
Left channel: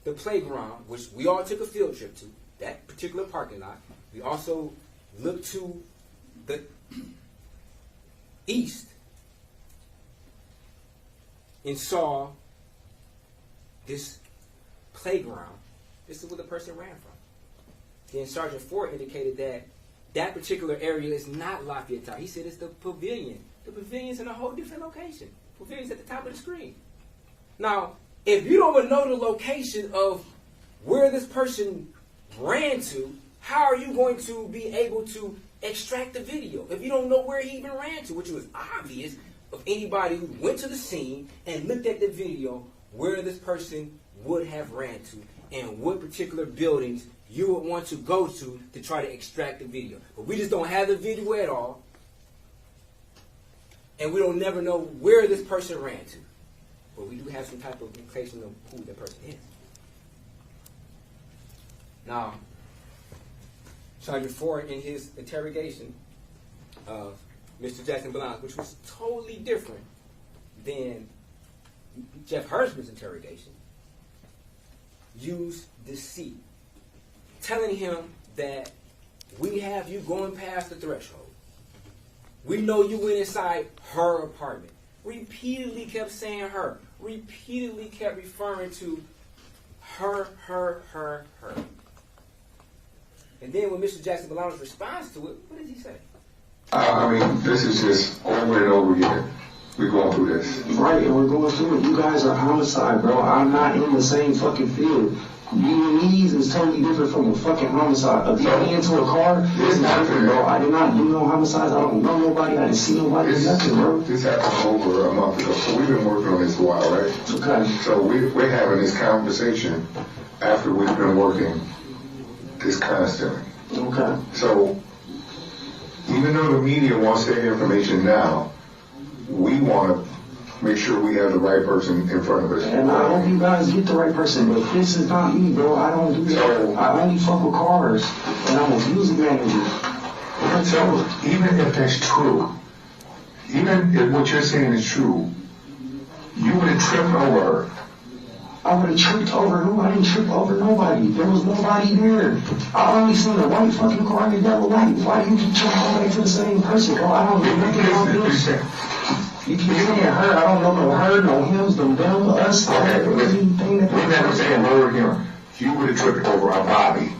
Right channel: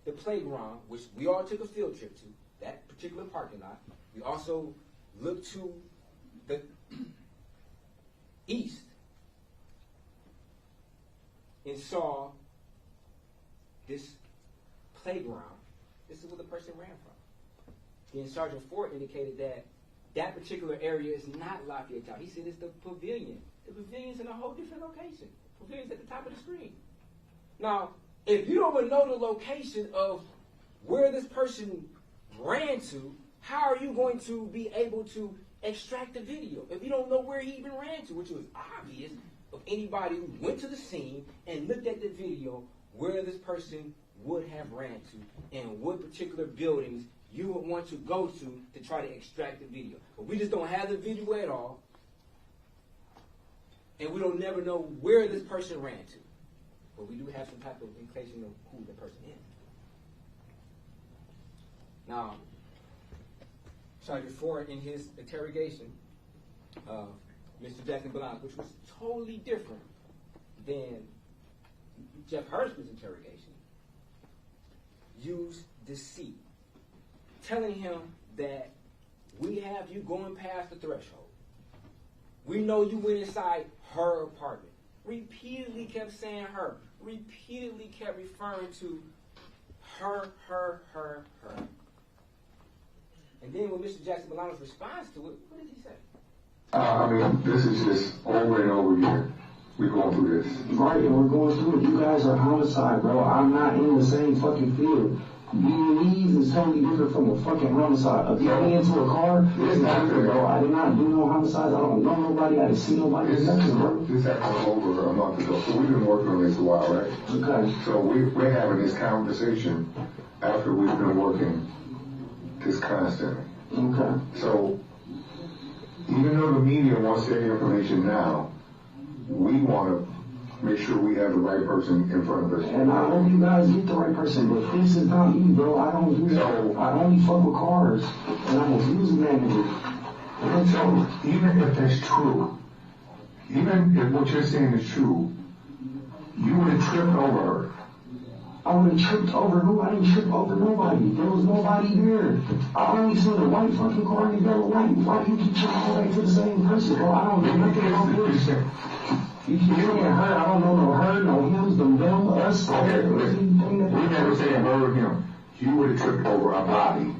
the playground, which we all took a field trip to, that particular parking lot. We also looked to the east and saw this playground. This is where the person ran from. then Sergeant Ford indicated that that particular area is not Lafayette Tower. He said it's the pavilion. The pavilion's in a whole different location. The pavilion's at the top of the screen. Now, if you don't even know the location of where this person ran to, how are you going to be able to extract the video if you don't know where he even ran to, which was obvious of anybody who went to the scene and looked at the video where this person would have ran to and what particular buildings you would want to go to try to extract the video. But we just don't have the video at all, and we don't never know where this person ran to. But we do have some type of indication of who that person is. Now, Sergeant Ford, in his interrogation of Mr. Jackson-Bolanos, which was totally different than Jeff Hersman's interrogation, used deceit, telling him that we have you going past the threshold. We know you went inside her apartment. Repeatedly kept saying her. Repeatedly kept referring to her. And then when Mr. Jackson-Bolanos responds to it, what does he say? I mean, this is just over and over again. We're going through this. Right, and we're going through it. You guys are homicide, bro. I'm not in the same fucking field. Vietnamese is totally different from a fucking homicide. Getting into a car, this is different, bro. I did not do no homicides. I don't know nobody. I didn't see nobody. Nothing, bro. This happened over a month ago. So we've been working on this a while, right? Okay. So we're having this conversation after we've been working this constantly. Okay. So even though the media wants their information now, we want to make sure we have the right person in front of us. And I hope you guys get the right person, but this is not me, bro. I don't do that. So, I only fuck with cars, and I'm a music manager. So even if that's true, even if what you're saying is true, you would have tripped over her. I would have tripped over who? I didn't trip over nobody. There was nobody there. I only seen a white fucking car and a yellow light. Why do you keep trying to back to the same person, bro? I don't know nothing about this. You keep saying her. I don't know no her, no hims, no them, us. Okay, listen. We're never saying word here. You would have tripped over our Bobby.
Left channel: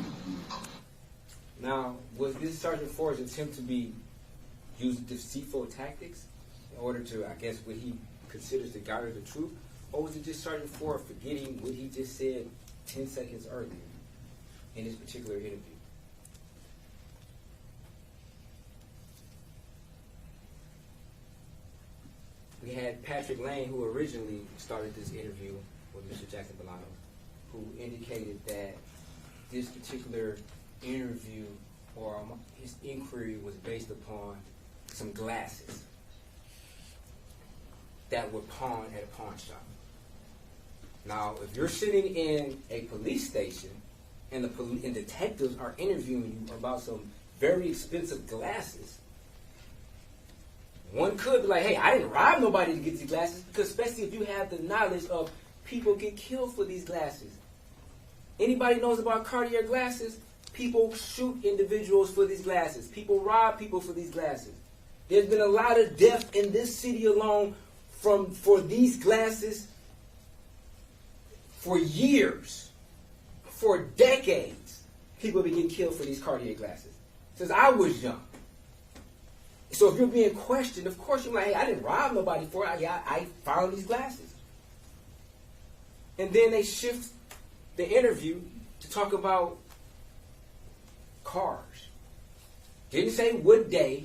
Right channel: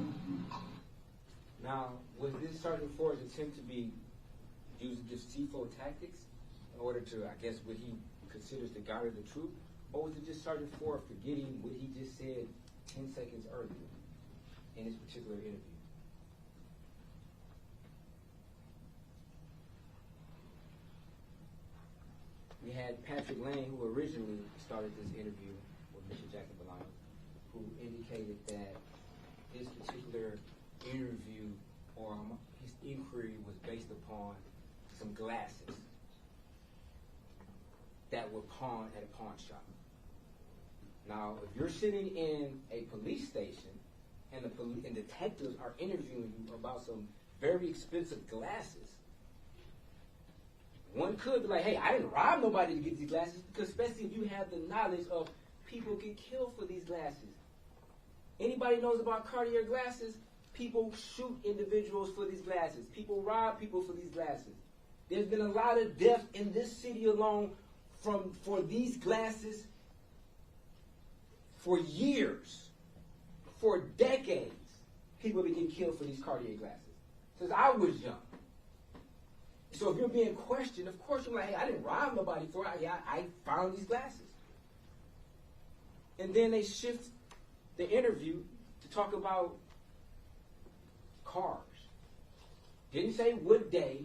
Now, was this Sergeant Ford's attempt to be using deceitful tactics in order to, I guess, what he considers to garner the truth? Or was it just Sergeant Ford forgetting what he just said 10 seconds earlier in this particular interview? We had Patrick Lane, who originally started this interview with Mr. Jackson-Bolanos, who indicated that this particular interview or his inquiry was based upon some glasses that were pawned at a pawn shop. Now, if you're sitting in a police station and and detectives are interviewing you about some very expensive glasses, one could be like, hey, I didn't rob nobody to get these glasses, because especially if you have the knowledge of people get killed for these glasses. Anybody knows about Cartier glasses? People shoot individuals for these glasses. People rob people for these glasses. There's been a lot of death in this city alone for these glasses for years, for decades. People have been getting killed for these Cartier glasses since I was young. So if you're being questioned, of course you're like, hey, I didn't rob nobody for it. I found these glasses. And then they shift the interview to talk about cars. Didn't say what day.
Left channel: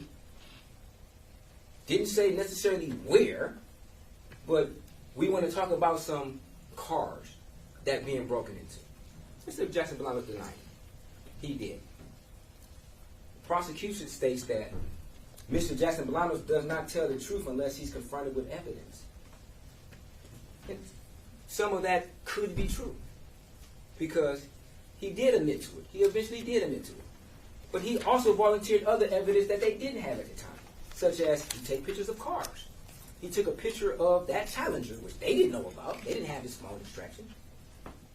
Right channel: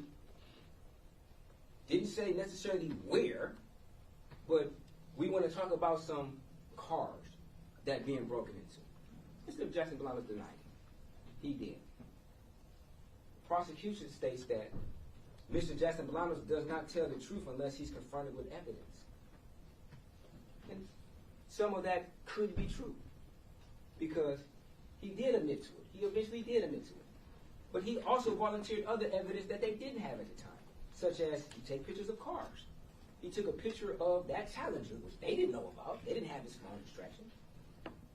Didn't say necessarily where. But we want to talk about some cars that being broken into. Mr. Jackson-Bolanos denied it. He did. The prosecution states that Mr. Jackson-Bolanos does not tell the truth unless he's confronted with evidence. And some of that could be true, because he did admit to it. He eventually did admit to it. But he also volunteered other evidence that they didn't have at the time, such as he take pictures of cars. He took a picture of that Challenger, which they didn't know about. They didn't have his phone distraction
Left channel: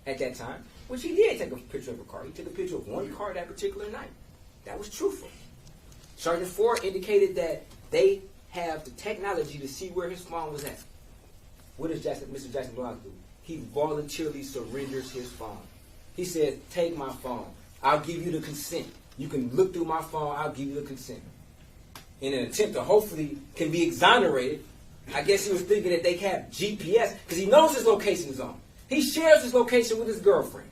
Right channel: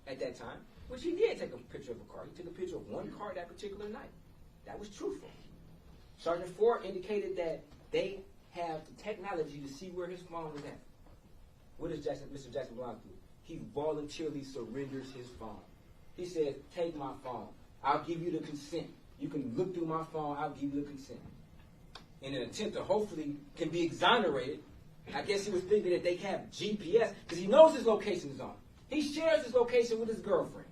at that time, which he did take a picture of a car. He took a picture of one car that particular night. That was truthful. Sergeant Ford indicated that they have the technology to see where his phone was at. What does Mr. Jackson-Bolanos do? He voluntarily surrenders his phone. He says, take my phone. I'll give you the consent. You can look through my phone, I'll give you the consent. In an attempt to hopefully can be exonerated, I guess he was thinking that they have GPS, because he knows his location zone. He shares his location with his girlfriend.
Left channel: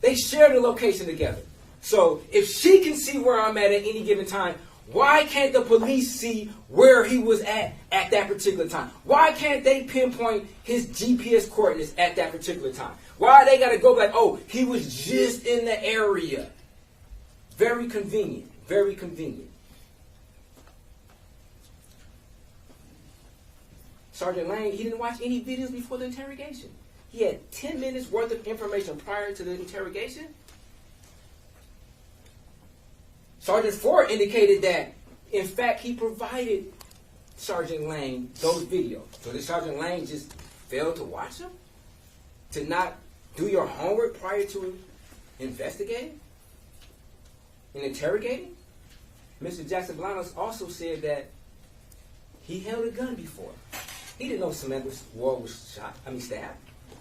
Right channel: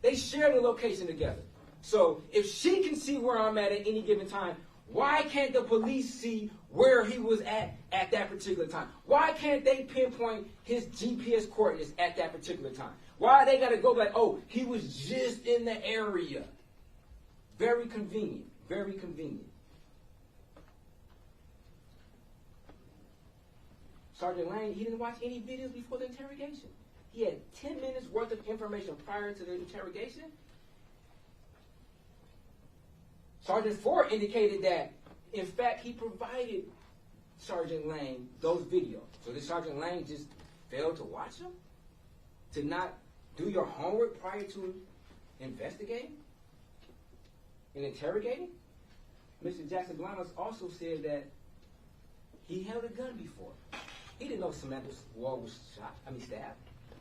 They share the location together. So if she can see where I'm at any given time, why can't the police see where he was at that particular time? Why can't they pinpoint his GPS coordinates at that particular time? Why they got to go like, oh, he was just in the area? Very convenient. Very convenient. Sergeant Lang, he didn't watch any videos before the interrogation. He had 10 minutes worth of information prior to the interrogation. Sergeant Ford indicated that, in fact, he provided Sergeant Lang those videos. So did Sergeant Lang just fail to watch them? To not do your homework prior to investigating and interrogating? Mr. Jackson-Bolanos also said that he held a gun before. He didn't know Samantha Woll was stabbed.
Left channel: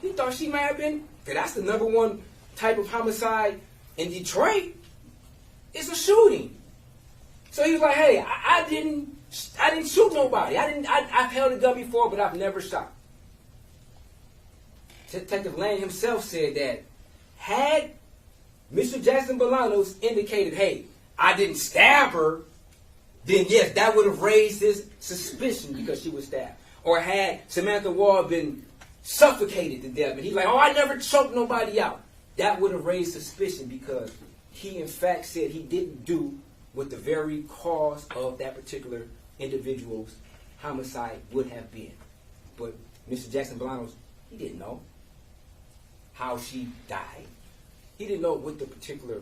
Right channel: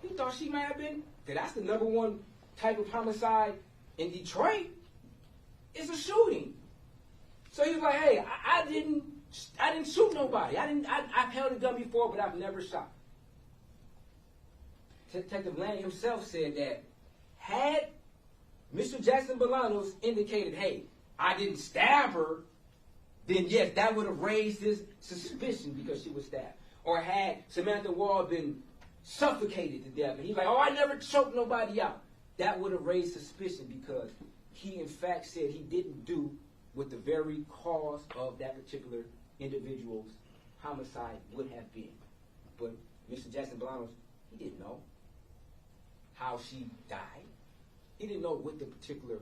He thought she might have been, because that's the number one type of homicide in Detroit. It's a shooting. So he was like, hey, I didn't shoot nobody. I've held a gun before, but I've never shot. Detective Lang himself said that had Mr. Jackson-Bolanos indicated, hey, I didn't stab her, then yes, that would have raised his suspicion because she was stabbed. Or had Samantha Woll been suffocated to death, and he's like, oh, I never choked nobody out, that would have raised suspicion because he in fact said he didn't do what the very cause of that particular individual's homicide would have been. But Mr. Jackson-Bolanos, he didn't know how she died. He didn't know what the particular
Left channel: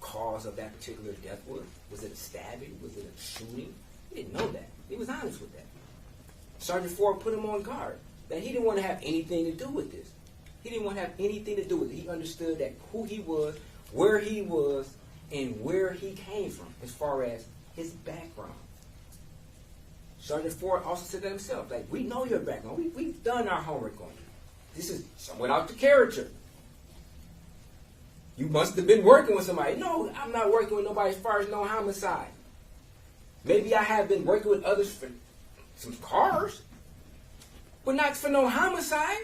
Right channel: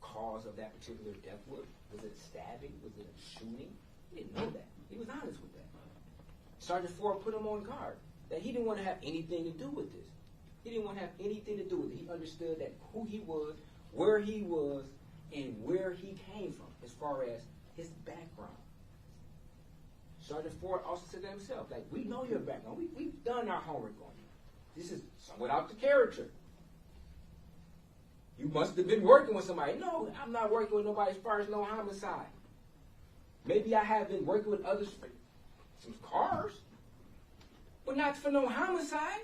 cause of that particular death was. Was it a stabbing? Was it a shooting? He didn't know that. He was honest with that. Sergeant Ford put him on guard that he didn't want to have anything to do with this. He didn't want to have anything to do with it. He understood that who he was, where he was, and where he came from as far as his background. Sergeant Ford also said that himself, like, we know your background. We've done our homework on you. This is somewhat out the character. You must have been working with somebody. No, I'm not working with nobody as far as no homicide. Maybe I have been working with others for some cars, but not for no homicide.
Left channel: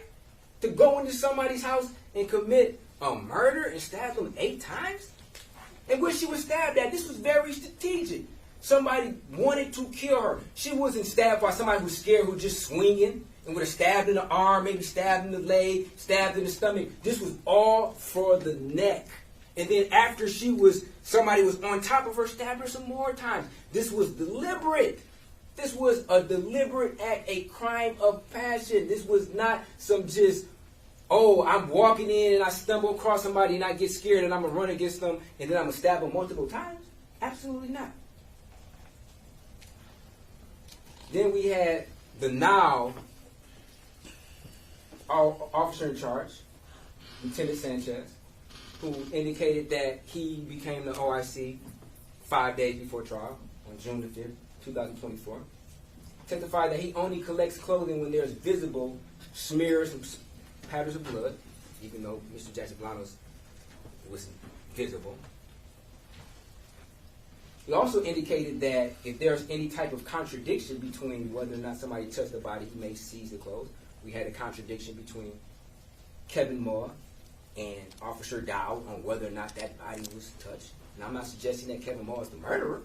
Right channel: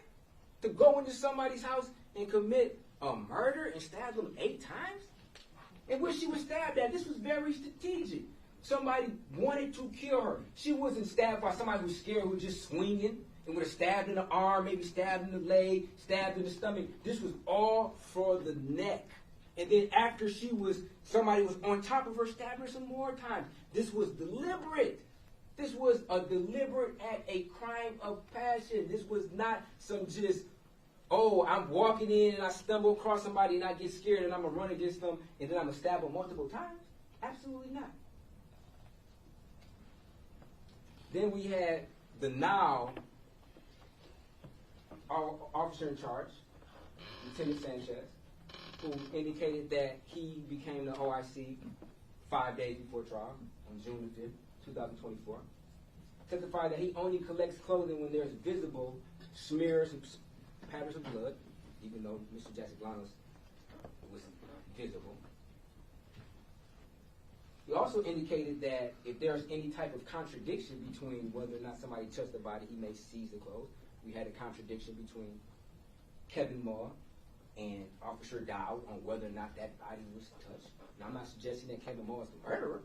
To go into somebody's house and commit a murder and stab them 8 times? And where she was stabbed at, this was very strategic. Somebody wanted to kill her. She wasn't stabbed by somebody who's scared, who's just swinging and would have stabbed in the arm, maybe stabbed in the leg, stabbed in the stomach. This was all for the neck. And then after somebody was on top of her, stabbed her some more times. This was deliberate. This was a deliberate act, a crime of passion. This was not some just, oh, I'm walking in and I stumble across somebody and I get scared and I'm going to run against them and then I'm going to stab them multiple times. Absolutely not. Then we had the now officer in charge, Lieutenant Sanchez, who indicated that he became the OIC 5 days before trial on June the 5th, 2024. Testified that he only collects clothing when there's visible smears and patterns of blood, even though Mr. Jackson-Bolanos was visible. He also indicated that if there's any type of contradiction between whether or not somebody touched the body, he may seize the clothes. We had a contradiction between Kevin Moore and Officer Dowd on whether or not that body was touched. And I'm not suggesting that Kevin Moore is the murderer,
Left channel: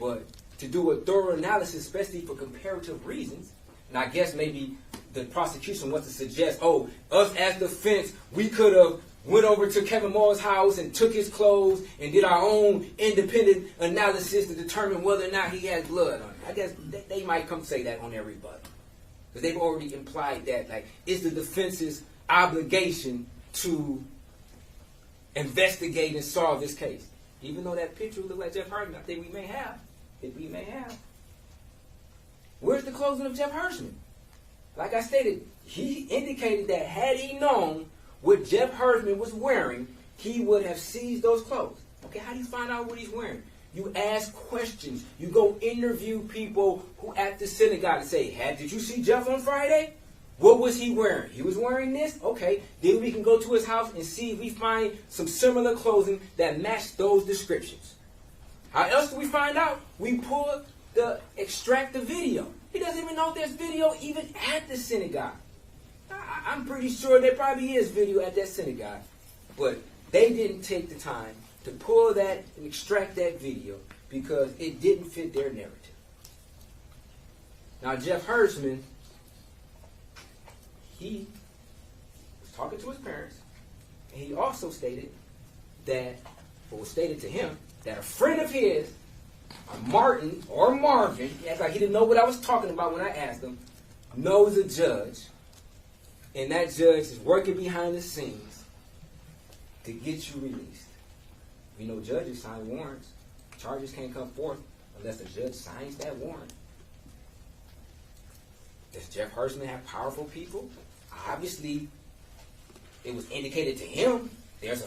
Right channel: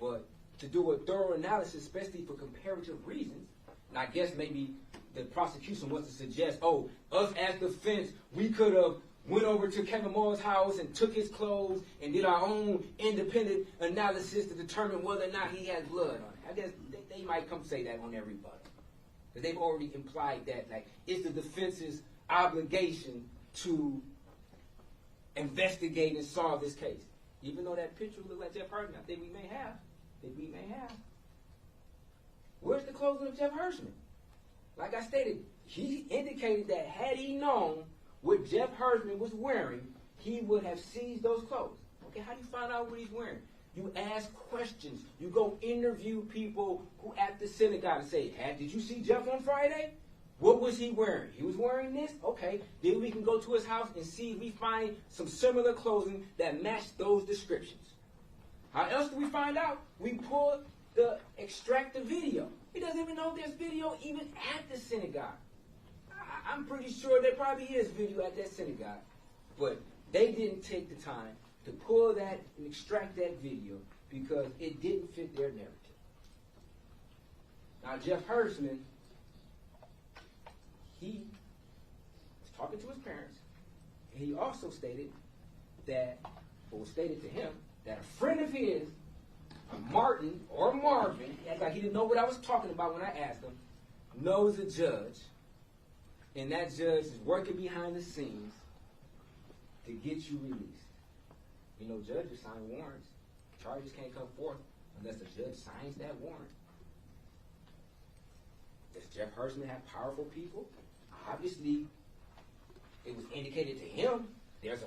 but to do a thorough analysis, especially for comparative reasons, and I guess maybe the prosecution wants to suggest, oh, us as defense, we could have went over to Kevin Moore's house and took his clothes and did our own independent analysis to determine whether or not he had blood on him. I guess they might come say that on everybody. Because they've already implied that, like, it's the defense's obligation to investigate and solve this case. Even though that picture looked like Jeff Hartman, I think we may have. Where's the clothing of Jeff Hirschman? Like I stated, he indicated that had he known what Jeff Hirschman was wearing, he would have seized those clothes. Okay, how do you find out what he's wearing? You ask questions. You go interview people who at the synagogue and say, did you see Jeff on Friday? What was he wearing? He was wearing this? Okay. Then we can go to his house and see if we find some similar clothing that match those descriptions. How else do we find out? We extract the video. He doesn't even know there's video even at the synagogue. I'm pretty sure there probably is video at that synagogue. But they didn't take the time to pull that and extract that video because it didn't fit their narrative. Now, Jeff Hersman, he was talking to his parents, and he also stated that, or was stated to him, that a friend of his, Martin or Marvin, he acted like he didn't know what I was talking about when I asked him, knows a judge, and that judge is working behind the scenes to get you released. We know judges sign warrants. Charges can't come forth unless the judge signs that warrant. Does Jeff Hersman have powerful people? Obviously, it was indicated to him there's a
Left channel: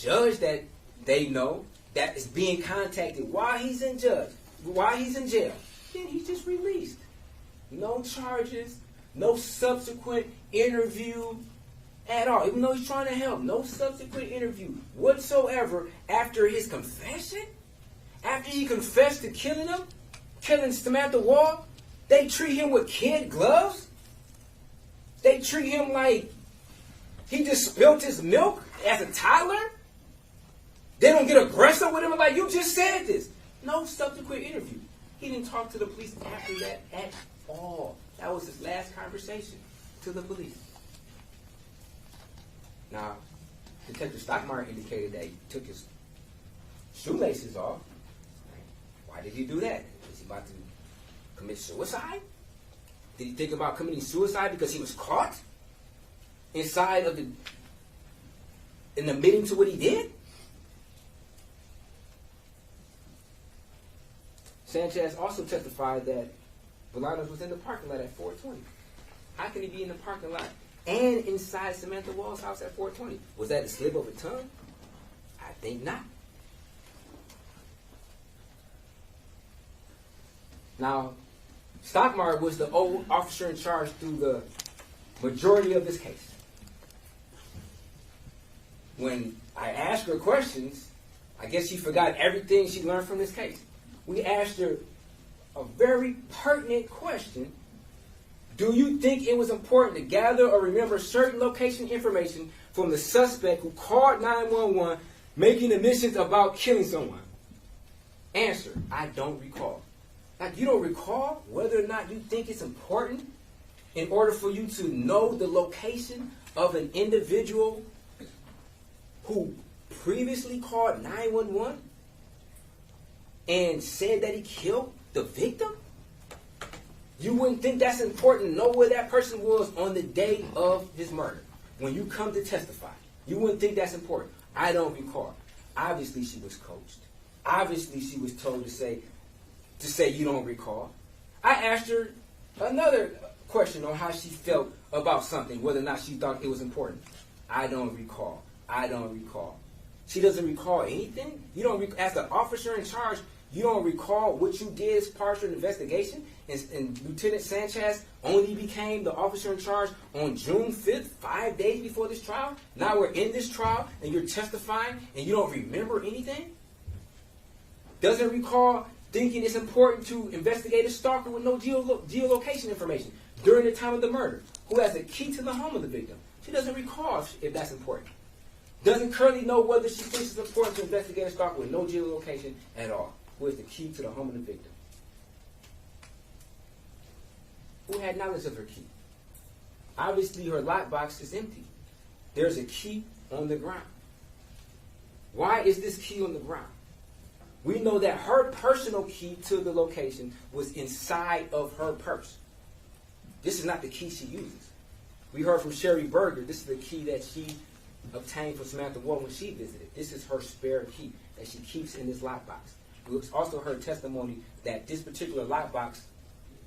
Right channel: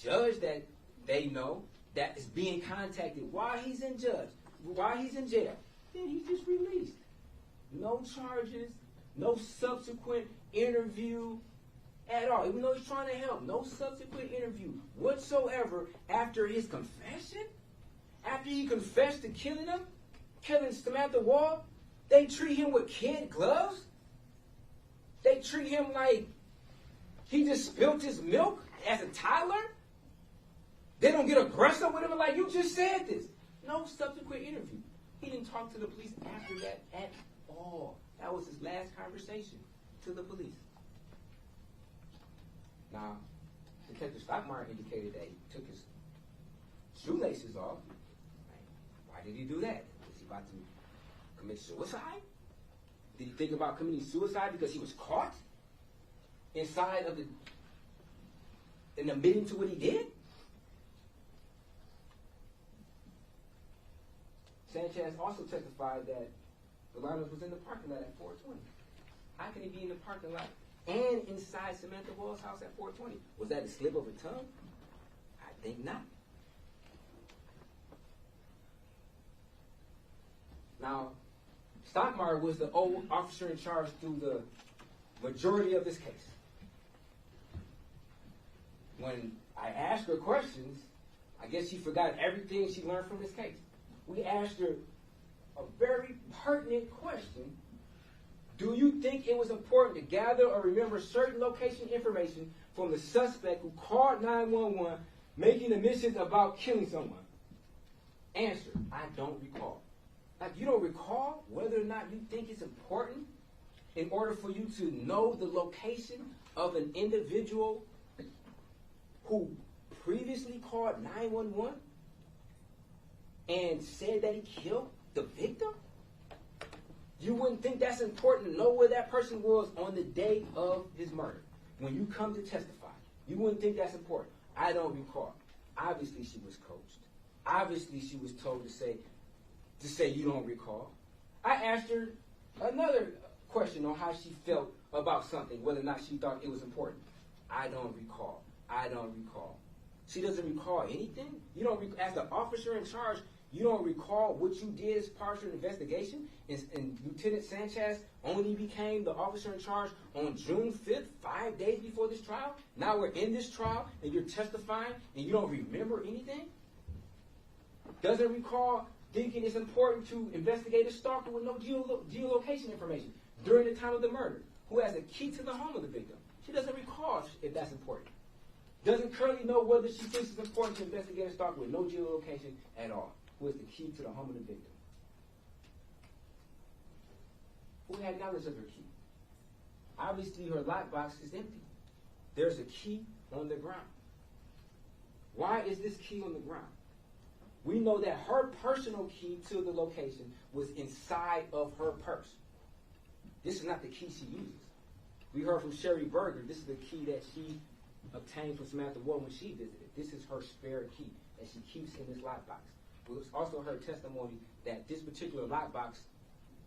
judge that they know that is being contacted while he's in jail. Then he's just released. No charges, no subsequent interview at all. Even though he's trying to help, no subsequent interview whatsoever after his confession. After he confessed to killing Samantha Woll, they treat him with kid gloves. They treat him like he just spilt his milk as a toddler. They don't get aggressive with him like, you just said this. No subsequent interview. He didn't talk to the police after that at all. That was his last conversation to the police. Now, Detective Stockmeyer indicated that he took his shoelaces off. Why did he do that? Was he about to commit suicide? Did he think about committing suicide because he was caught inside of in admitting to what he did? Sanchez also testified that Bolanos was in the parking lot at 420. How can he be in the parking lot and inside Samantha Woll's house at 420? Was that a slip of a tongue? I think not. Now, Stockmeyer was the old officer in charge through the majority of this case. When I asked her questions, I guess she forgot everything she learned from this case. We asked her a very pertinent question. Do you think it was important to gather or remember certain location information from the suspect who called 911 making admissions about killing someone? Answer, I don't recall. Like, you don't recall whether or not you think it's important in order for you to know the location of an individual who previously called 911 and said that he killed the victim? You wouldn't think that's important to know where that person was on the day of his murder. When you come to testify, you wouldn't think that's important. I don't recall. Obviously, she was coached. Obviously, she was told to say you don't recall. I asked her another question on how she felt about something, whether or not she thought it was important. I don't recall. I don't recall. She doesn't recall anything? You don't as the officer in charge, you don't recall what you did as part of your investigation? And Lieutenant Sanchez only became the officer in charge on June 5th, 5 days before this trial? Now we're in this trial, and you're testifying, and you don't remember anything? Doesn't recall thinking it's important to investigate a stalker with no geolocation information during the time of the murder, who has the key to the home of the victim. She doesn't recall if that's important. Doesn't currently know whether she thinks it's important to investigate a stalker with no geolocation at all, who has the key to the home of the victim. Who had knowledge of her key? Obviously, her lockbox is empty. There's a key on the ground. Why is this key on the ground? We know that her personal key to the location was inside of her purse. This is not the key she uses. We heard from Sherry Berger, this is the key that she obtained from Samantha Woll when she visited. This is her spare key that she keeps in this lockbox. We also heard testimony that this particular lockbox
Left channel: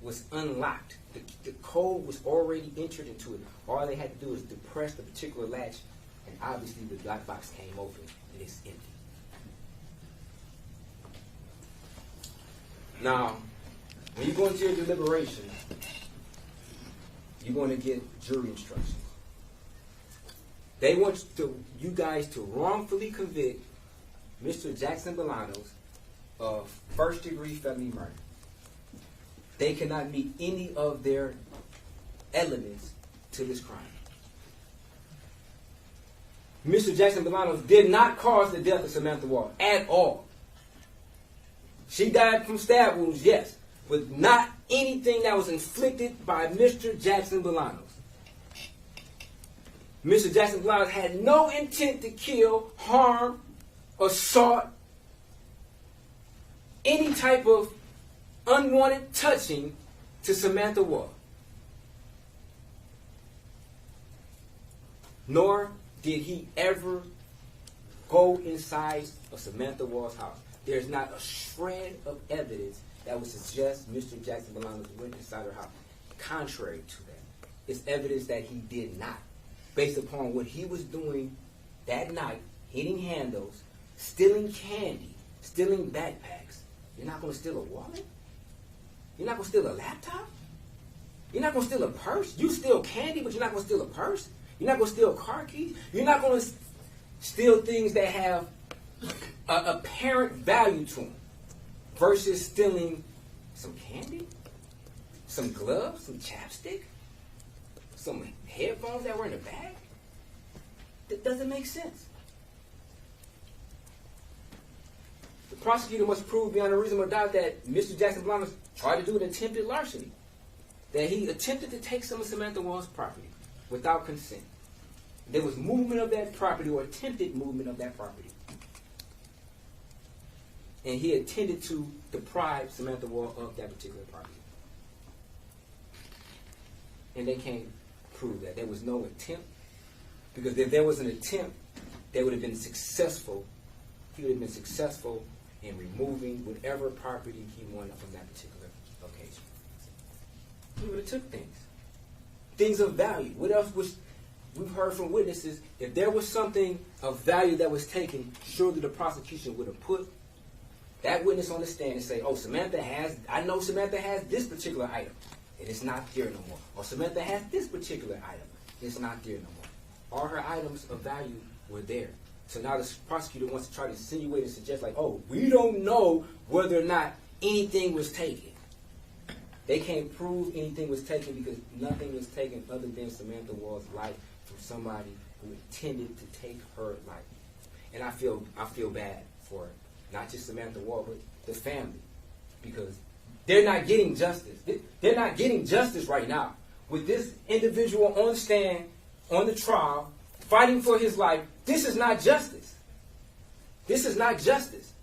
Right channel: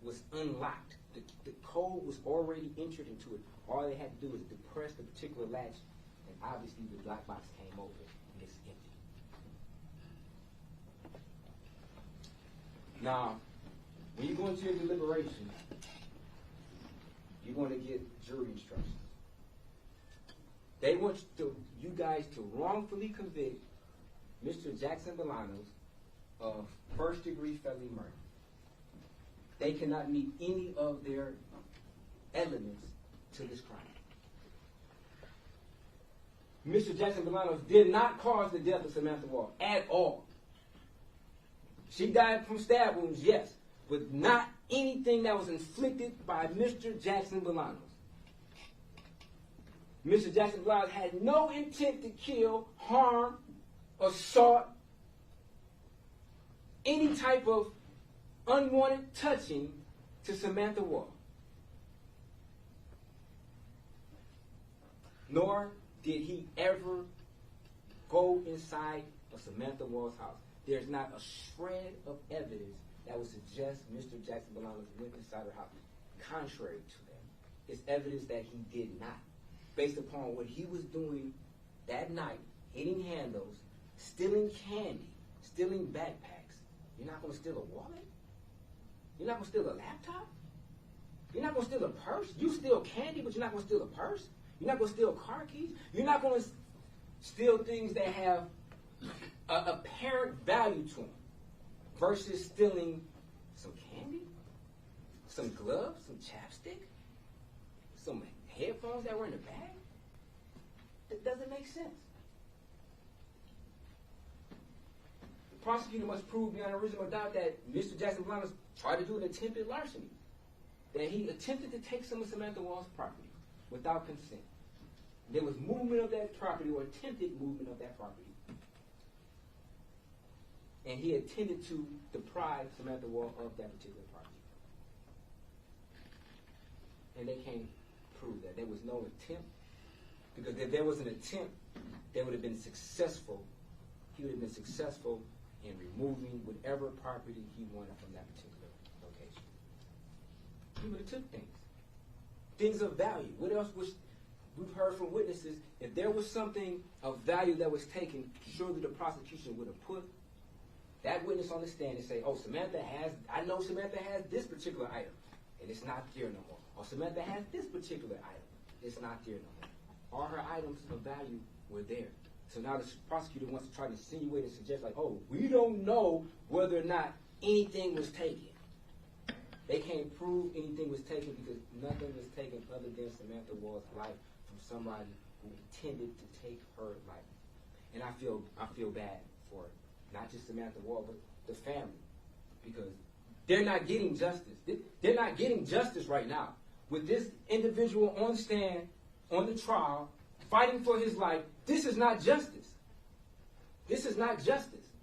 was unlocked. The code was already entered into it. All they had to do was depress the particular latch, and obviously the lockbox came open and it's empty. Now, when you go into your deliberation, you're going to get jury instructions. They want you guys to wrongfully convict Mr. Jackson-Bolanos of first-degree felony murder. They cannot meet any of their elements to this crime. Mr. Jackson-Bolanos did not cause the death of Samantha Woll at all. She died from stab wounds, yes, but not anything that was inflicted by Mr. Jackson-Bolanos. Mr. Jackson-Bolanos had no intent to kill, harm, assault, any type of unwanted touching to Samantha Woll. Nor did he ever go inside of Samantha Woll's house. There's not a shred of evidence that would suggest Mr. Jackson-Bolanos went inside her house. Contrary to that, it's evidence that he did not, based upon what he was doing that night, hitting handles, stealing candy, stealing backpacks. You're not going to steal a wallet? You're not going to steal a laptop? You're not going to steal a purse? You steal candy, but you're not going to steal a purse? You're not going to steal car keys? You're not going to steal things that have an apparent value to them versus stealing some candy, some gloves, some chapstick, some headphones that were in the bag? That doesn't make sense. The prosecutor must prove beyond a reasonable doubt that Mr. Jackson-Bolanos tried to do an attempted larceny, that he attempted to take some of Samantha Woll's property without consent. There was movement of that property or attempted movement of that property. And he intended to deprive Samantha Woll of that particular property. And they can't prove that. There was no attempt. Because if there was an attempt, they would have been successful. He would have been successful in removing whatever property he wanted from that particular location. He would have took things. Things of value. What else was... We've heard from witnesses, if there was something of value that was taken, surely the prosecution would have put that witness on the stand and say, oh, I know Samantha has this particular item, and it's not there no more. Or Samantha has this particular item, and it's not there no more. All her items of value were there. So now the prosecutor wants to try to insinuate and suggest, like, oh, we don't know whether or not anything was taken. They can't prove anything was taken because nothing was taken other than Samantha Woll's life from somebody who intended to take her life. And I feel bad for not just Samantha Woll, but the family, because they're not getting justice. They're not getting justice right now. With this individual on stand, on the trial, fighting for his life, this is not justice. This is not justice.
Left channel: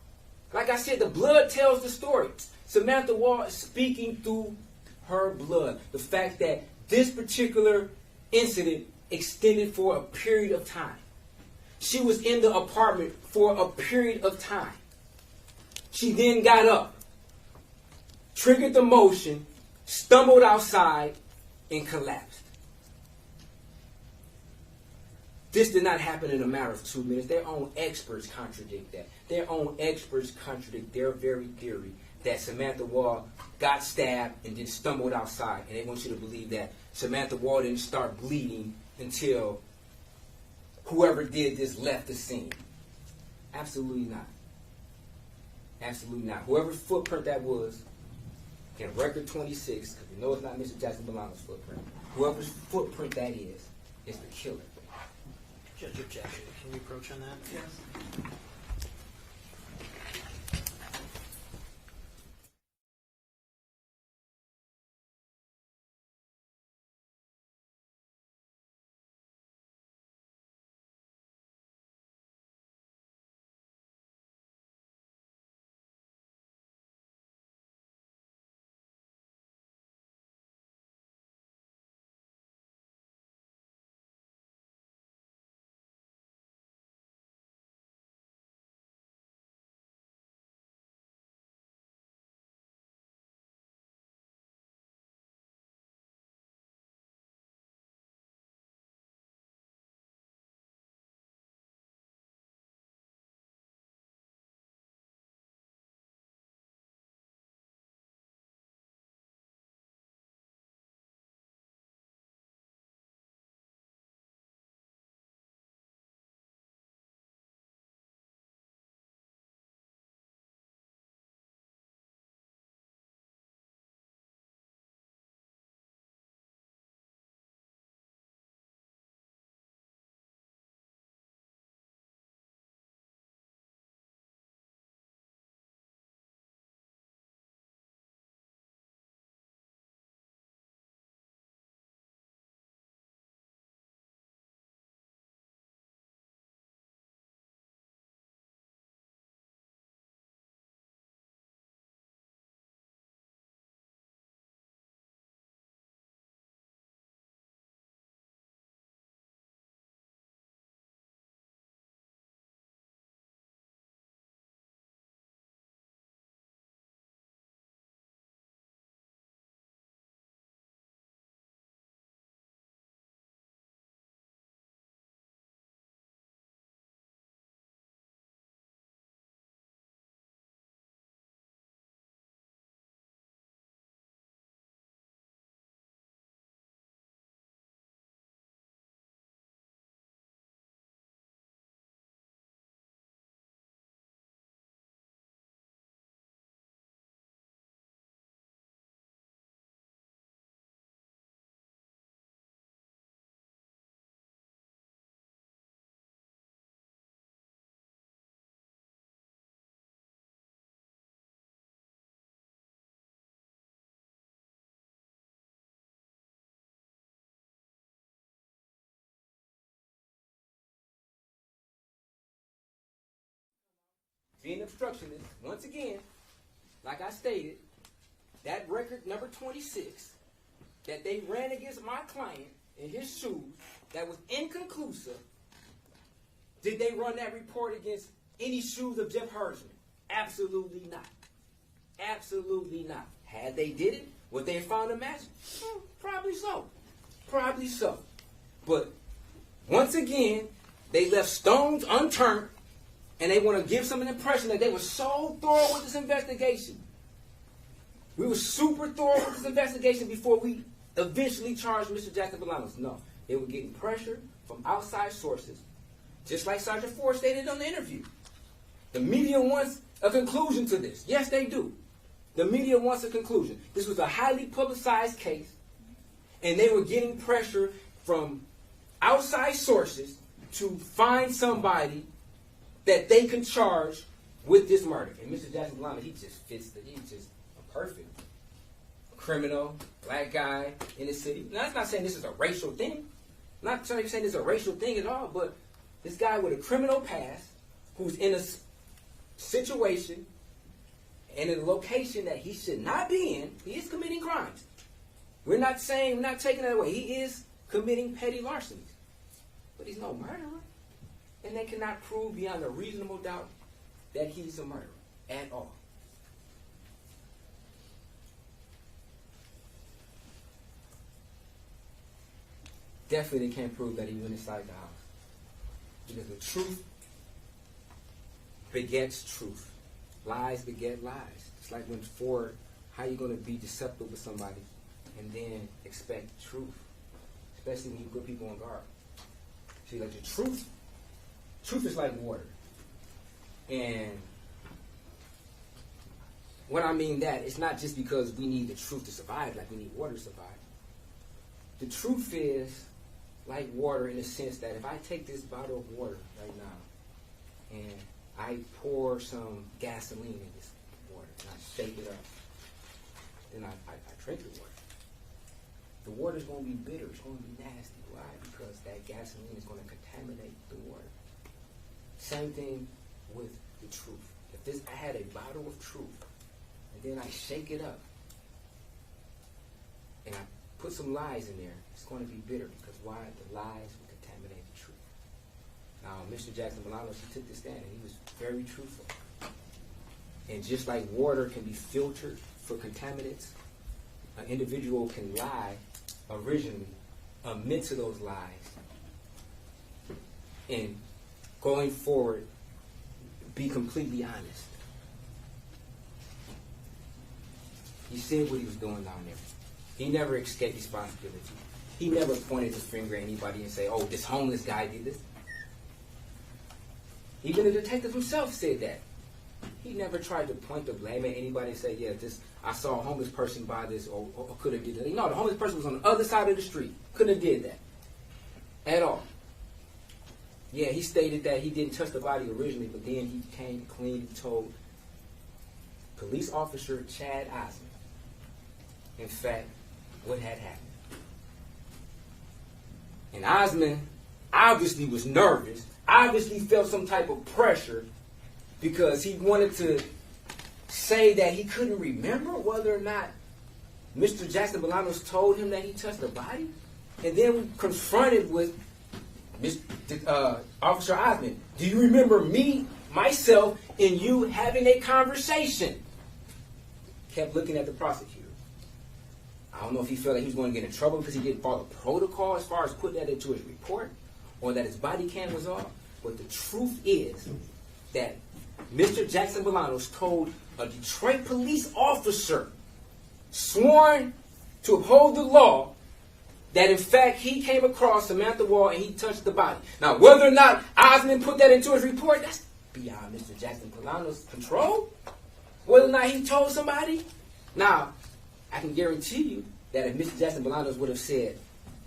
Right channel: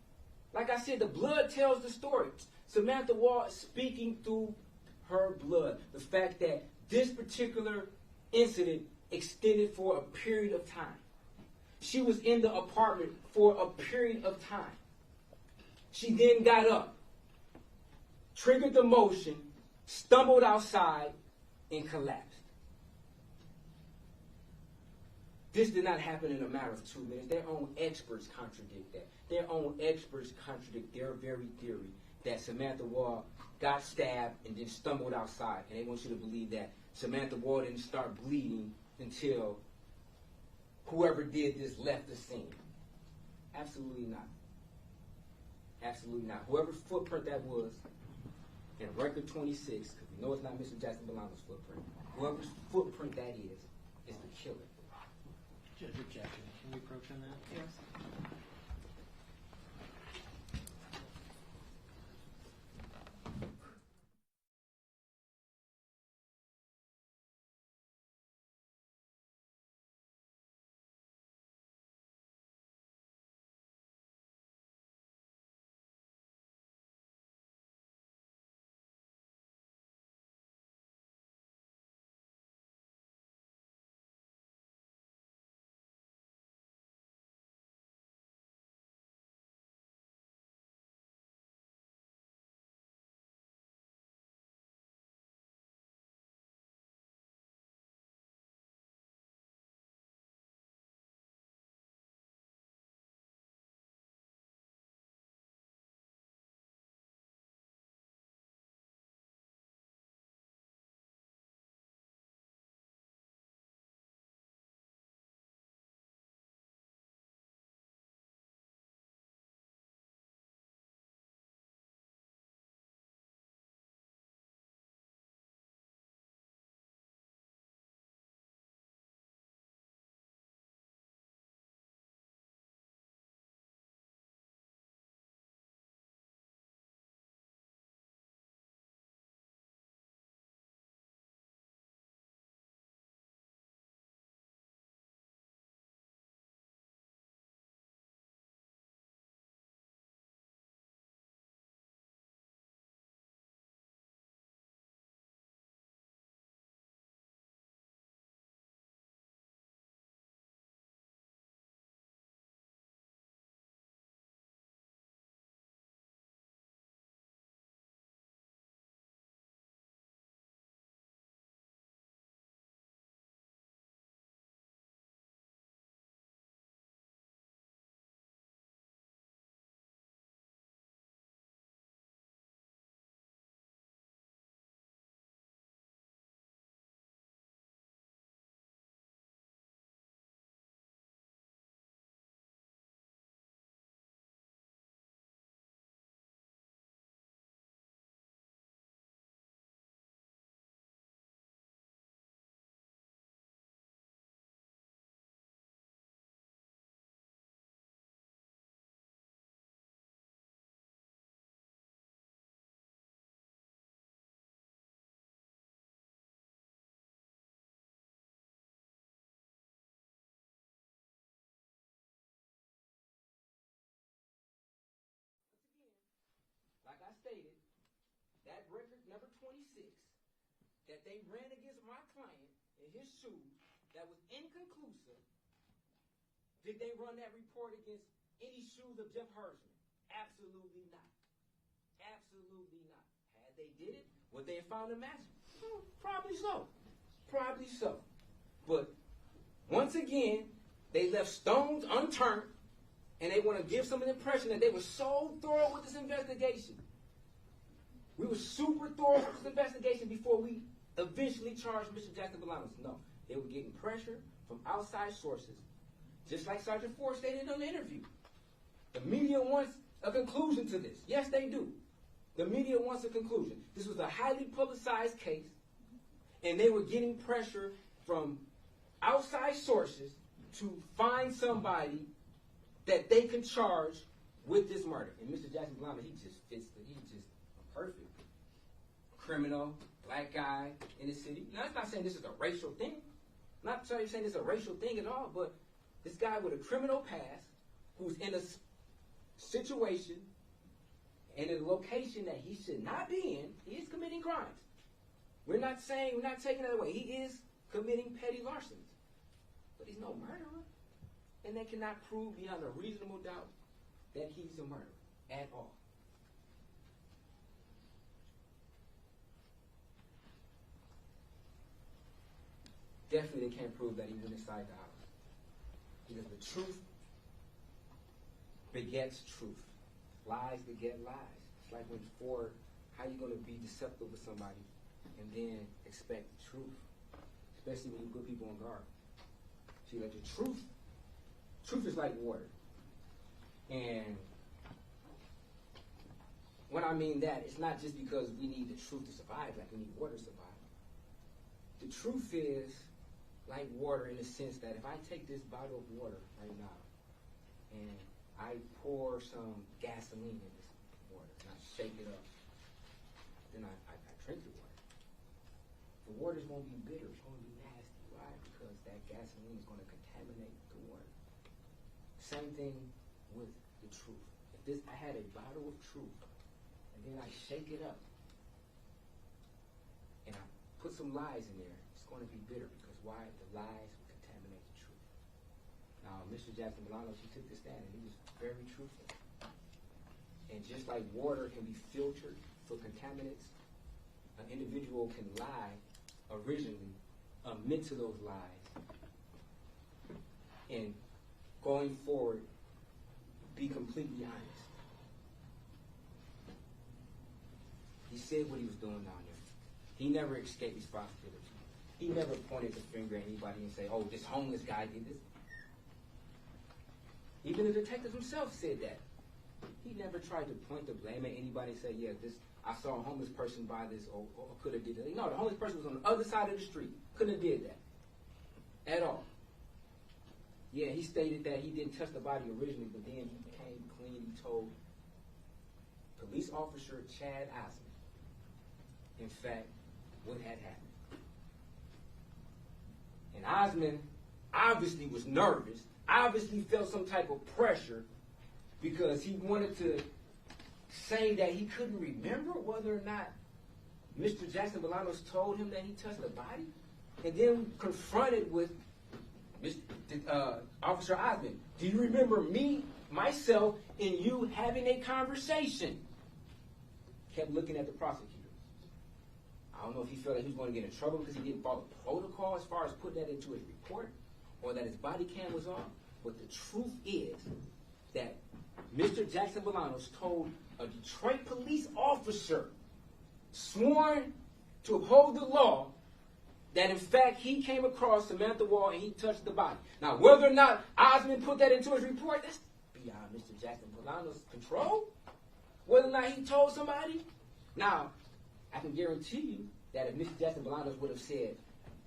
Like I said, the blood tells the story. Samantha Woll is speaking through her blood. The fact that this particular incident extended for a period of time. She was in the apartment for a period of time. She then got up, triggered the motion, stumbled outside, and collapsed. This did not happen in a matter of 2 minutes. Their own experts contradict that. Their own experts contradict their very theory that Samantha Woll got stabbed and then stumbled outside. And they want you to believe that Samantha Woll didn't start bleeding until whoever did this left the scene. Absolutely not. Absolutely not. Whoever's footprint that was in record 26, because we know it's not Mr. Jackson-Bolanos' footprint. Whoever's footprint that is the killer. Judge objection. Can we approach on that? Yes. being obstructionist, once again, like I stated, that record number 26 that they ran against my client in his shoes that was inconclusive, did they run that report against any shoes of Jeff Hersman? Absolutely not. Absolutely not. Had they did it, would they have found a match? Probably so. Probably so. But once again, they left stones unturned, and they want to give some impression that they were so thorough with this investigation. We were super thorough with this investigation before we eventually charged Mr. Jackson-Bolanos. No, they were getting pressure from outside sources, just like Sergeant Ford stated on the interview. The media wants a conclusion to this. Yes, they do. The media wants a conclusion. This was a highly publicized case, and they were getting pressure from outside sources to find somebody that they can charge with this murder. And Mr. Jackson-Bolanos, he's just a perfect criminal, black guy in the city. Now, I'm not saying this is a racial thing. I'm not saying this is a racial thing at all, but this guy with a criminal past who's in a situation and in a location that he should not be in, he is committing crimes. We're not taking that away. He is committing petty larcenies. But he's no murderer. And they cannot prove beyond a reasonable doubt that he's a murderer at all. Definitely they can't prove that he went inside the house. Because the truth begets truth. Lies beget lies. It's like when Ford, how you going to be deceptive with somebody and then expect truth? Especially when you put people on guard. See, like the truth is like water. And what I mean that, it's not just because we need the truth to survive, like we need water to survive. The truth is like water in the sense that if I take this bottle of water right now and I pour some gasoline in this water and I shake it up, then I drink the water. The water's going to be bitter. It's going to be nasty. Why? Because that gasoline is going to contaminate the water. Same thing with the truth. If I had a bottle of truth and then I shake it up and I put some lies in there, it's going to be bitter because why? The lies will contaminate the truth. Now, Mr. Jackson-Bolanos, he took this stand and he was very truthful. And just like water can be filtered for contaminants, an individual can lie originally, admit to those lies, and going forward, be completely honest. He said what he was doing down there. He never escaped responsibility. He never pointed his finger at anybody and say, oh, this homeless guy did this. Even the detective himself said that. He never tried to point the blame at anybody and say, yeah, I saw a homeless person buy this or could have did that. No, the homeless person was on the other side of the street. Couldn't have did that. At all. Yeah, he stated that he didn't touch the body originally, but then he came clean. He told police officer Chad Osmond, in fact, what had happened. And Osmond obviously was nervous, obviously felt some type of pressure because he wanted to say that he couldn't remember whether or not Mr. Jackson-Bolanos told him that he touched the body. And then confronted with Officer Osmond, do you remember me, myself, and you having a conversation? Kept looking at the prosecutor. I don't know if he felt like he was going to get in trouble because he didn't follow protocol as far as putting that into his report or that his body cam was off. But the truth is that Mr. Jackson-Bolanos told a Detroit police officer sworn to uphold the law that in fact he came across Samantha Woll and he touched the body. Now, whether or not Osmond put that into his report, that's beyond Mr. Jackson-Bolanos' control. Whether or not he told somebody. Now, I can guarantee you that if Mr. Jackson-Bolanos would have said,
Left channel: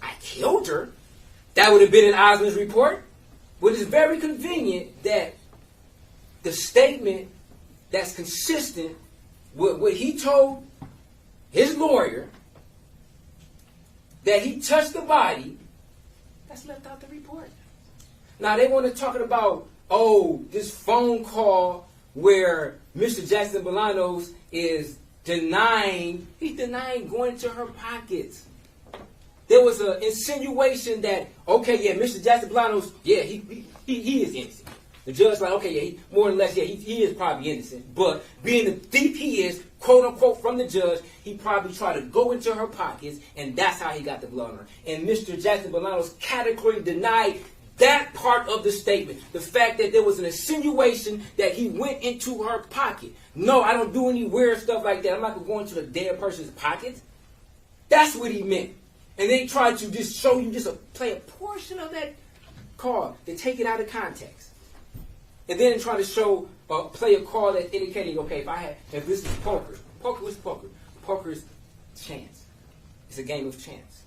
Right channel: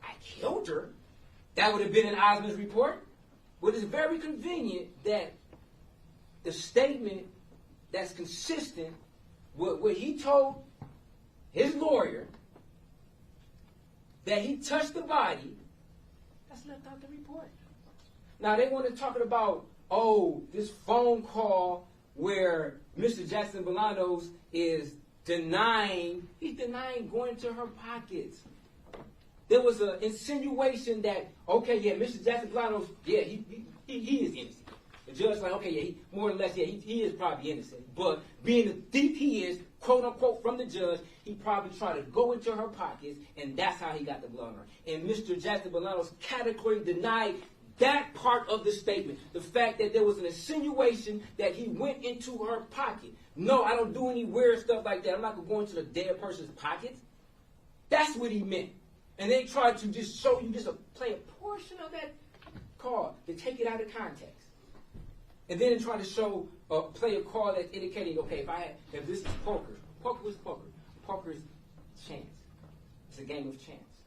I killed her, that would have been in Osmond's report. But it's very convenient that the statement that's consistent with what he told his lawyer, that he touched the body, that's left out the report. Now, they want to talk about, oh, this phone call where Mr. Jackson-Bolanos is denying going to her pockets. There was an insinuation that, okay, yeah, Mr. Jackson-Bolanos, yeah, he is innocent. The judge like, okay, yeah, more or less, yeah, he is probably innocent. But being the thief he is, quote unquote, from the judge, he probably tried to go into her pockets, and that's how he got the blood on her. And Mr. Jackson-Bolanos categorically denied that part of the statement. The fact that there was an insinuation that he went into her pocket. No, I don't do any weird stuff like that. I'm not going to go into the dead person's pockets. That's what he meant. And they tried to just show you play a portion of that card. They take it out of context. And then try to show, play a card that's indicating, okay, if this is poker. Poker is poker. Poker is chance. It's a game of chance.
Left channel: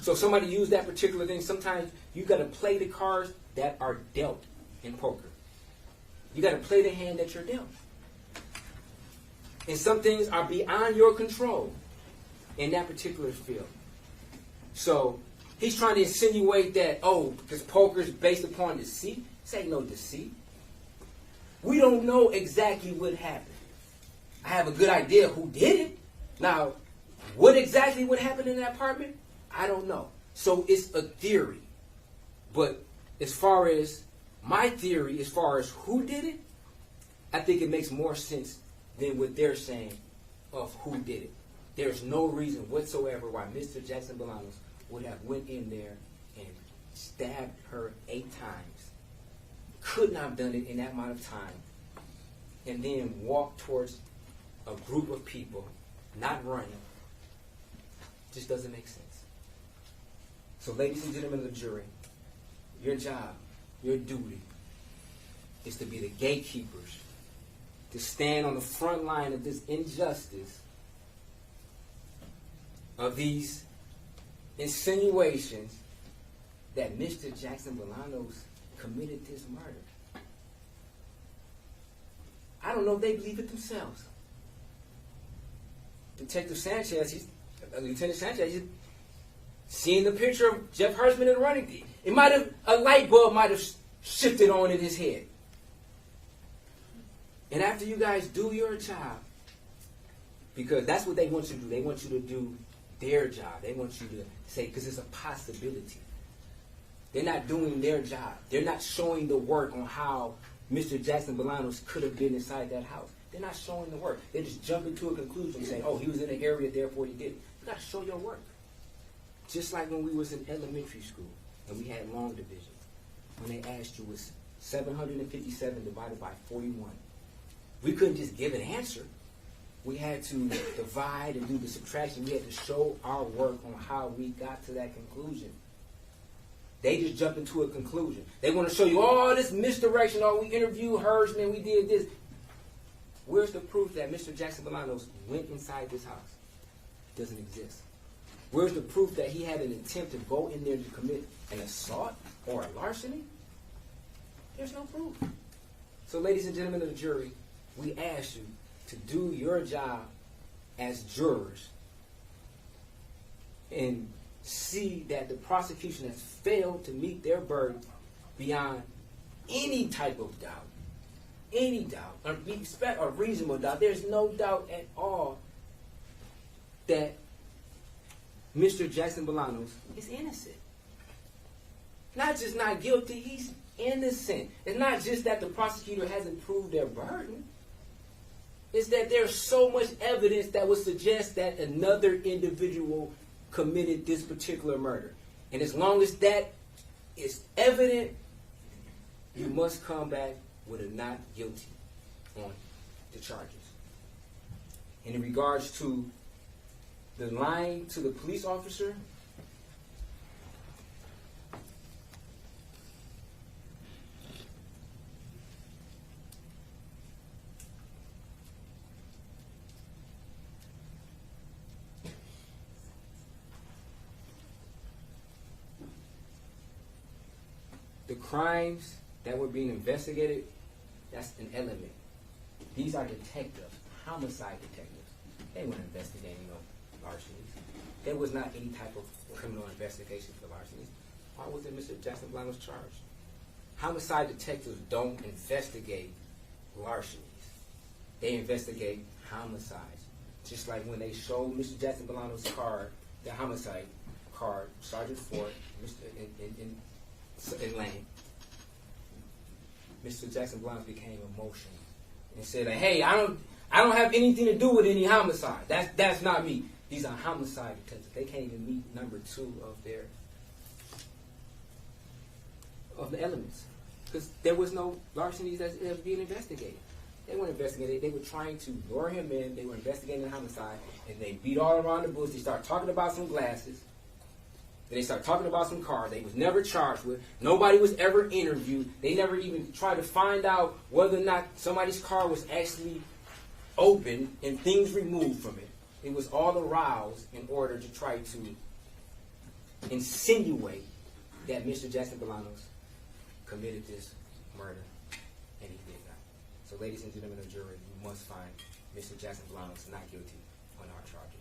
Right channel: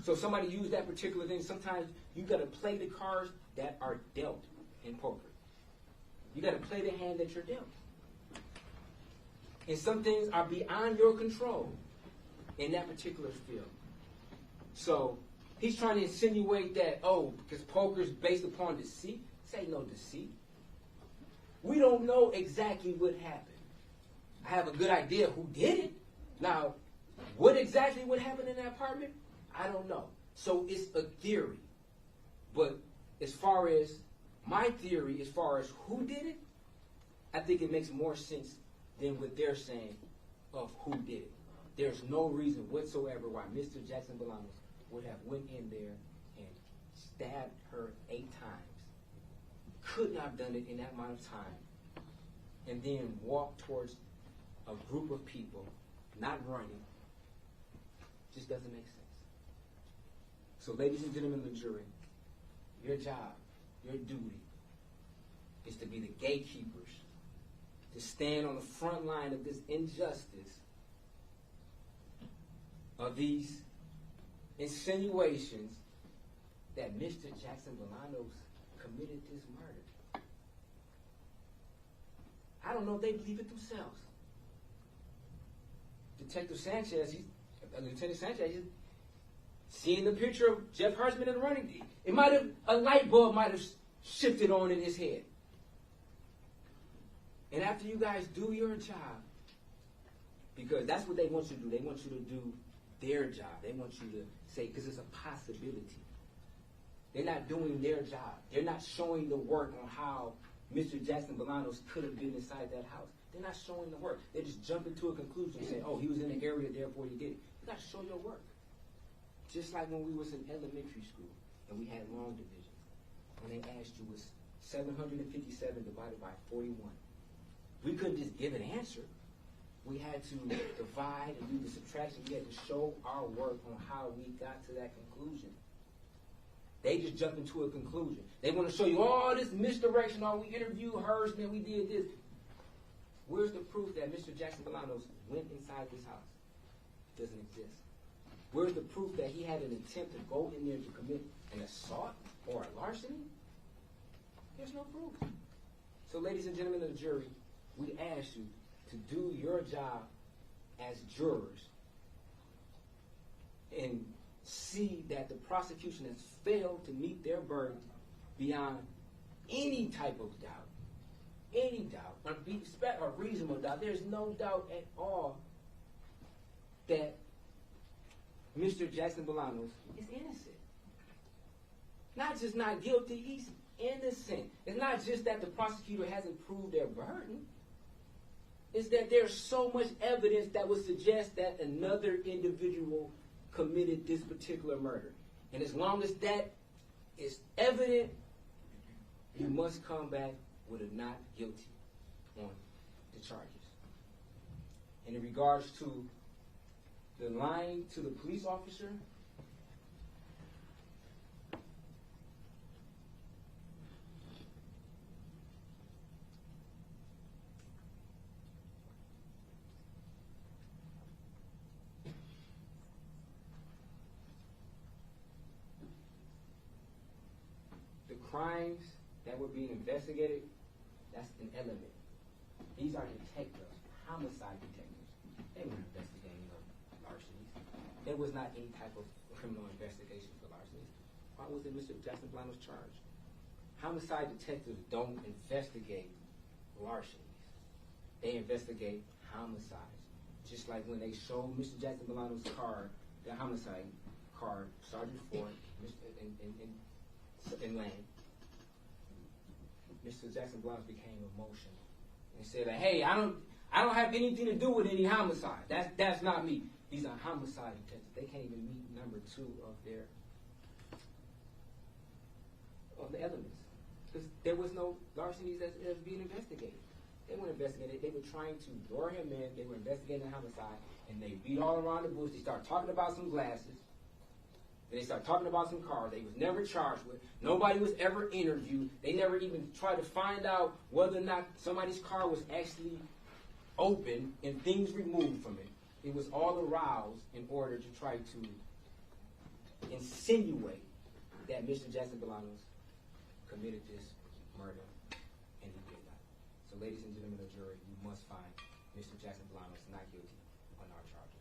So if somebody used that particular thing, sometimes you got to play the cards that are dealt in poker. You got to play the hand that you're dealt. And some things are beyond your control in that particular field. So he's trying to insinuate that, because poker is based upon deceit. This ain't no deceit. We don't know exactly what happened. I have a good idea who did it. Now, what exactly would happen in that apartment? I don't know. So it's a theory. But as far as my theory, as far as who did it, I think it makes more sense than what they're saying of who did it. There's no reason whatsoever why Mr. Jackson-Bolanos would have went in there and stabbed her 8 times. Could not have done it in that amount of time. And then walked towards a group of people, not running. Just doesn't make sense. So ladies and gentlemen of the jury, your job, your duty, is to be the gatekeepers, to stand on the front line of this injustice, of these insinuations that Mr. Jackson-Bolanos committed this murder. I don't know if they believe it themselves. Lieutenant Sanchez, he's seeing the picture of Jeff Hersman in the running. A light bulb might have shifted on in his head. And after you guys do your job, because that's what they want you to do. They want you to do their job. They want you to say, because it's a possibility. They're not doing their job. They're not showing the work on how Mr. Jackson-Bolanos could have been inside that house. They're not showing the work. They just jump into a conclusion saying, he was in the area, therefore he did it. You got to show your work. Just like when we was in elementary school and we had long division. When they asked you, was 757 divided by 41? We couldn't just give an answer. We had to divide and do the subtraction. We had to show our work on how we got to that conclusion. They just jumped into a conclusion. They want to show you all this misdirection. We interviewed hers and then we did this. Where's the proof that Mr. Jackson-Bolanos went inside this house? It doesn't exist. Where's the proof that he had an attempt to go in there to commit an assault or a larceny? There's no proof. So, ladies and gentlemen of the jury, we ask you to do your job as jurors and see that the prosecution has failed to meet their burden beyond any type of doubt. Any doubt. A reasonable doubt. There's no doubt at all that Mr. Jackson-Bolanos is innocent. Not just not guilty, he's innocent. It's not just that the prosecutor hasn't proved their burden. It's that there's so much evidence that would suggest that another individual committed this particular murder. And as long as that is evident, you must come back with a not guilty on the charges. And in regards to the lying to the police officer, the crimes that were being investigated, that's an element. These are detectives, homicide detectives. They weren't investigating larcenies. There was not any type of criminal investigation for larcenies. Why wasn't Mr. Jackson-Bolanos charged? Homicide detectives don't investigate larcenies. They investigate homicides. Just like when they showed Mr. Jackson-Bolanos' card, the homicide card, Sergeant Ford, in Lane, Mr. Jackson-Bolanos became emotional and said, "Hey, I don't have anything to do with any homicide. That's not me. These are homicide detectives. They can't even meet number 2 of the elements, because there was no larcenies that's ever being investigated. They weren't investigating. They were trying to lure him in. They were investigating the homicide, and they beat all around the bush. They started talking about some glasses. Then they started talking about some cars they was never charged with. Nobody was ever interviewed. They never even tried to find out whether or not somebody's car was actually open and things removed from it. It was all aroused in order to try to insinuate that Mr. Jackson-Bolanos committed this murder, and he did not. So, ladies and gentlemen of the jury, you must find Mr. Jackson-Bolanos not guilty on our charges.